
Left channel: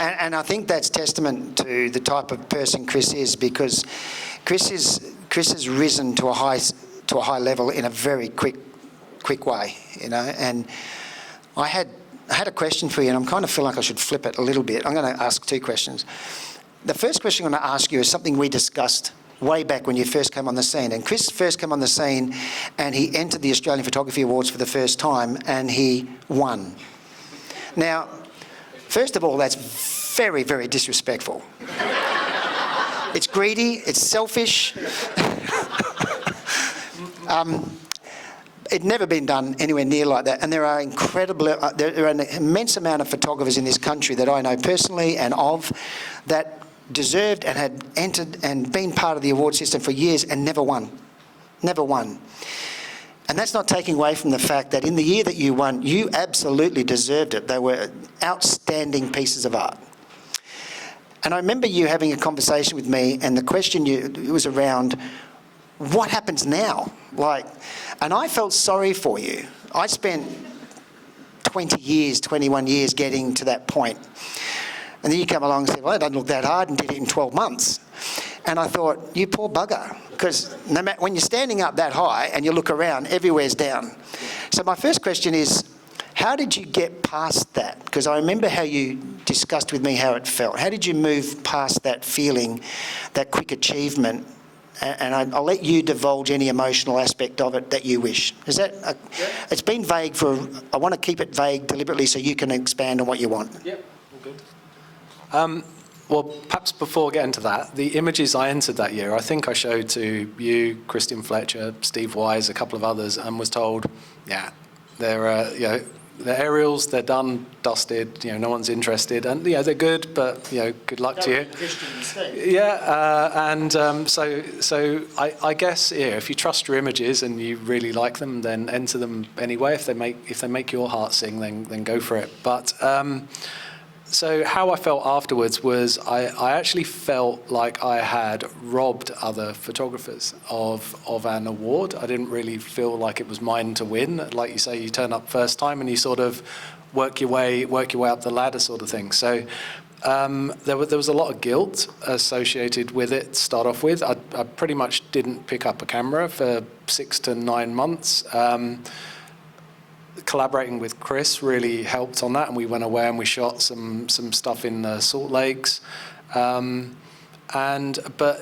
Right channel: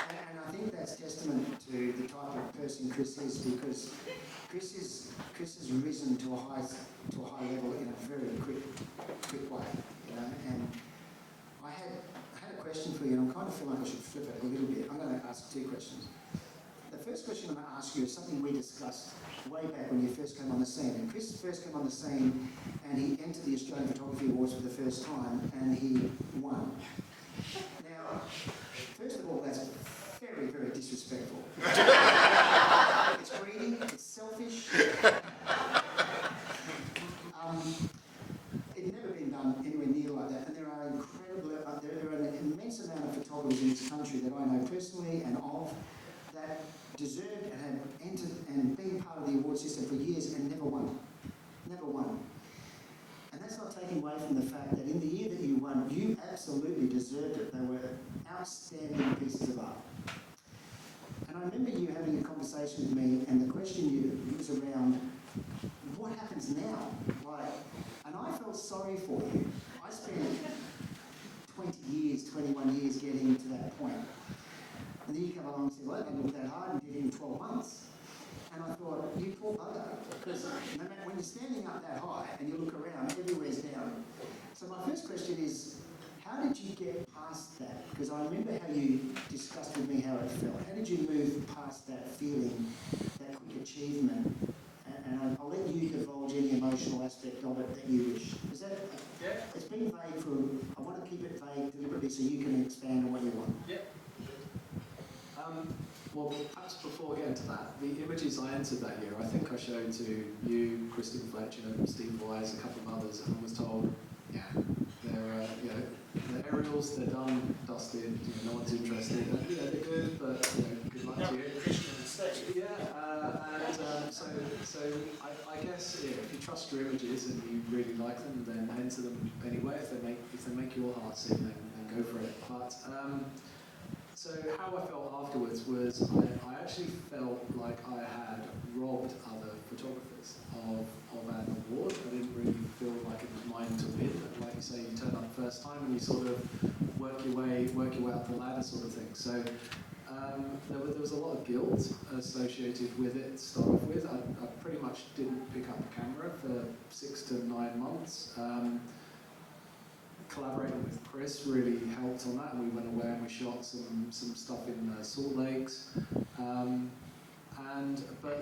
And I think that's testament to the type of person Chris is, because Chris has risen to a high level in a very quick way, you know. And I had a question for you, and I'm kind of feel like I should flip it a little bit. I'm going to ask two questions. The first question I'm going to ask you is something we discussed way back when you first came on the scene. And Chris first came on the scene and he entered the Australian Photography Awards for the first time and he won. Now, first of all, that's very, very disrespectful. It's greedy, it's selfish. It'd never been done anywhere near like that. And there are there are an immense amount of photographers in this country that I know personally and of that deserved and had entered and been part of the award system for years and never won. Never won. And that's not taking away from the fact that in the year that you won, you absolutely deserved it. They were outstanding pieces of art. And I remember you having a conversation with me, and the question was around, what happens now? And I felt sorry for you. I spent 21 years getting to that point. And then you come along and say, well, it doesn't look that hard, and did it in 12 months. And I thought, you poor bugger, because no matter, when you're standing up that high and you look around, everywhere's down. So my first question is, how did you get past that? Because I remember how you discussed with me how it felt. How did you move past that feeling, that quick achievement? And I'll let you divulge any emotional aspect of it that you wish. Is that? It's been vague I want to keep it vague deliberately so you can expand on what you want. Yeah, all good. Well, perhaps before getting to that, the images I entered that year, I think I showed to you, Christian Fletcher, Steve Wise, a couple of others, and was told, yeah, they're they're aerials, they're done, dusted, no one's interested, and they're good, but good luck to you. Yeah, so I guess if you trust your images and you really like them, then enter them anyway. If they make your heart sing, then go for it. But so how I felt afterwards was I actually felt like I had robbed other photographers of an award. I didn't really feel like it was mine to win. Like you say, you turn up first time and you sort of work your way up the ladder sort of thing. So there was a lot of guilt associated with it to start off with. I pretty much didn't pick up a camera for 6 to 9 months. Collaborating with Chris really helped on that, and we went away and we shot some stuff in the Salt Lakes. But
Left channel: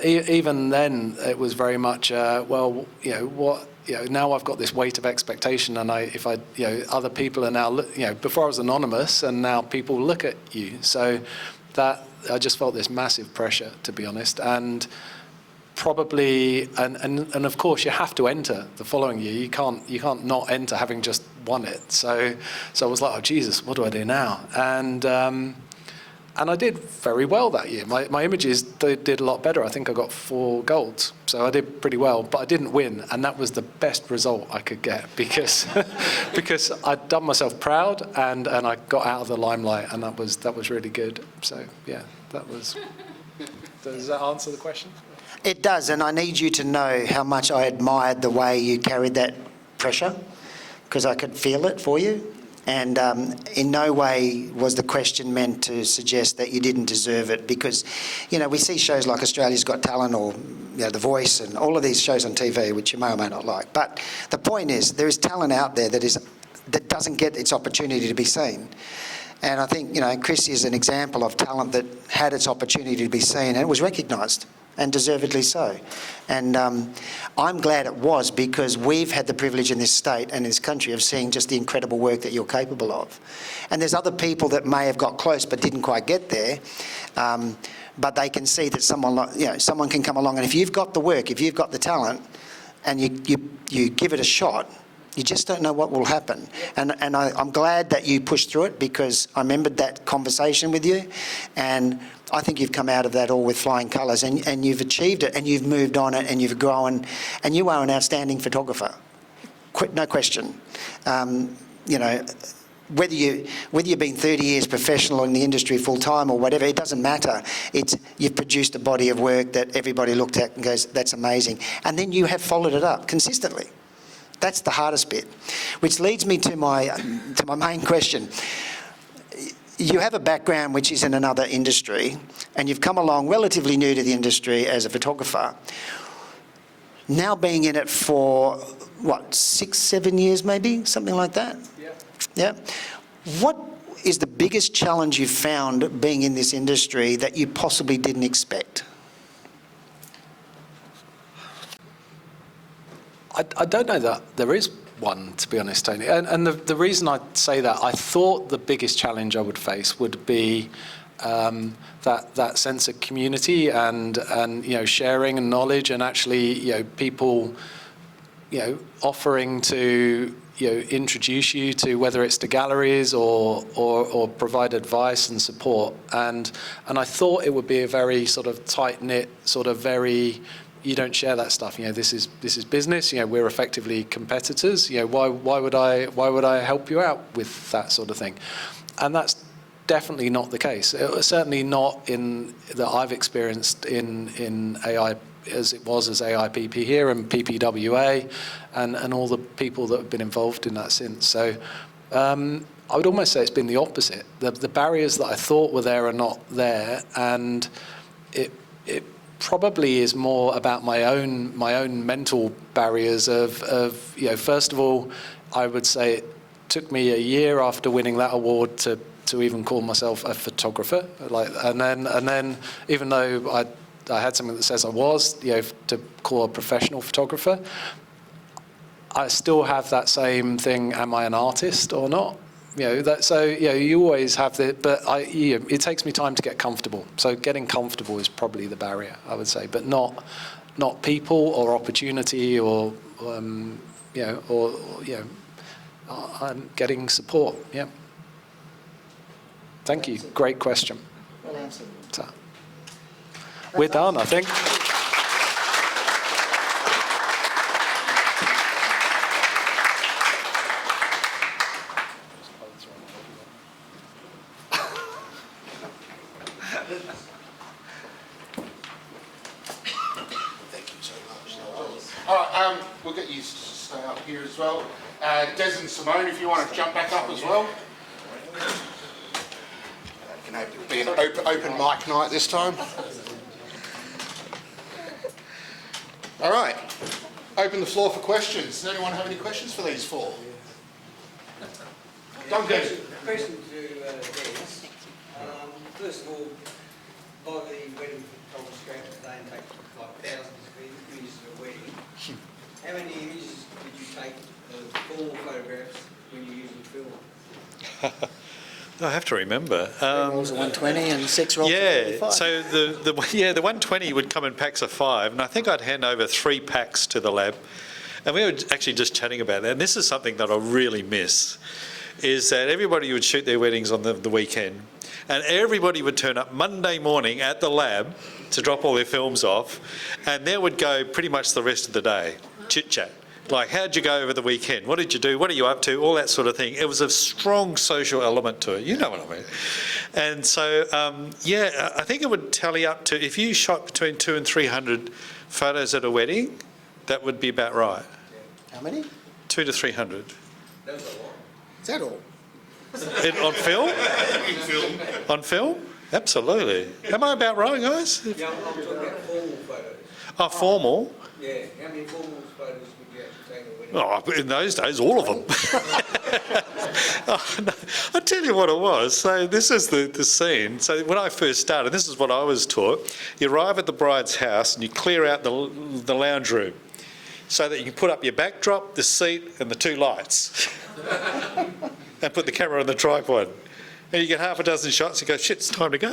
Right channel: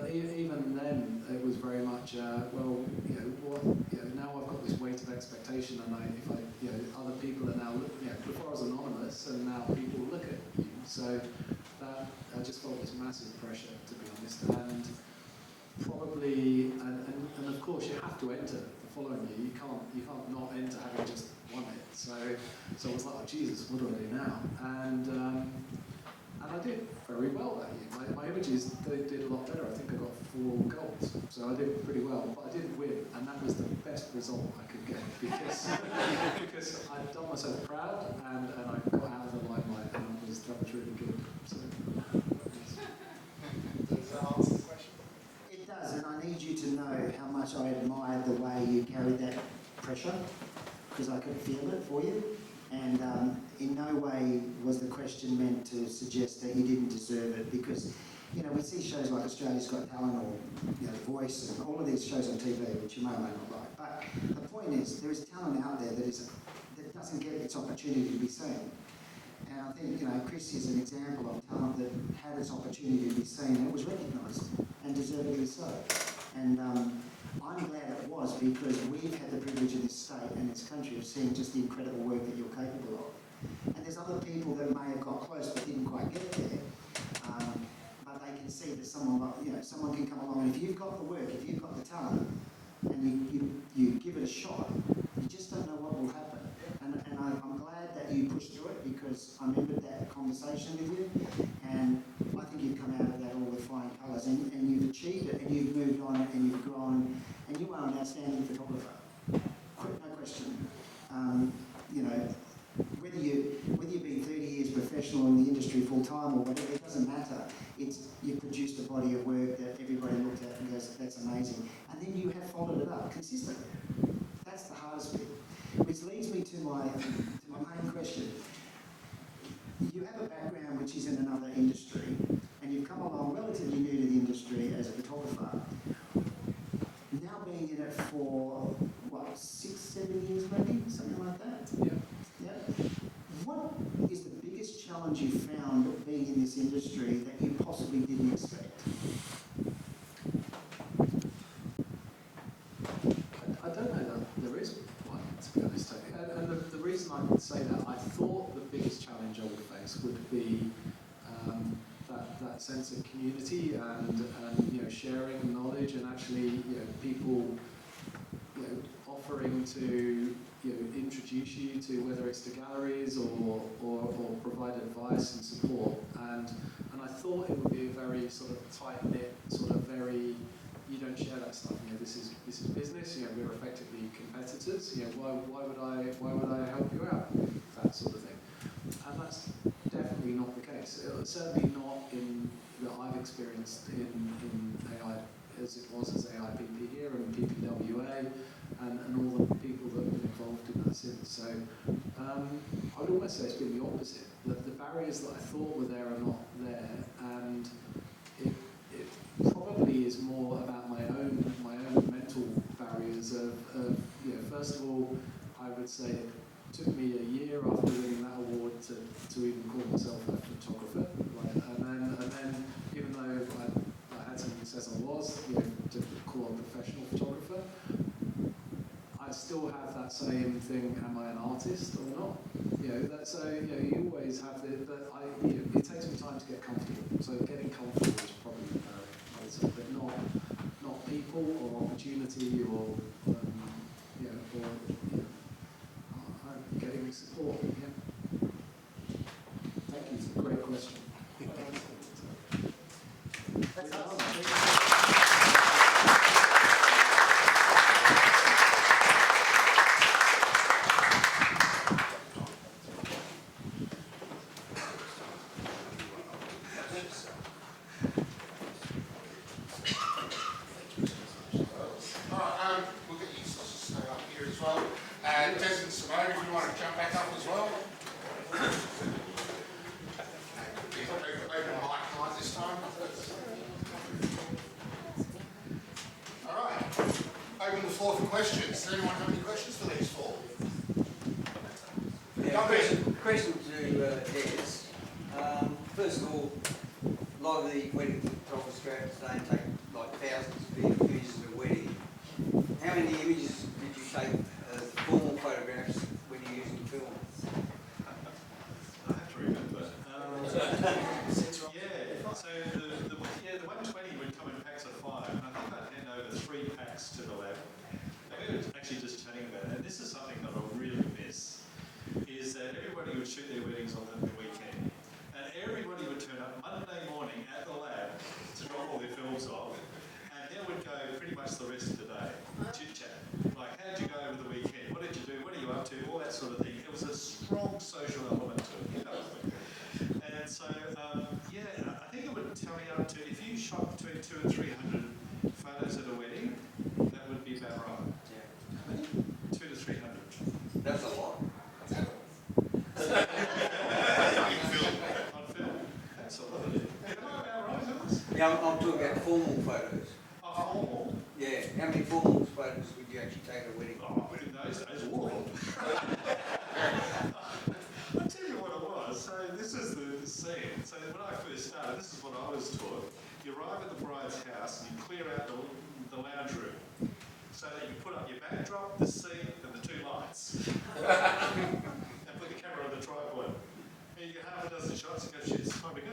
even then, it was very much now I've got this weight of expectation, and other people are now before I was anonymous, and now people look at you. So that I just felt this massive pressure, to be honest, and probably and of course you have to enter the following year. You can't not enter having just won it. So I was like, oh Jesus, what do I do now? And I did very well that year. My images did a lot better. I think I got 4 golds, so I did pretty well. But I didn't win, and that was the best result I could get because because I'd done myself proud and I got out of the limelight, and that was really good. So yeah, that was. Does that answer the question? It does, and I need you to know how much I admired the way you carried that pressure, because I could feel it for you. And in no way was the question meant to suggest that you didn't deserve it, because, we see shows like Australia's Got Talent or The Voice and all of these shows on TV, which you may or may not like. But the point is, there is talent out there that doesn't get its opportunity to be seen. And I think, Chris is an example of talent that had its opportunity to be seen, and it was recognised, and deservedly so. And I'm glad it was, because we've had the privilege in this state and in this country of seeing just the incredible work that you're capable of. And there's other people that may have got close but didn't quite get there, but they can see that someone can come along, and if you've got the work, if you've got the talent, and you give it a shot, You just don't know what will happen. And I'm glad that you pushed through it, because I remembered that conversation with you, and I think you've come out of that all with flying colours, and you've achieved it, and you've moved on it, and you've grown, and you are an outstanding photographer. No question. You know, whether you've been 30 years professional in the industry full time or whatever, it doesn't matter. You've produced a body of work that everybody looked at and goes, that's amazing. And then you have followed it up consistently. That's the hardest bit, which leads me to my main question. You have a background which is in another industry, and you've come along relatively new to the industry as a photographer. Now being in it for, what, 6, 7 years maybe, something like that? Yeah. Yeah. What is the biggest challenge you've found being in this industry that you possibly didn't expect? I don't know that there is one, to be honest, Tony. And the reason I say that, I thought the biggest challenge I would face would be that sense of community and you know, sharing and knowledge, and actually, you know, people, you know, offering to, you know, introduce you to, whether it's to galleries or provide advice and support. And I thought it would be a very sort of tight-knit, sort of very, you don't share that stuff. You know, this is business. You know, we're effectively competitors. You know, why would I help you out with that sort of thing? And that's definitely not the case. Certainly not in that I've experienced in AI, as it was as AIPP here and PPWA, and all the people that have been involved in that since. So I would almost say it's been the opposite. The barriers that I thought were there are not there, and it probably is more about my own mental barriers of you know, first of all, I would say it took me a year after winning that award to even call myself a photographer. And then even though I had something that says I was, you know, to call a professional photographer, I still have that same thing, am I an artist or not? You know, so you know, you always have but you know, it takes me time to get comfortable. So getting comfortable is probably the barrier, I would say, but not people or opportunity or you know, or you know, I'm getting support. Yeah. Thank you. Great question. Well answered. So, we're done, I think. All right, we'll get you to stay up here as well. Des and Simone, if you want to jump back up as well. It'll be an open mic night this time. All right, open the floor for questions. Does anyone have any questions for these four? Question to Des. First of all, a lot of the wedding photographers go out today and take like thousands of images of a wedding. How many images did you take as formal photographs when you used film? I have to remember. Rolls of 120 and 6 rolls of 45. Yeah, so the 120 would come in packs of 5, and I think I'd hand over 3 packs to the lab. And we were actually just chatting about that, and this is something that I really miss, is that everybody would shoot their weddings on the weekend, and everybody would turn up Monday morning at the lab to drop all their films off, and there would go pretty much the rest of the day, chit-chat. Like, how'd you go over the weekend? What did you do? What are you up to? All that sort of thing. It was a strong social element to it. You know what I mean. And so, yeah, I think it would tally up to, if you shot between 200 and 300 photos at a wedding, that would be about right. How many? 200 to 300. That's a lot. Is that all? On film? On film? Absolutely. Am I about right, guys? Now, I'm talking about formal photos. Oh, formal? Yeah, how many formal photos would you actually take at a wedding? Oh, in those days, all of them. Oh, no. I'll tell you what it was. So this is the scene. So when I first started, this is what I was taught. You arrive at the bride's house and you clear out the lounge room so that you can put up your backdrop, the seat and the 2 lights and put the camera on the tripod. And you get half a dozen shots, you go, shit, it's time to go.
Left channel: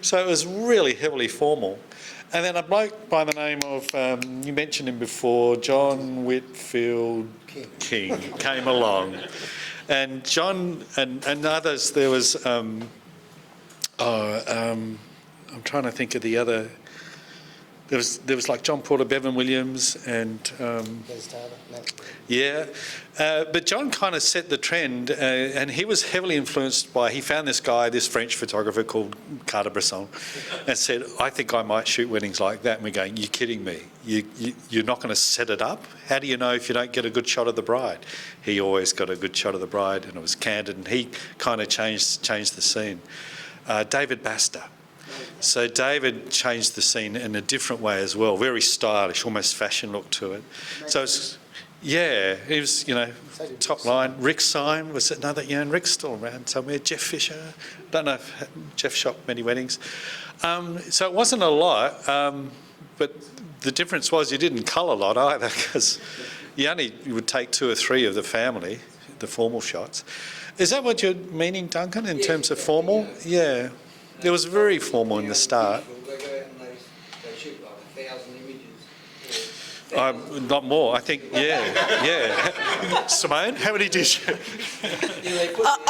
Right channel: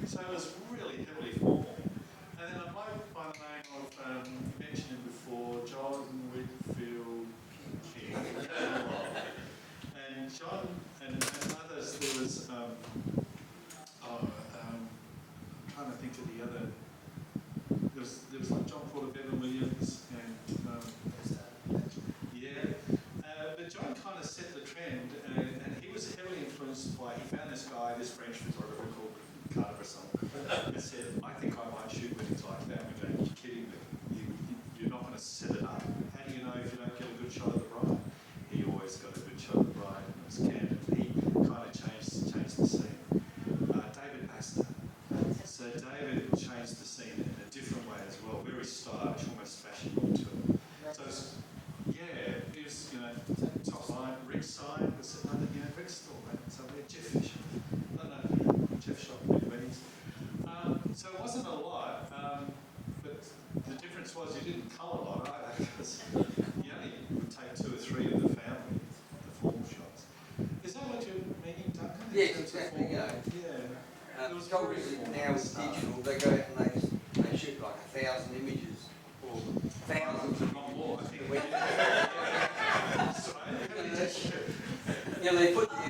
So it was really heavily formal. And then a bloke by the name of, you mentioned him before, John Whitfield King came along. And John and others, there was, I'm trying to think of the other, there was like John Porter, Bevan Williams, and but John kind of set the trend, and he was heavily influenced by, he found this guy, this French photographer called Cartier-Bresson, and said, I think I might shoot weddings like that. And we're going, you're kidding me. You're not going to set it up? How do you know if you don't get a good shot of the bride? He always got a good shot of the bride, and it was candid, and he kind of changed the scene. David Baster. So David changed the scene in a different way as well, very stylish, almost fashion look to it. So it's, yeah, he was, you know, top line. Rick Syme was another, you know, Rick's still around somewhere. Jeff Fisher, don't know if Jeff shot many weddings. So it wasn't a lot, but the difference was you didn't cull a lot either, because you would take 2 or 3 of the family, the formal shots. Is that what you're meaning, Duncan, in terms of formal? Yeah. It was very formal in the start. They go out and they shoot like 1,000 images. Not more, I think, yeah. Simone, how many do you shoot?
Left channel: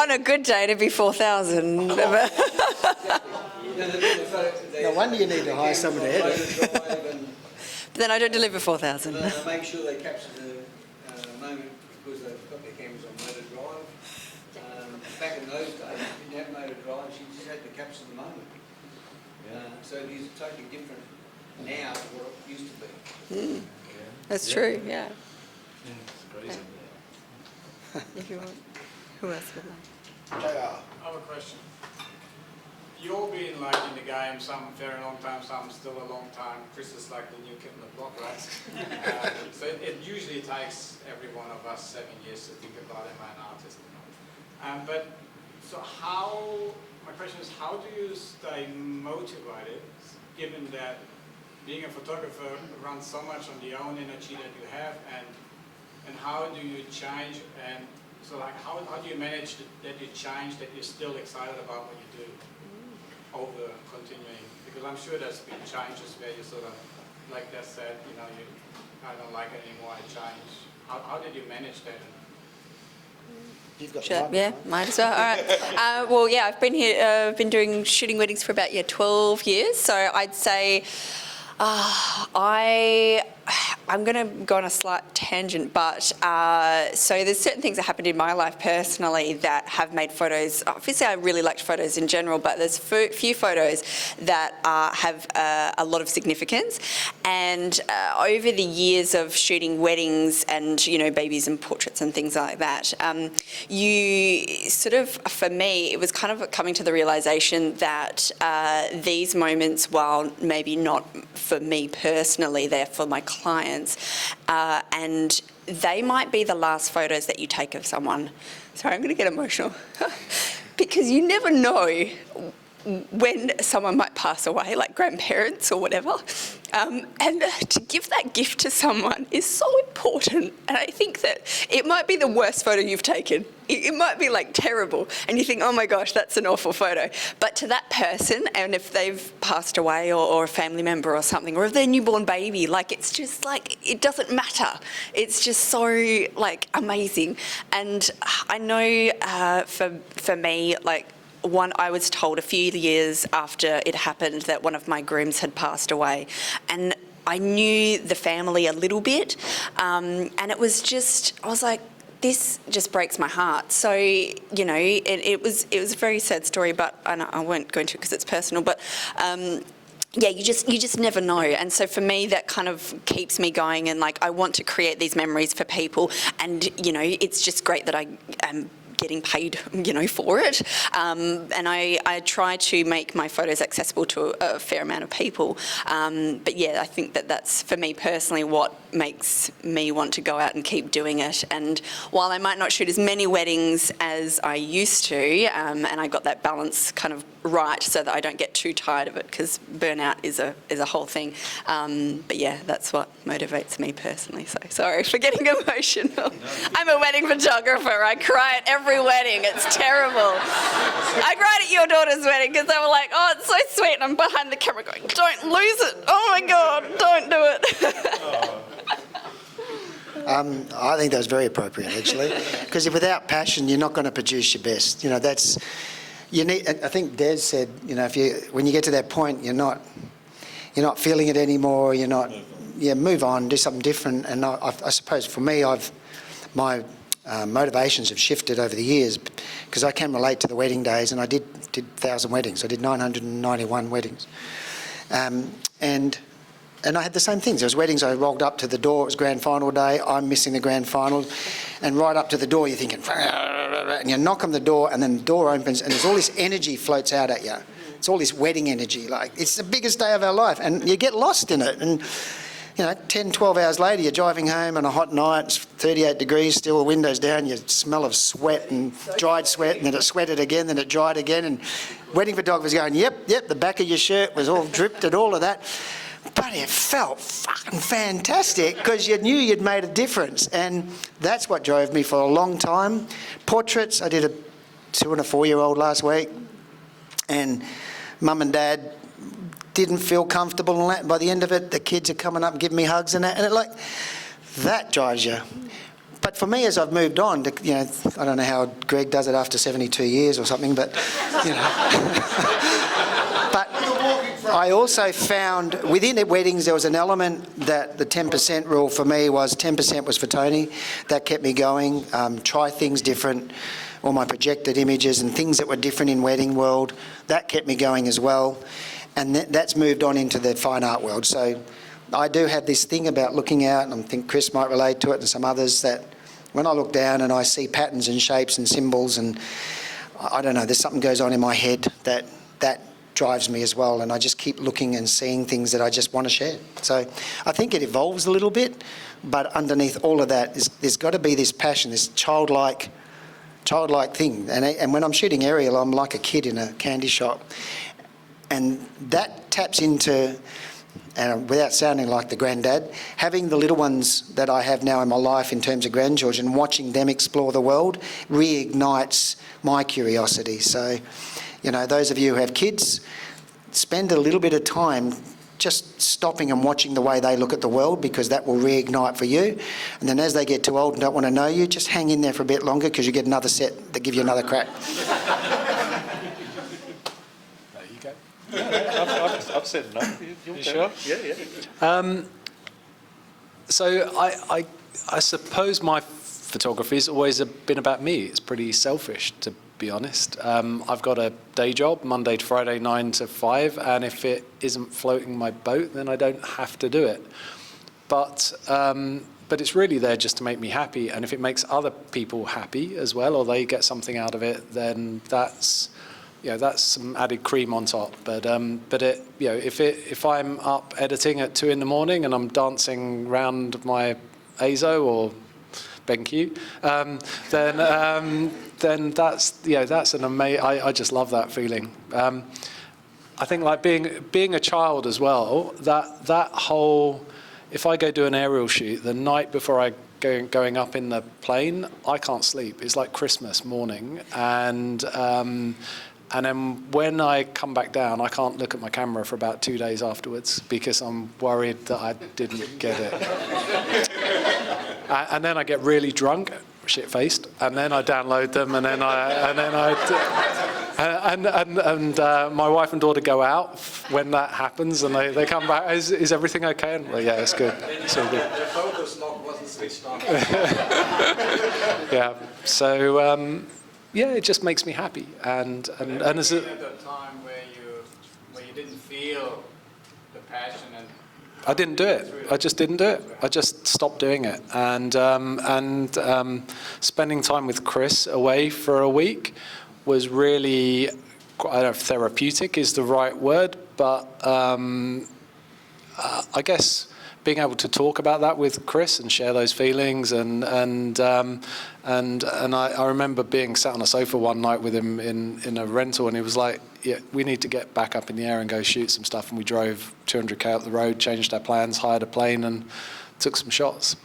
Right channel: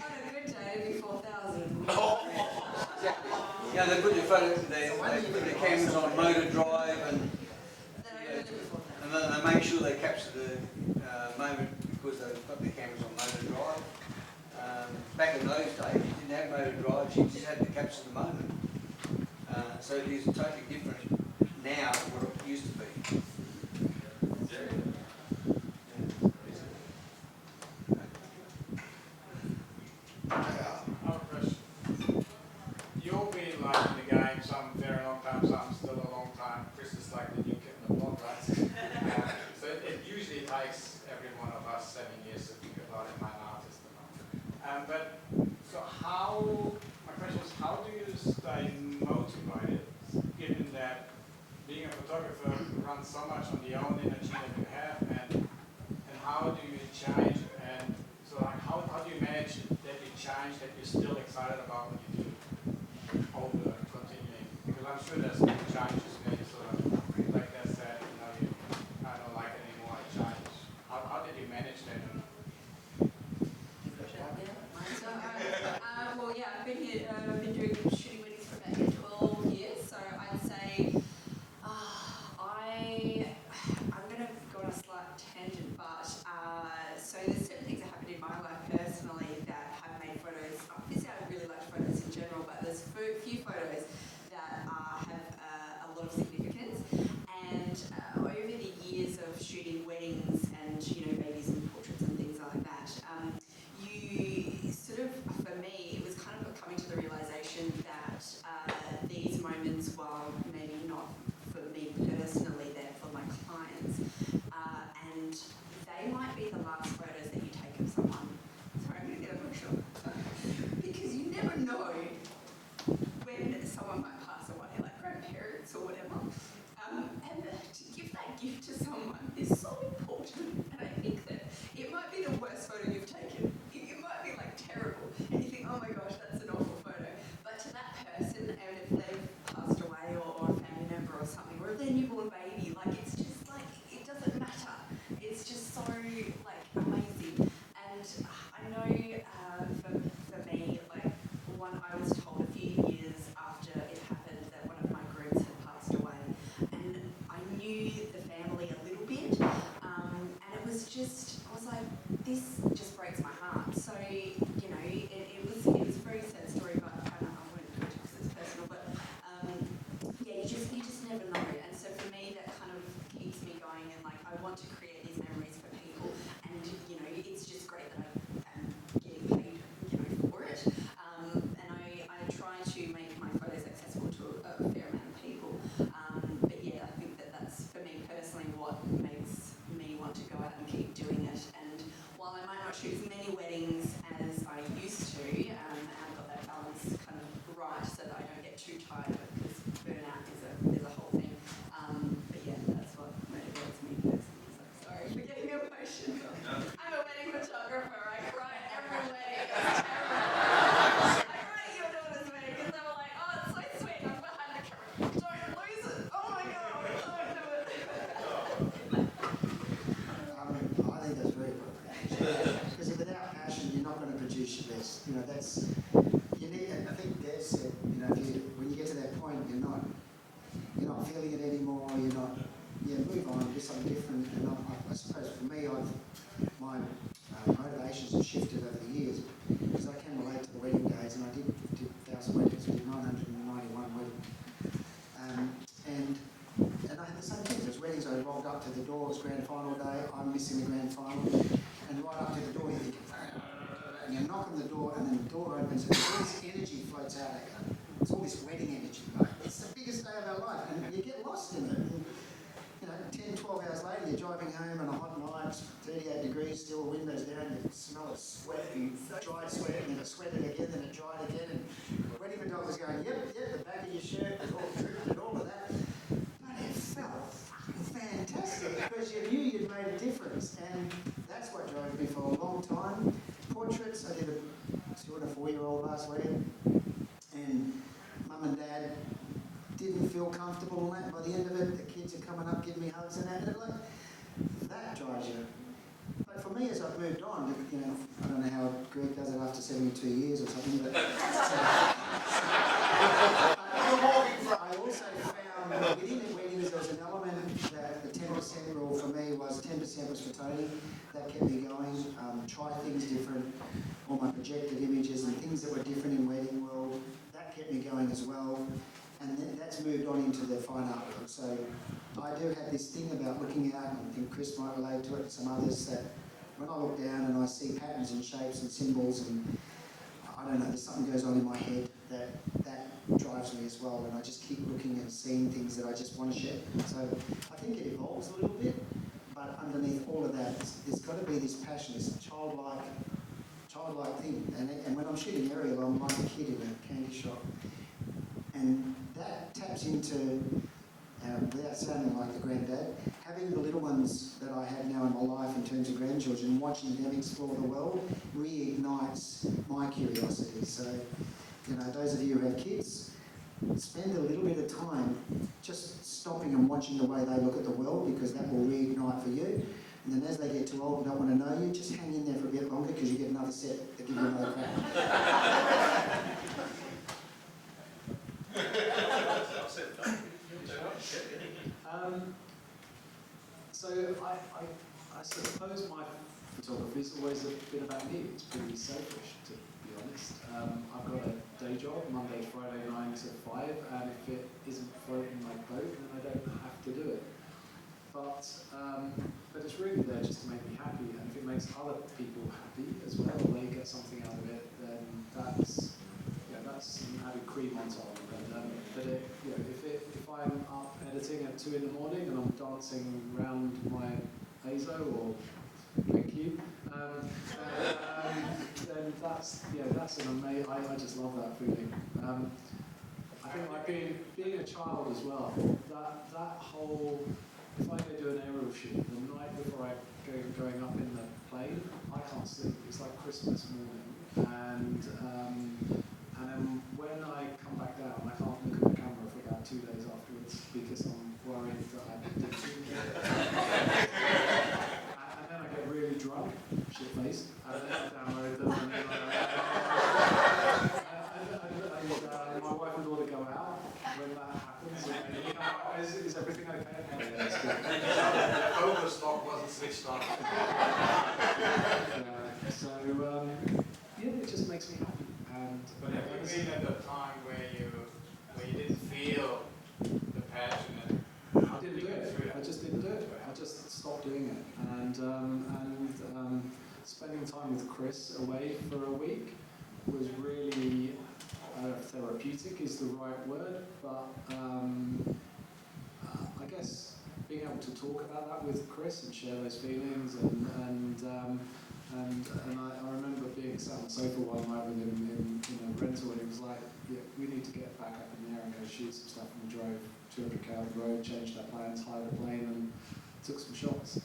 On a good day, it'd be 4,000. No wonder you need to hire someone to edit. But then I don't deliver 4,000. And they make sure they capture the moment, because they've got their cameras on motor drive. Back in those days, you didn't have motor drives, you just had to capture the moment. So it is totally different now than what it used to be. That's true, yeah. Who else? I have a question. You've all been like in the game, some very long time, some still a long time. Chris is like the new kid on the block, right? So it usually takes every one of us 7 years to think about it, I'm an artist. But so my question is, how do you stay motivated, given that being a photographer runs so much on the own energy that you have, and how do you change, and so like how do you manage that you change, that you're still excited about what you do over continuing? Because I'm sure there's been changes where you sort of, like that said, you know, I don't like it anymore, I change. How did you manage that? Yeah, might as well. All right. Well, yeah, I've been here. I've been shooting weddings for about 12 years. So I'd say I'm going to go on a slight tangent, but so there's certain things that happened in my life personally that have made photos. Obviously, I really liked photos in general, but there's few photos that have a lot of significance. And over the years of shooting weddings and, you know, babies and portraits and things like that, you sort of, for me, it was kind of coming to the realisation that these moments, while maybe not for me personally, they're for my clients, and they might be the last photos that you take of someone. Sorry, I'm going to get emotional because you never know when someone might pass away, like grandparents or whatever. And to give that gift to someone is so important. And I think that it might be the worst photo you've taken. It might be like terrible. And you think, oh my gosh, that's an awful photo. But to that person, and if they've passed away or a family member or something, or if they're a newborn baby, like it's just like, it doesn't matter. It's just so like amazing. And I know for me, like, I was told a few years after it happened that one of my grooms had passed away, and I knew the family a little bit, and it was just, I was like, this just breaks my heart. So, you know, it was a very sad story, but I won't go into it because it's personal, but yeah, you just never know. And so for me, that kind of keeps me going, and like I want to create these memories for people, and you know, it's just great that I am getting paid, you know, for it. And I try to make my photos accessible to a fair amount of people. But yeah, I think that's, for me personally, what makes me want to go out and keep doing it. And while I might not shoot as many weddings as I used to, and I got that balance kind of right so that I don't get too tired of it, because burnout out is a whole thing. But yeah, that's what motivates me personally. So sorry for getting emotional. I'm a wedding photographer. I cry at every wedding. It's terrible. I cried at your daughter's wedding because they were like, oh, it's so sweet. And I'm behind the camera going, don't lose it. Oh my God, don't do it. I think that was very appropriate, actually, because without passion, you're not going to produce your best. You know, you need. I think Des said, you know, when you get to that point, you're not feeling it anymore. You're not. Yeah, move on, do something different. And I suppose for me, my motivations have shifted over the years because I can relate to the wedding days, and I did 1,000 weddings. I did 991 weddings, and I had the same things. There was weddings, I rolled up to the door, it was grand final day, I'm missing the grand final, and right up to the door you're thinking, and you knock on the door, and then the door opens, and there's all this energy floats out at you. It's all this wedding energy, like, it's the biggest day of our life, and you get lost in it. And, you know, 10, 12 hours later, you're driving home on a hot night, it's 38 degrees, still the windows down, you smell of sweat and dried sweat, and then it sweated again, then it dried again, and wedding photographer's going, yep, the back of your shirt was all dripped and all of that. But it felt fucking fantastic because you knew you'd made a difference, and that's what drove me for a long time. Portraits, I did a 2 and a 4-year-old last week, and Mum and Dad didn't feel comfortable and that. By the end of it, the kids are coming up and giving me hugs and that, and that drives you. But for me, as I've moved on, you know, I don't know how Greg does it after 72 years or something, but, you know. But I also found within the weddings there was an element that the 10% rule for me was 10% was for Tony. That kept me going. Try things different. All my projected images and things that were different in wedding world, that kept me going as well. And that's moved on into the fine art world. So I do have this thing about looking out, and I think Chris might relate to it and some others, that when I look down and I see patterns and shapes and symbols, and I don't know, there's something goes on in my head that drives me as well, and I just keep looking and seeing things that I just want to share. So I think it evolves a little bit, but underneath all of that, there's got to be this passion, this childlike thing. And when I'm shooting aerial, I'm like a kid in a candy shop. And that taps into, without sounding like the granddad, having the little ones that I have now in my life in terms of grandchildren, watching them explore the world reignites my curiosity. So, you know, those of you who have kids, spend a little bit of time just stopping and watching the way they look at the world, because that will reignite for you. And then as they get too old and don't want to know you, just hang in there for a bit longer, because you get another set that give you another crack. I've said enough. You sure? Yeah. So I suppose my photography has always been about me. It's pretty selfish, to be honest. I've got a day job, Monday to Friday, 9 to 5, and if it isn't floating my boat, then I don't have to do it. But it's really there just to make me happy, and if it makes other people happy as well, or they get something out of it, then that's some added cream on top. But it, you know, if I'm up editing at 2 a.m. and I'm dancing round my ASO or BenQ, then that's an amazing. I just love that feeling. I think like being a child as well. That whole, if I go do an aerial shoot the night before I going up in the plane, I can't sleep. It's like Christmas morning, and then when I come back down, I can't look at my camera for about 2 days afterwards, because I'm worried that I didn't get it. And then I get really drunk, shit-faced, and then I download them, and then my wife and daughter go out when that happens, and they come back. Is everything okay? And, well, yeah, it's good. It's all good. The focus lock wasn't switched on. Yeah. So. Yeah, it just makes me happy, and as a at a time where you didn't feel the passion and I didn't do it. I just didn't do it. I just stopped doing it, and spending time with Chris away for a week was really, I don't know if therapeutic is the right word, but I guess being able to talk about that with Chris and share those feelings, and I remember being sat on a sofa one night with him in a rental, and he was like, yeah, we need to get back up in the air and go shoot some stuff. And we drove 200k up the road, changed our plans, hired a plane, and took some shots.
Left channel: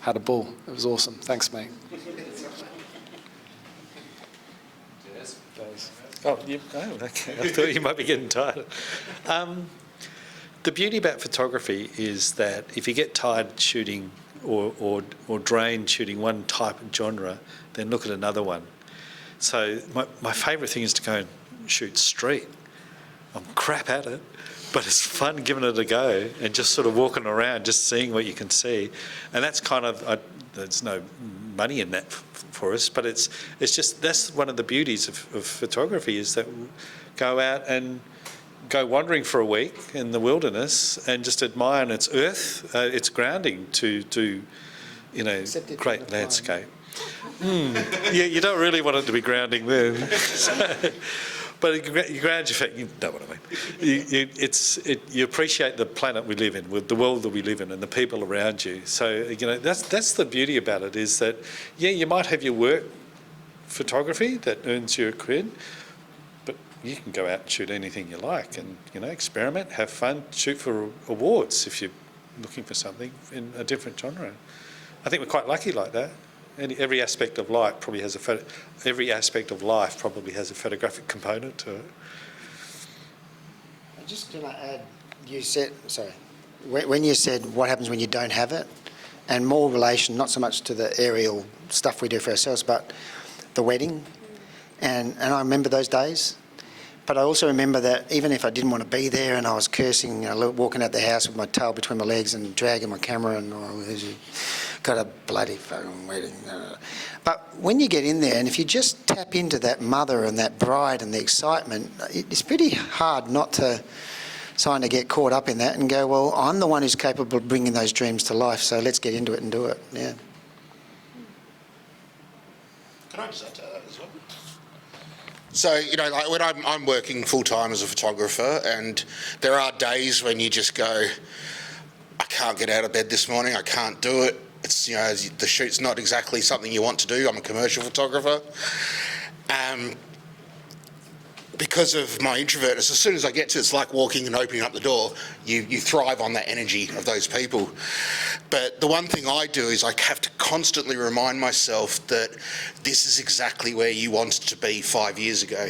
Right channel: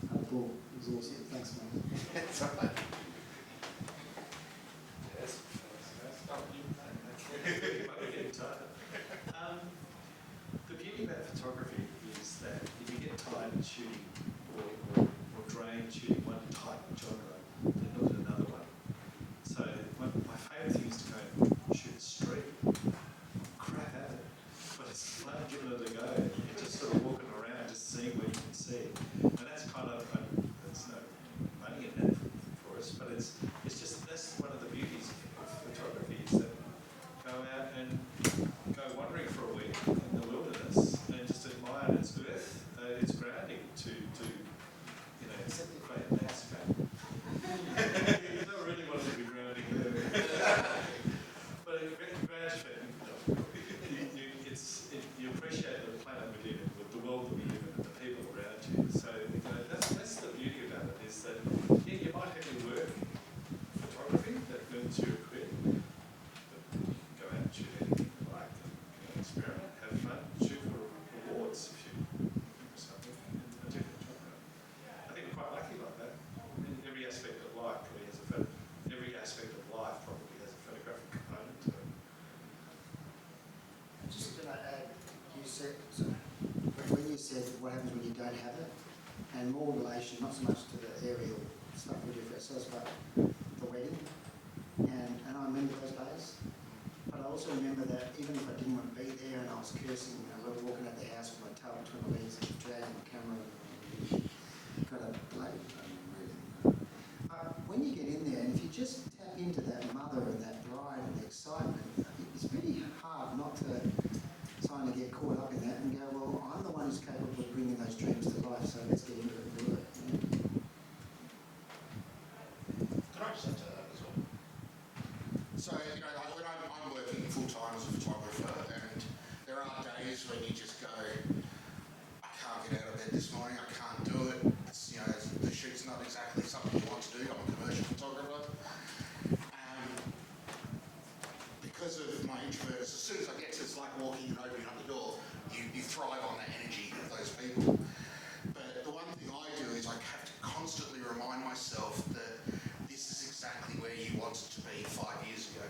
Had a ball. It was awesome. Thanks, mate. Oh, okay. I thought you might be getting tired. The beauty about photography is that if you get tired shooting or drained shooting one type of genre, then look at another one. So my favourite thing is to go and shoot street. I'm crap at it, but it's fun giving it a go and just sort of walking around, just seeing what you can see. And that's kind of, there's no money in that for us, but it's just, that's one of the beauties of photography, is that go out and go wandering for a week in the wilderness and just admire its earth, its grounding to you know, great landscape. Yeah, you don't really want it to be grounding there. But you ground your feet, you know what I mean. You appreciate the planet we live in, with the world that we live in and the people around you. So, you know, that's the beauty about it, is that, yeah, you might have your work photography that earns you a quid, but you can go out and shoot anything you like and, you know, experiment, have fun, shoot for awards if you're looking for something in a different genre. I think we're quite lucky like that. Every aspect of life probably has a photographic component to it. I'm just going to add, you said, sorry, when you said what happens when you don't have it, and more relation, not so much to the aerial stuff we do for ourselves, but the wedding, and I remember those days. But I also remember that even if I didn't want to be there and I was cursing, walking out the house with my tail between my legs and dragging my camera and got a bloody fucking wedding. But when you get in there and if you just tap into that mother and that bride and the excitement, it's pretty hard not to kind of get caught up in that and go, well, I'm the one who's capable of bringing those dreams to life, so let's get into it and do it. Yeah. Can I just add to that as well? So, you know, like when I'm working full-time as a photographer, and there are days when you just go, I can't get out of bed this morning, I can't do it. It's, you know, the shoot's not exactly something you want to do. I'm a commercial photographer. Because of my introvertness, as soon as I get to it, it's like walking and opening up the door. You thrive on that energy of those people. But the one thing I do is I have to constantly remind myself that this is exactly where you wanted to be 5 years ago.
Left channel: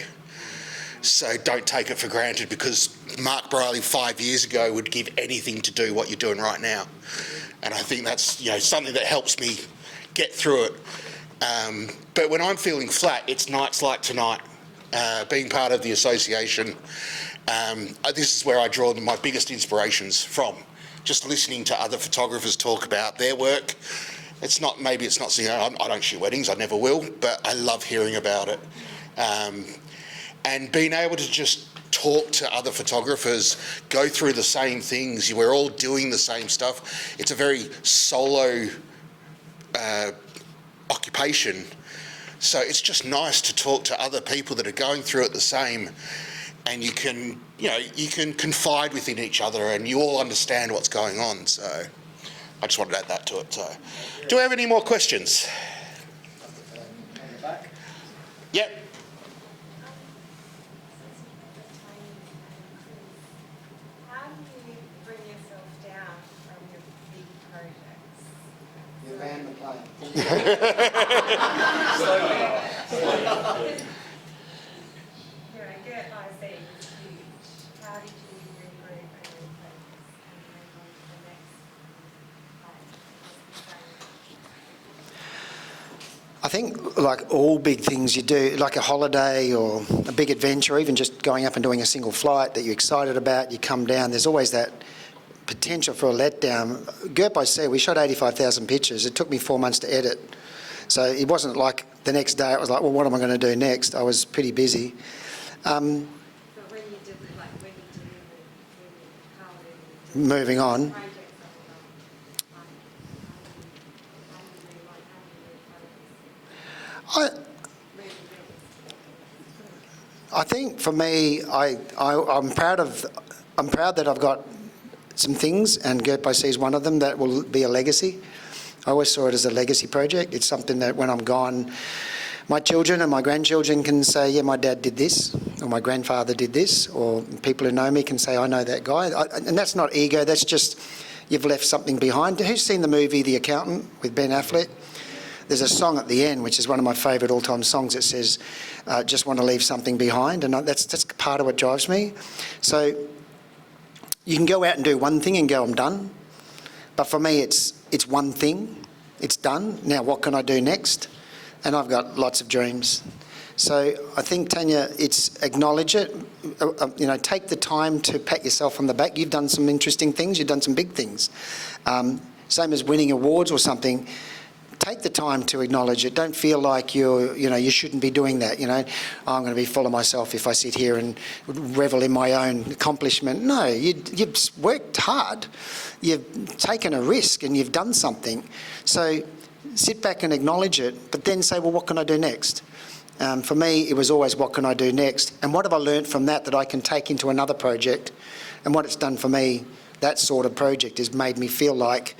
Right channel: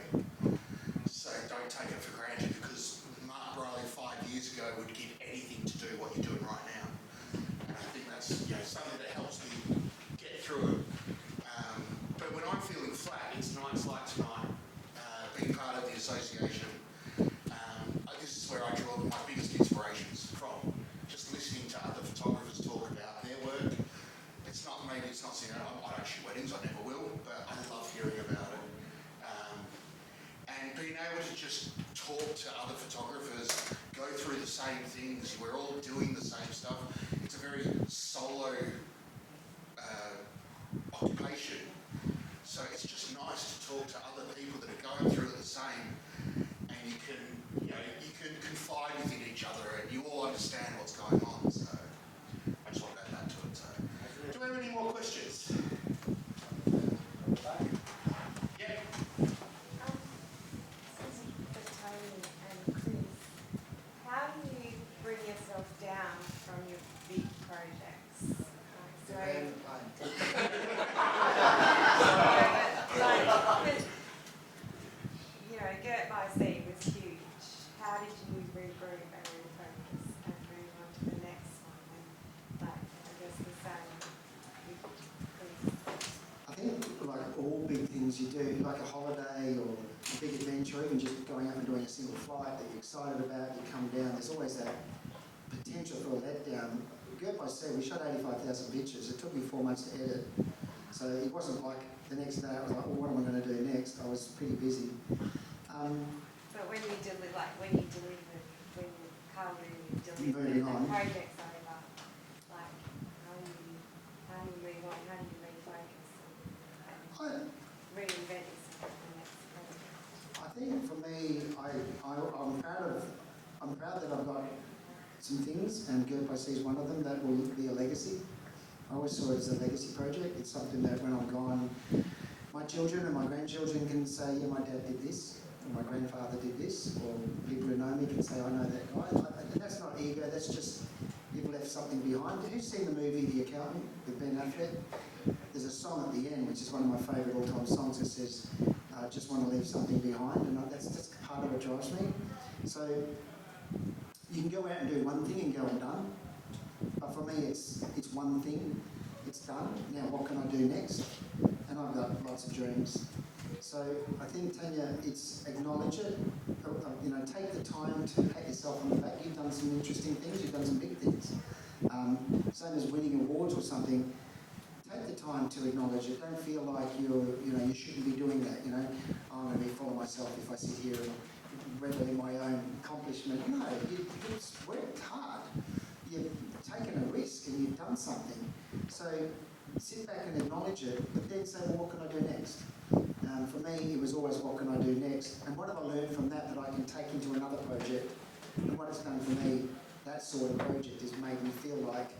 So don't take it for granted, because Mark Briley 5 years ago would give anything to do what you're doing right now. And I think that's, you know, something that helps me get through it. But when I'm feeling flat, it's nights like tonight. Being part of the association, this is where I draw my biggest inspirations from. Just listening to other photographers talk about their work. It's not, maybe it's not, you know, I don't shoot weddings, I never will, but I love hearing about it. And being able to just talk to other photographers, go through the same things, we're all doing the same stuff. It's a very solo occupation. So it's just nice to talk to other people that are going through it the same, and you can, you know, you can confide within each other and you all understand what's going on. So I just wanted to add that to it. So, do we have any more questions? Yep. How do you bring yourself down from your big projects? You land the plane. You know, Gert by Sea was huge. How did you regroup and refocus and move on to the next, I think, like all big things you do, like a holiday or a big adventure, or even just going up and doing a single flight that you're excited about, you come down, there's always that potential for a letdown. Gert by Sea, we shot 85,000 pictures. It took me 4 months to edit. So it wasn't like the next day, it was like, well, what am I going to do next? I was pretty busy. so when you did the, like, when you delivered, when you, how really did Moving on. projects are like how do you move on, how do you refocus, reinvent? I think for me, I'm proud that I've got some things, and Gert by Sea is one of them, that will be a legacy. I always saw it as a legacy project. It's something that when I'm gone, my children and my grandchildren can say, yeah, my dad did this. or my grandfather did this, or people who know me can say, I know that guy. And that's not ego, that's just you've left something behind. Who's seen the movie The Accountant with Ben Affleck? There's a song at the end, which is one of my favourite all-time songs. It says, just want to leave something behind. And that's part of what drives me. So you can go out and do one thing and go, I'm done. But for me, it's one thing. It's done. Now, what can I do next? And I've got lots of dreams. So I think, Tanya, it's acknowledge it. Take the time to pat yourself on the back. You've done some interesting things. You've done some big things. Same as winning awards or something. Take the time to acknowledge it. Don't feel like you shouldn't be doing that. Oh, I'm going to be full of myself if I sit here and revel in my own accomplishment. No, you've worked hard. You've taken a risk and you've done something. So sit back and acknowledge it, but then say, well, what can I do next? For me, it was always, what can I do next? And what have I learnt from that I can take into another project? And what it's done for me, that sort of project, has made me feel like,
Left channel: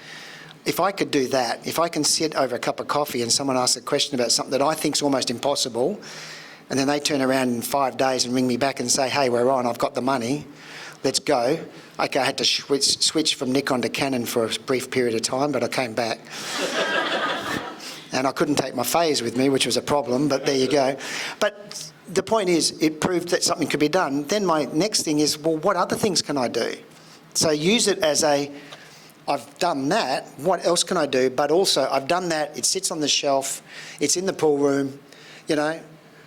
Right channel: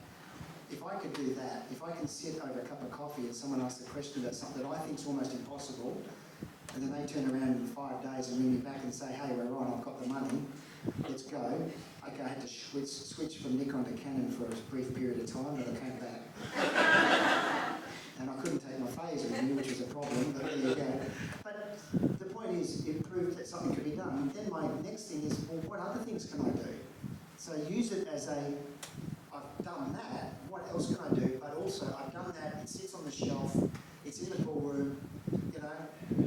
if I could do that, if I can sit over a cup of coffee and someone asks a question about something that I think is almost impossible, and then they turn around in 5 days and ring me back and say, hey, we're on, I've got the money, let's go. Okay, I had to switch from Nikon to Canon for a brief period of time, but I came back. And I couldn't take my phase with me, which was a problem, but there you go. But the point is, it proved that something could be done. Then my next thing is, well, what other things can I do? So use it as I've done that, what else can I do? But also, I've done that, it sits on the shelf, it's in the pool room,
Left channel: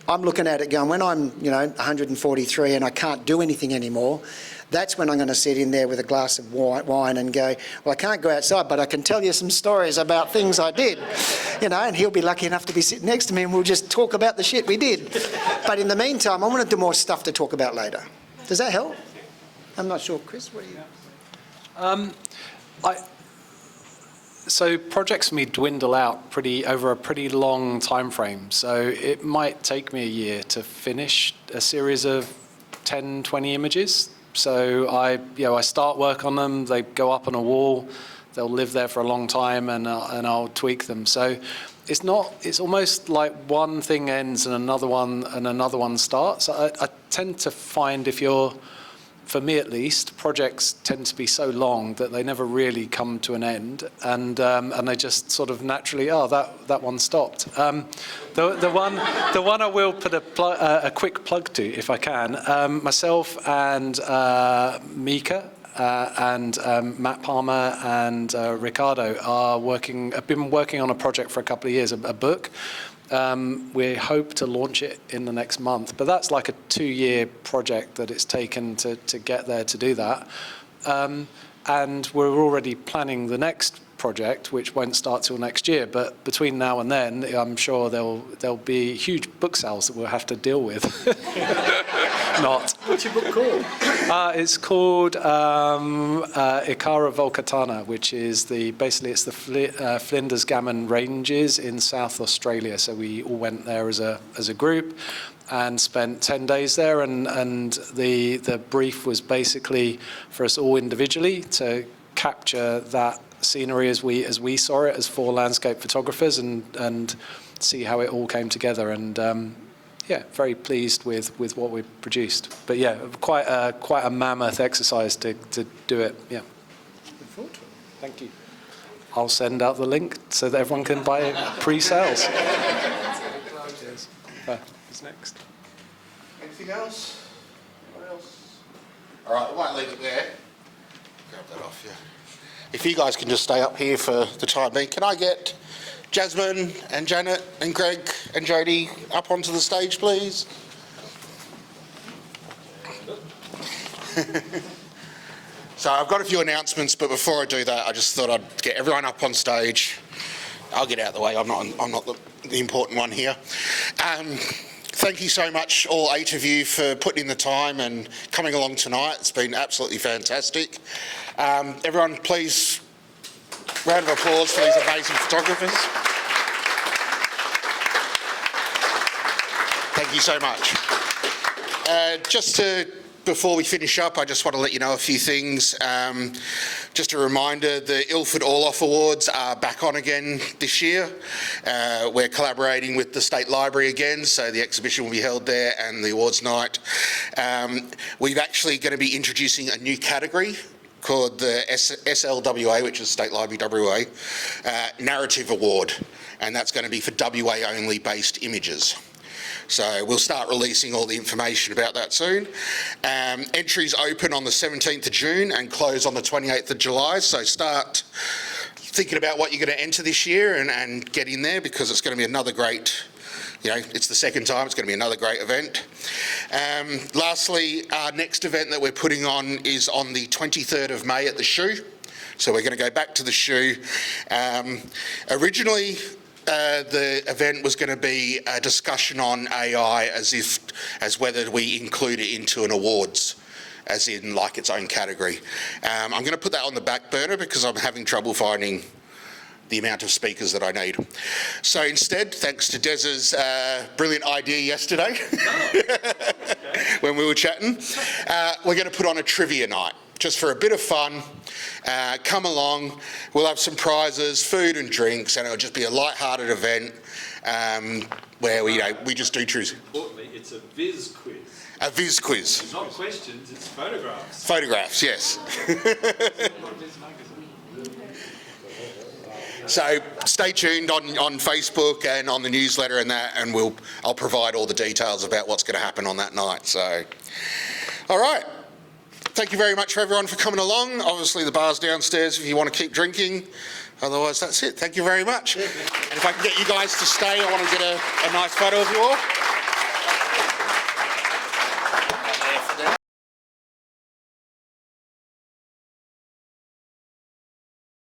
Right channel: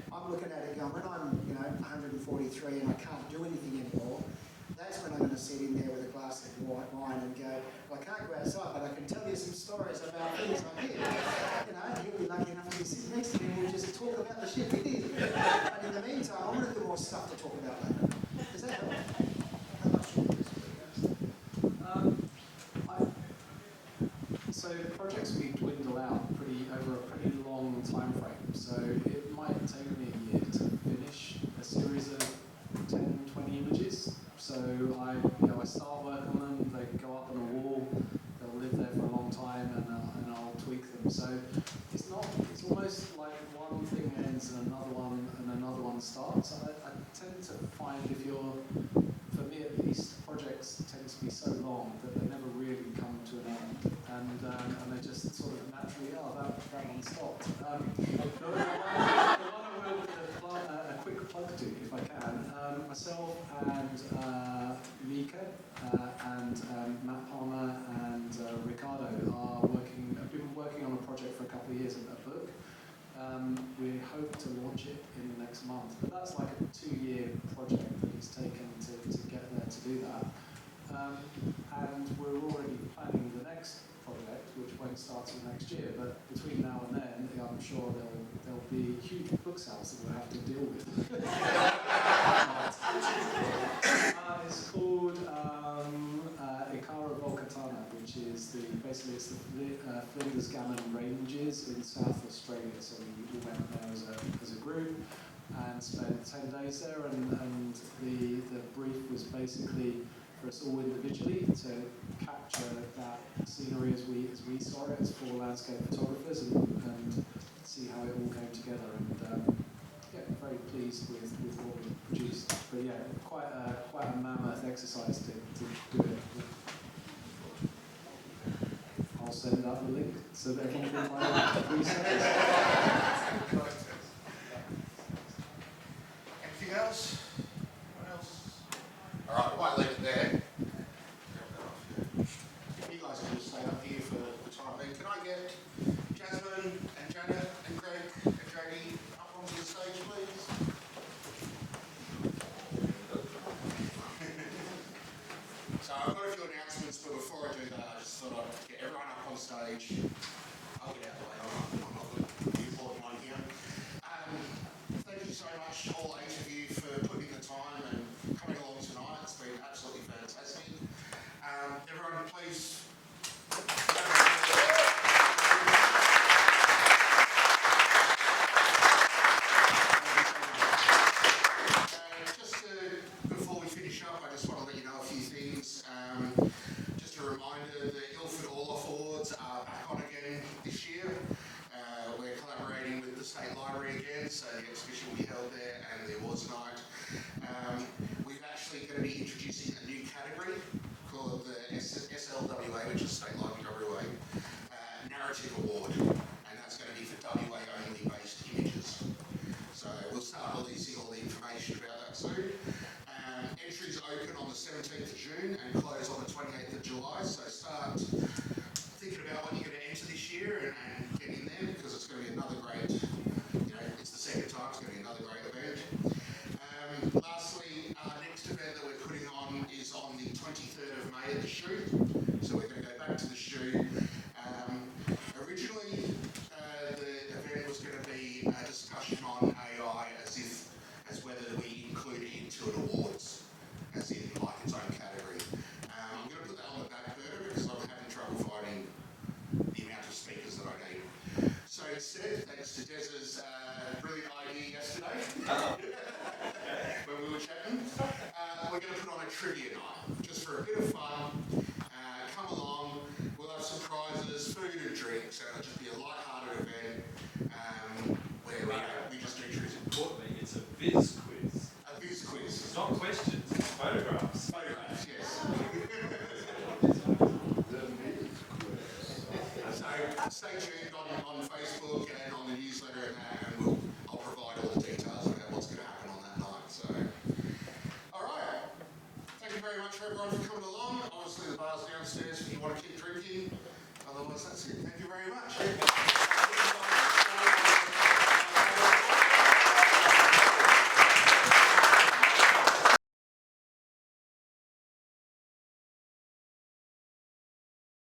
I'm looking at it going, when I'm, 143 and I can't do anything anymore, that's when I'm going to sit in there with a glass of wine and go, well, I can't go outside, but I can tell you some stories about things I did, and he'll be lucky enough to be sitting next to me and we'll just talk about the shit we did. But in the meantime, I want to do more stuff to talk about later. Does that help? I'm not sure, Chris, what do you... So projects for me dwindle out over a pretty long time frame. So it might take me a year to finish a series of 10, 20 images. So I start work on them, they go up on a wall, they'll live there for a long time, and I'll tweak them. So it's almost like one thing ends and another one starts. I tend to find, for me at least, projects tend to be so long that they never really come to an end, and they just sort of naturally, that one stopped. The one I will put a quick plug to, if I can, myself and Mika and Matt Palmer and Ricardo have been working on a project for a couple of years, a book. We hope to launch it in the next month, but that's like a 2-year project that it's taken to get there to do that. And we're already planning the next project, which won't start till next year. But between now and then, I'm sure there'll be huge book sales that we'll have to deal with. Not. What's your book called? It's called Ikara Volcatana, which is basically the Flinders Gammon Ranges in South Australia. So we all went there as a group and spent 10 days there, and the brief was basically for us all individually to capture that scenery as we saw it as 4 landscape photographers and see how it all came together. And very pleased with what we produced. But yeah, quite a mammoth exercise to do it. Yeah. Thank you. I'll send out the link so that everyone can buy pre-sales. What's next? Anything else? What else? All right, I might leave it there. Grab that off, yeah. If you guys can just stay up here for the time being, can I get Jasmine and Janet and Greg and Jodie up onto the stage, please? So I've got a few announcements, but before I do that, I just thought I'd get everyone up on stage. I'll get out of the way. I'm not the important one here. Thank you so much, all 8 of you, for putting in the time and coming along tonight. It's been absolutely fantastic. Everyone, please, round of applause for these amazing photographers. Thank you so much. Just to before we finish up, I just want to let you know a few things. Just a reminder, the Ilford All Off Awards are back on again this year. We're collaborating with the State Library again, so the exhibition will be held there and the awards night. We're actually going to be introducing a new category called the SLWA, which is State Library WA, Narrative Award, and that's going to be for WA only based images. So we'll start releasing all the information about that soon. Entries open on the 17th of June and close on the 28th of July, so start thinking about what you're going to enter this year and get in there, because it's going to be another great, it's the second time, it's going to be another great event. Lastly, our next event that we're putting on is on the 23rd of May at the Shoe. So we're going to go back to the Shoe. Originally, the event was going to be a discussion on AI as whether we include it into an awards, as in like its own category. I'm going to put that on the back burner because I'm having trouble finding the amount of speakers that I need. So instead, thanks to Des's brilliant idea yesterday when we were chatting, we're going to put on a trivia night just for a bit of fun. Come along, we'll have some prizes, food and drinks, and it'll just be a light-hearted event where we just do trivia. Importantly, it's a viz quiz. A viz quiz. It's not questions, it's photographs. Photographs, yes. So stay tuned on Facebook and on the newsletter and that, and I'll provide all the details about what's going to happen on that night. So, all right. Thank you very much for everyone for coming along. Obviously the bar's downstairs if you want to keep drinking. Otherwise, that's it. Thank you very much. And if I can get you guys to stay, I want to get a nice photo of you all.